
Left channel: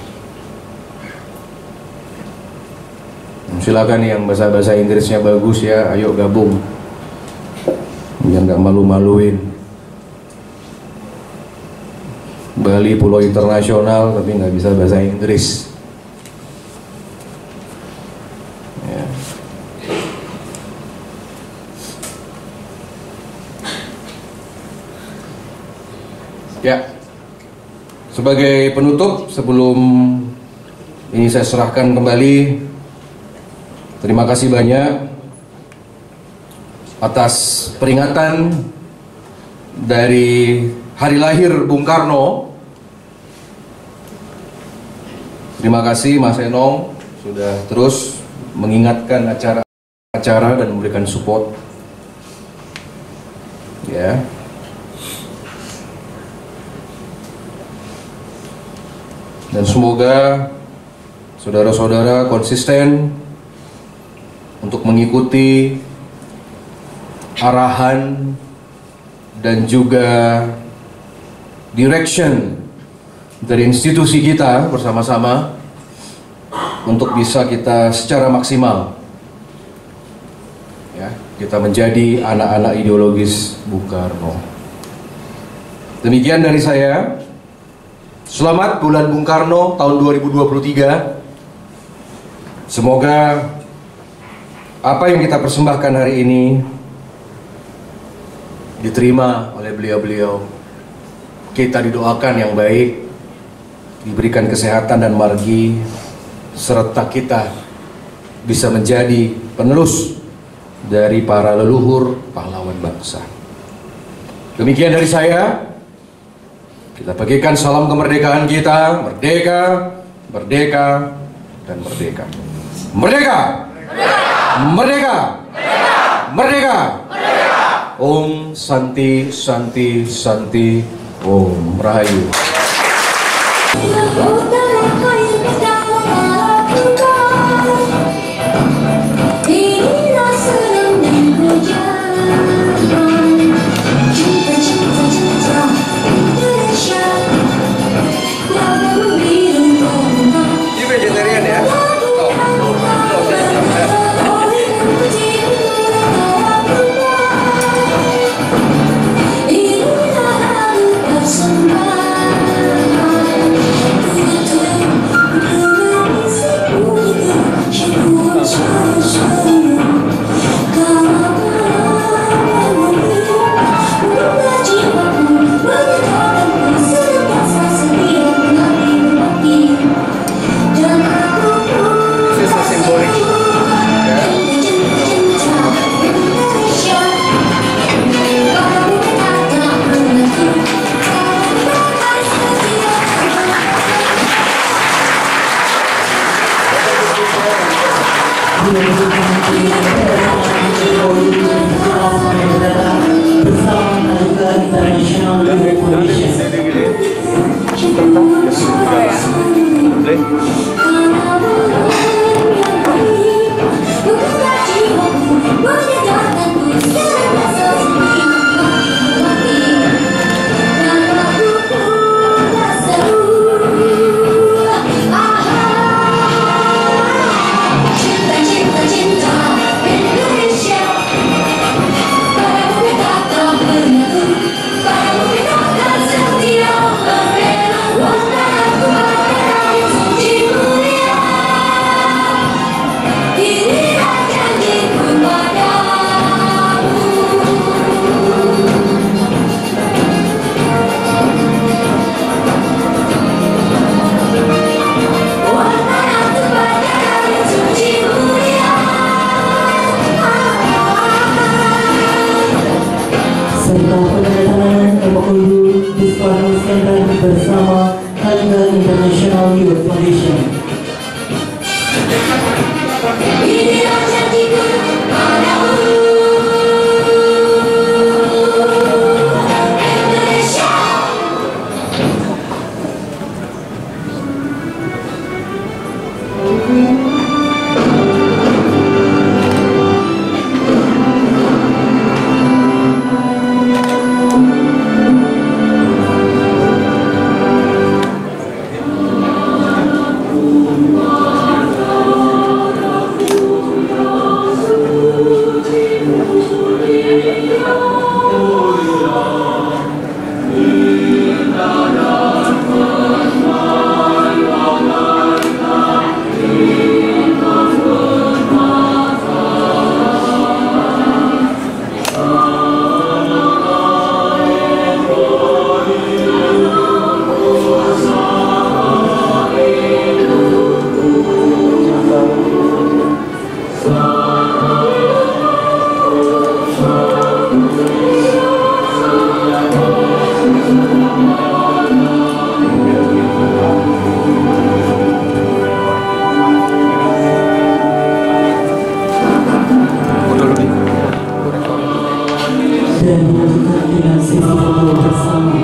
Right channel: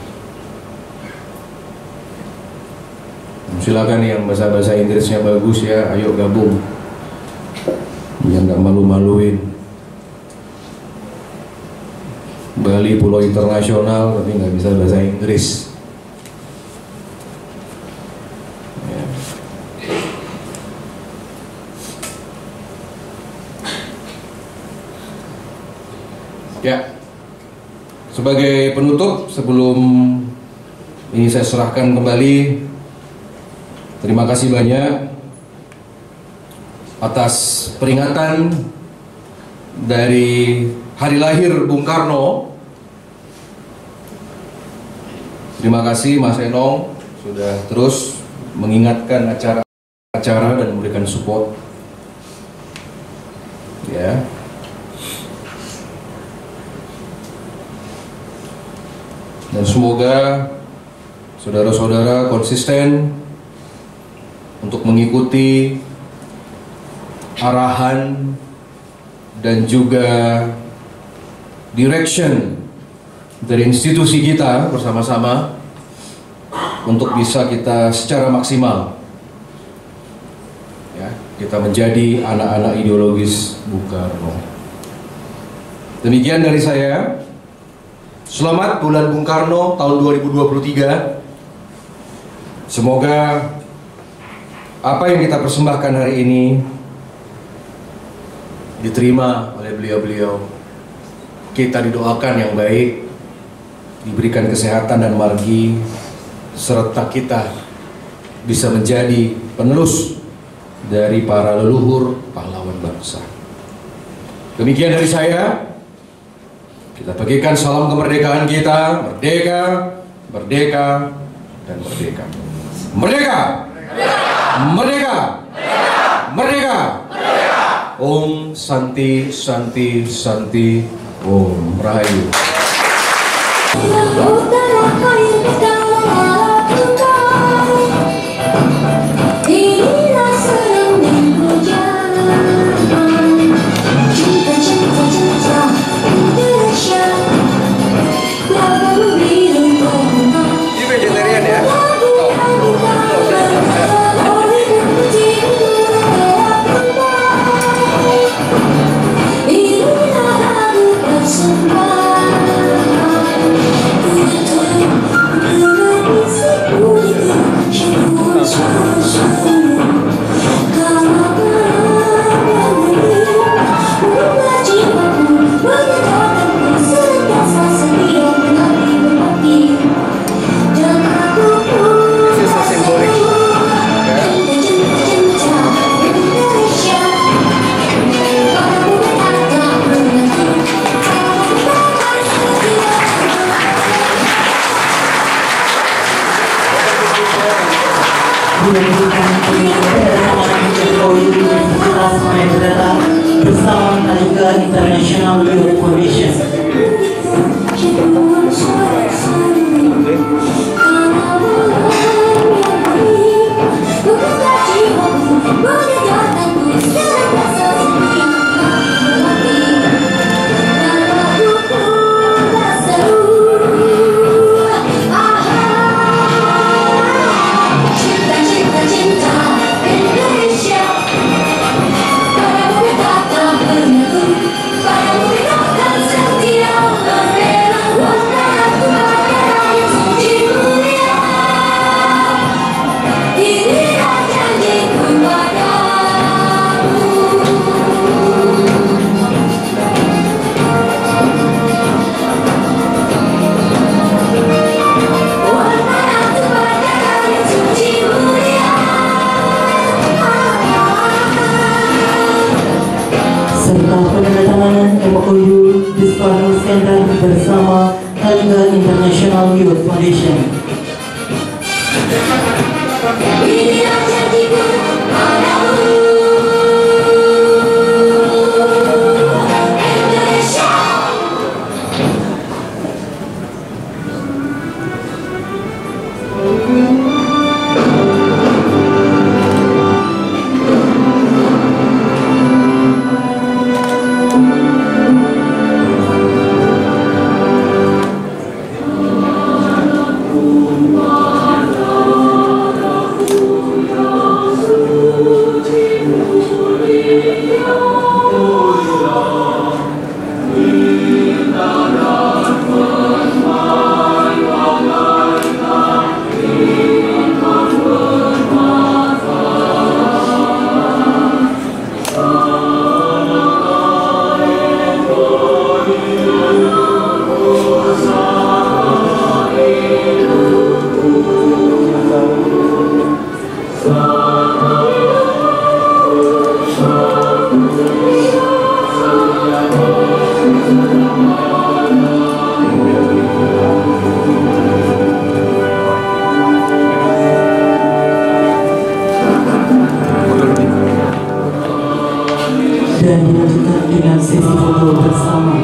Silakan yang bahasa Inggrisnya bagus ya, ayo gabung. Yang nggak malu-maluin. Bali pulau internasional tapi nggak bisa bahasa Inggris. Ya. Ya. Sebagai penutup, sebelum ini saya serahkan kembali. Terima kasih banyak atas peringatan dari hari lahir Bung Karno. Terima kasih Mas Enong sudah terus mengingatkan acara-acara dan memberikan support. Ya. Dan semoga saudara-saudara konsisten untuk mengikuti arahan dan juga direction dari institusi kita bersama-sama untuk bisa kita secara maksimal ya, kita menjadi anak-anak ideologis Bung Karno. Demikian dari saya. Selamat bulan Bung Karno tahun 2023. Semoga apa yang kita persembahkan hari ini diterima oleh beliau-beliau. Kita didoakan yang baik, diberikan kesehatan dan margi, serta kita bisa menjadi penerus dari para leluhur pahlawan bangsa. Demikian dari saya. Kita bagikan salam kemerdekaan kita. Merdeka, merdeka, dan merdeka. Merdeka! Merdeka! Merdeka! Om Santi Santi Santi Om Rahayu. Ini vegetarian ya? bersama juga International Youth Foundation. Bersama Tangga International Youth Foundation. Dan dilanjutkan dengan sesi foto bersama.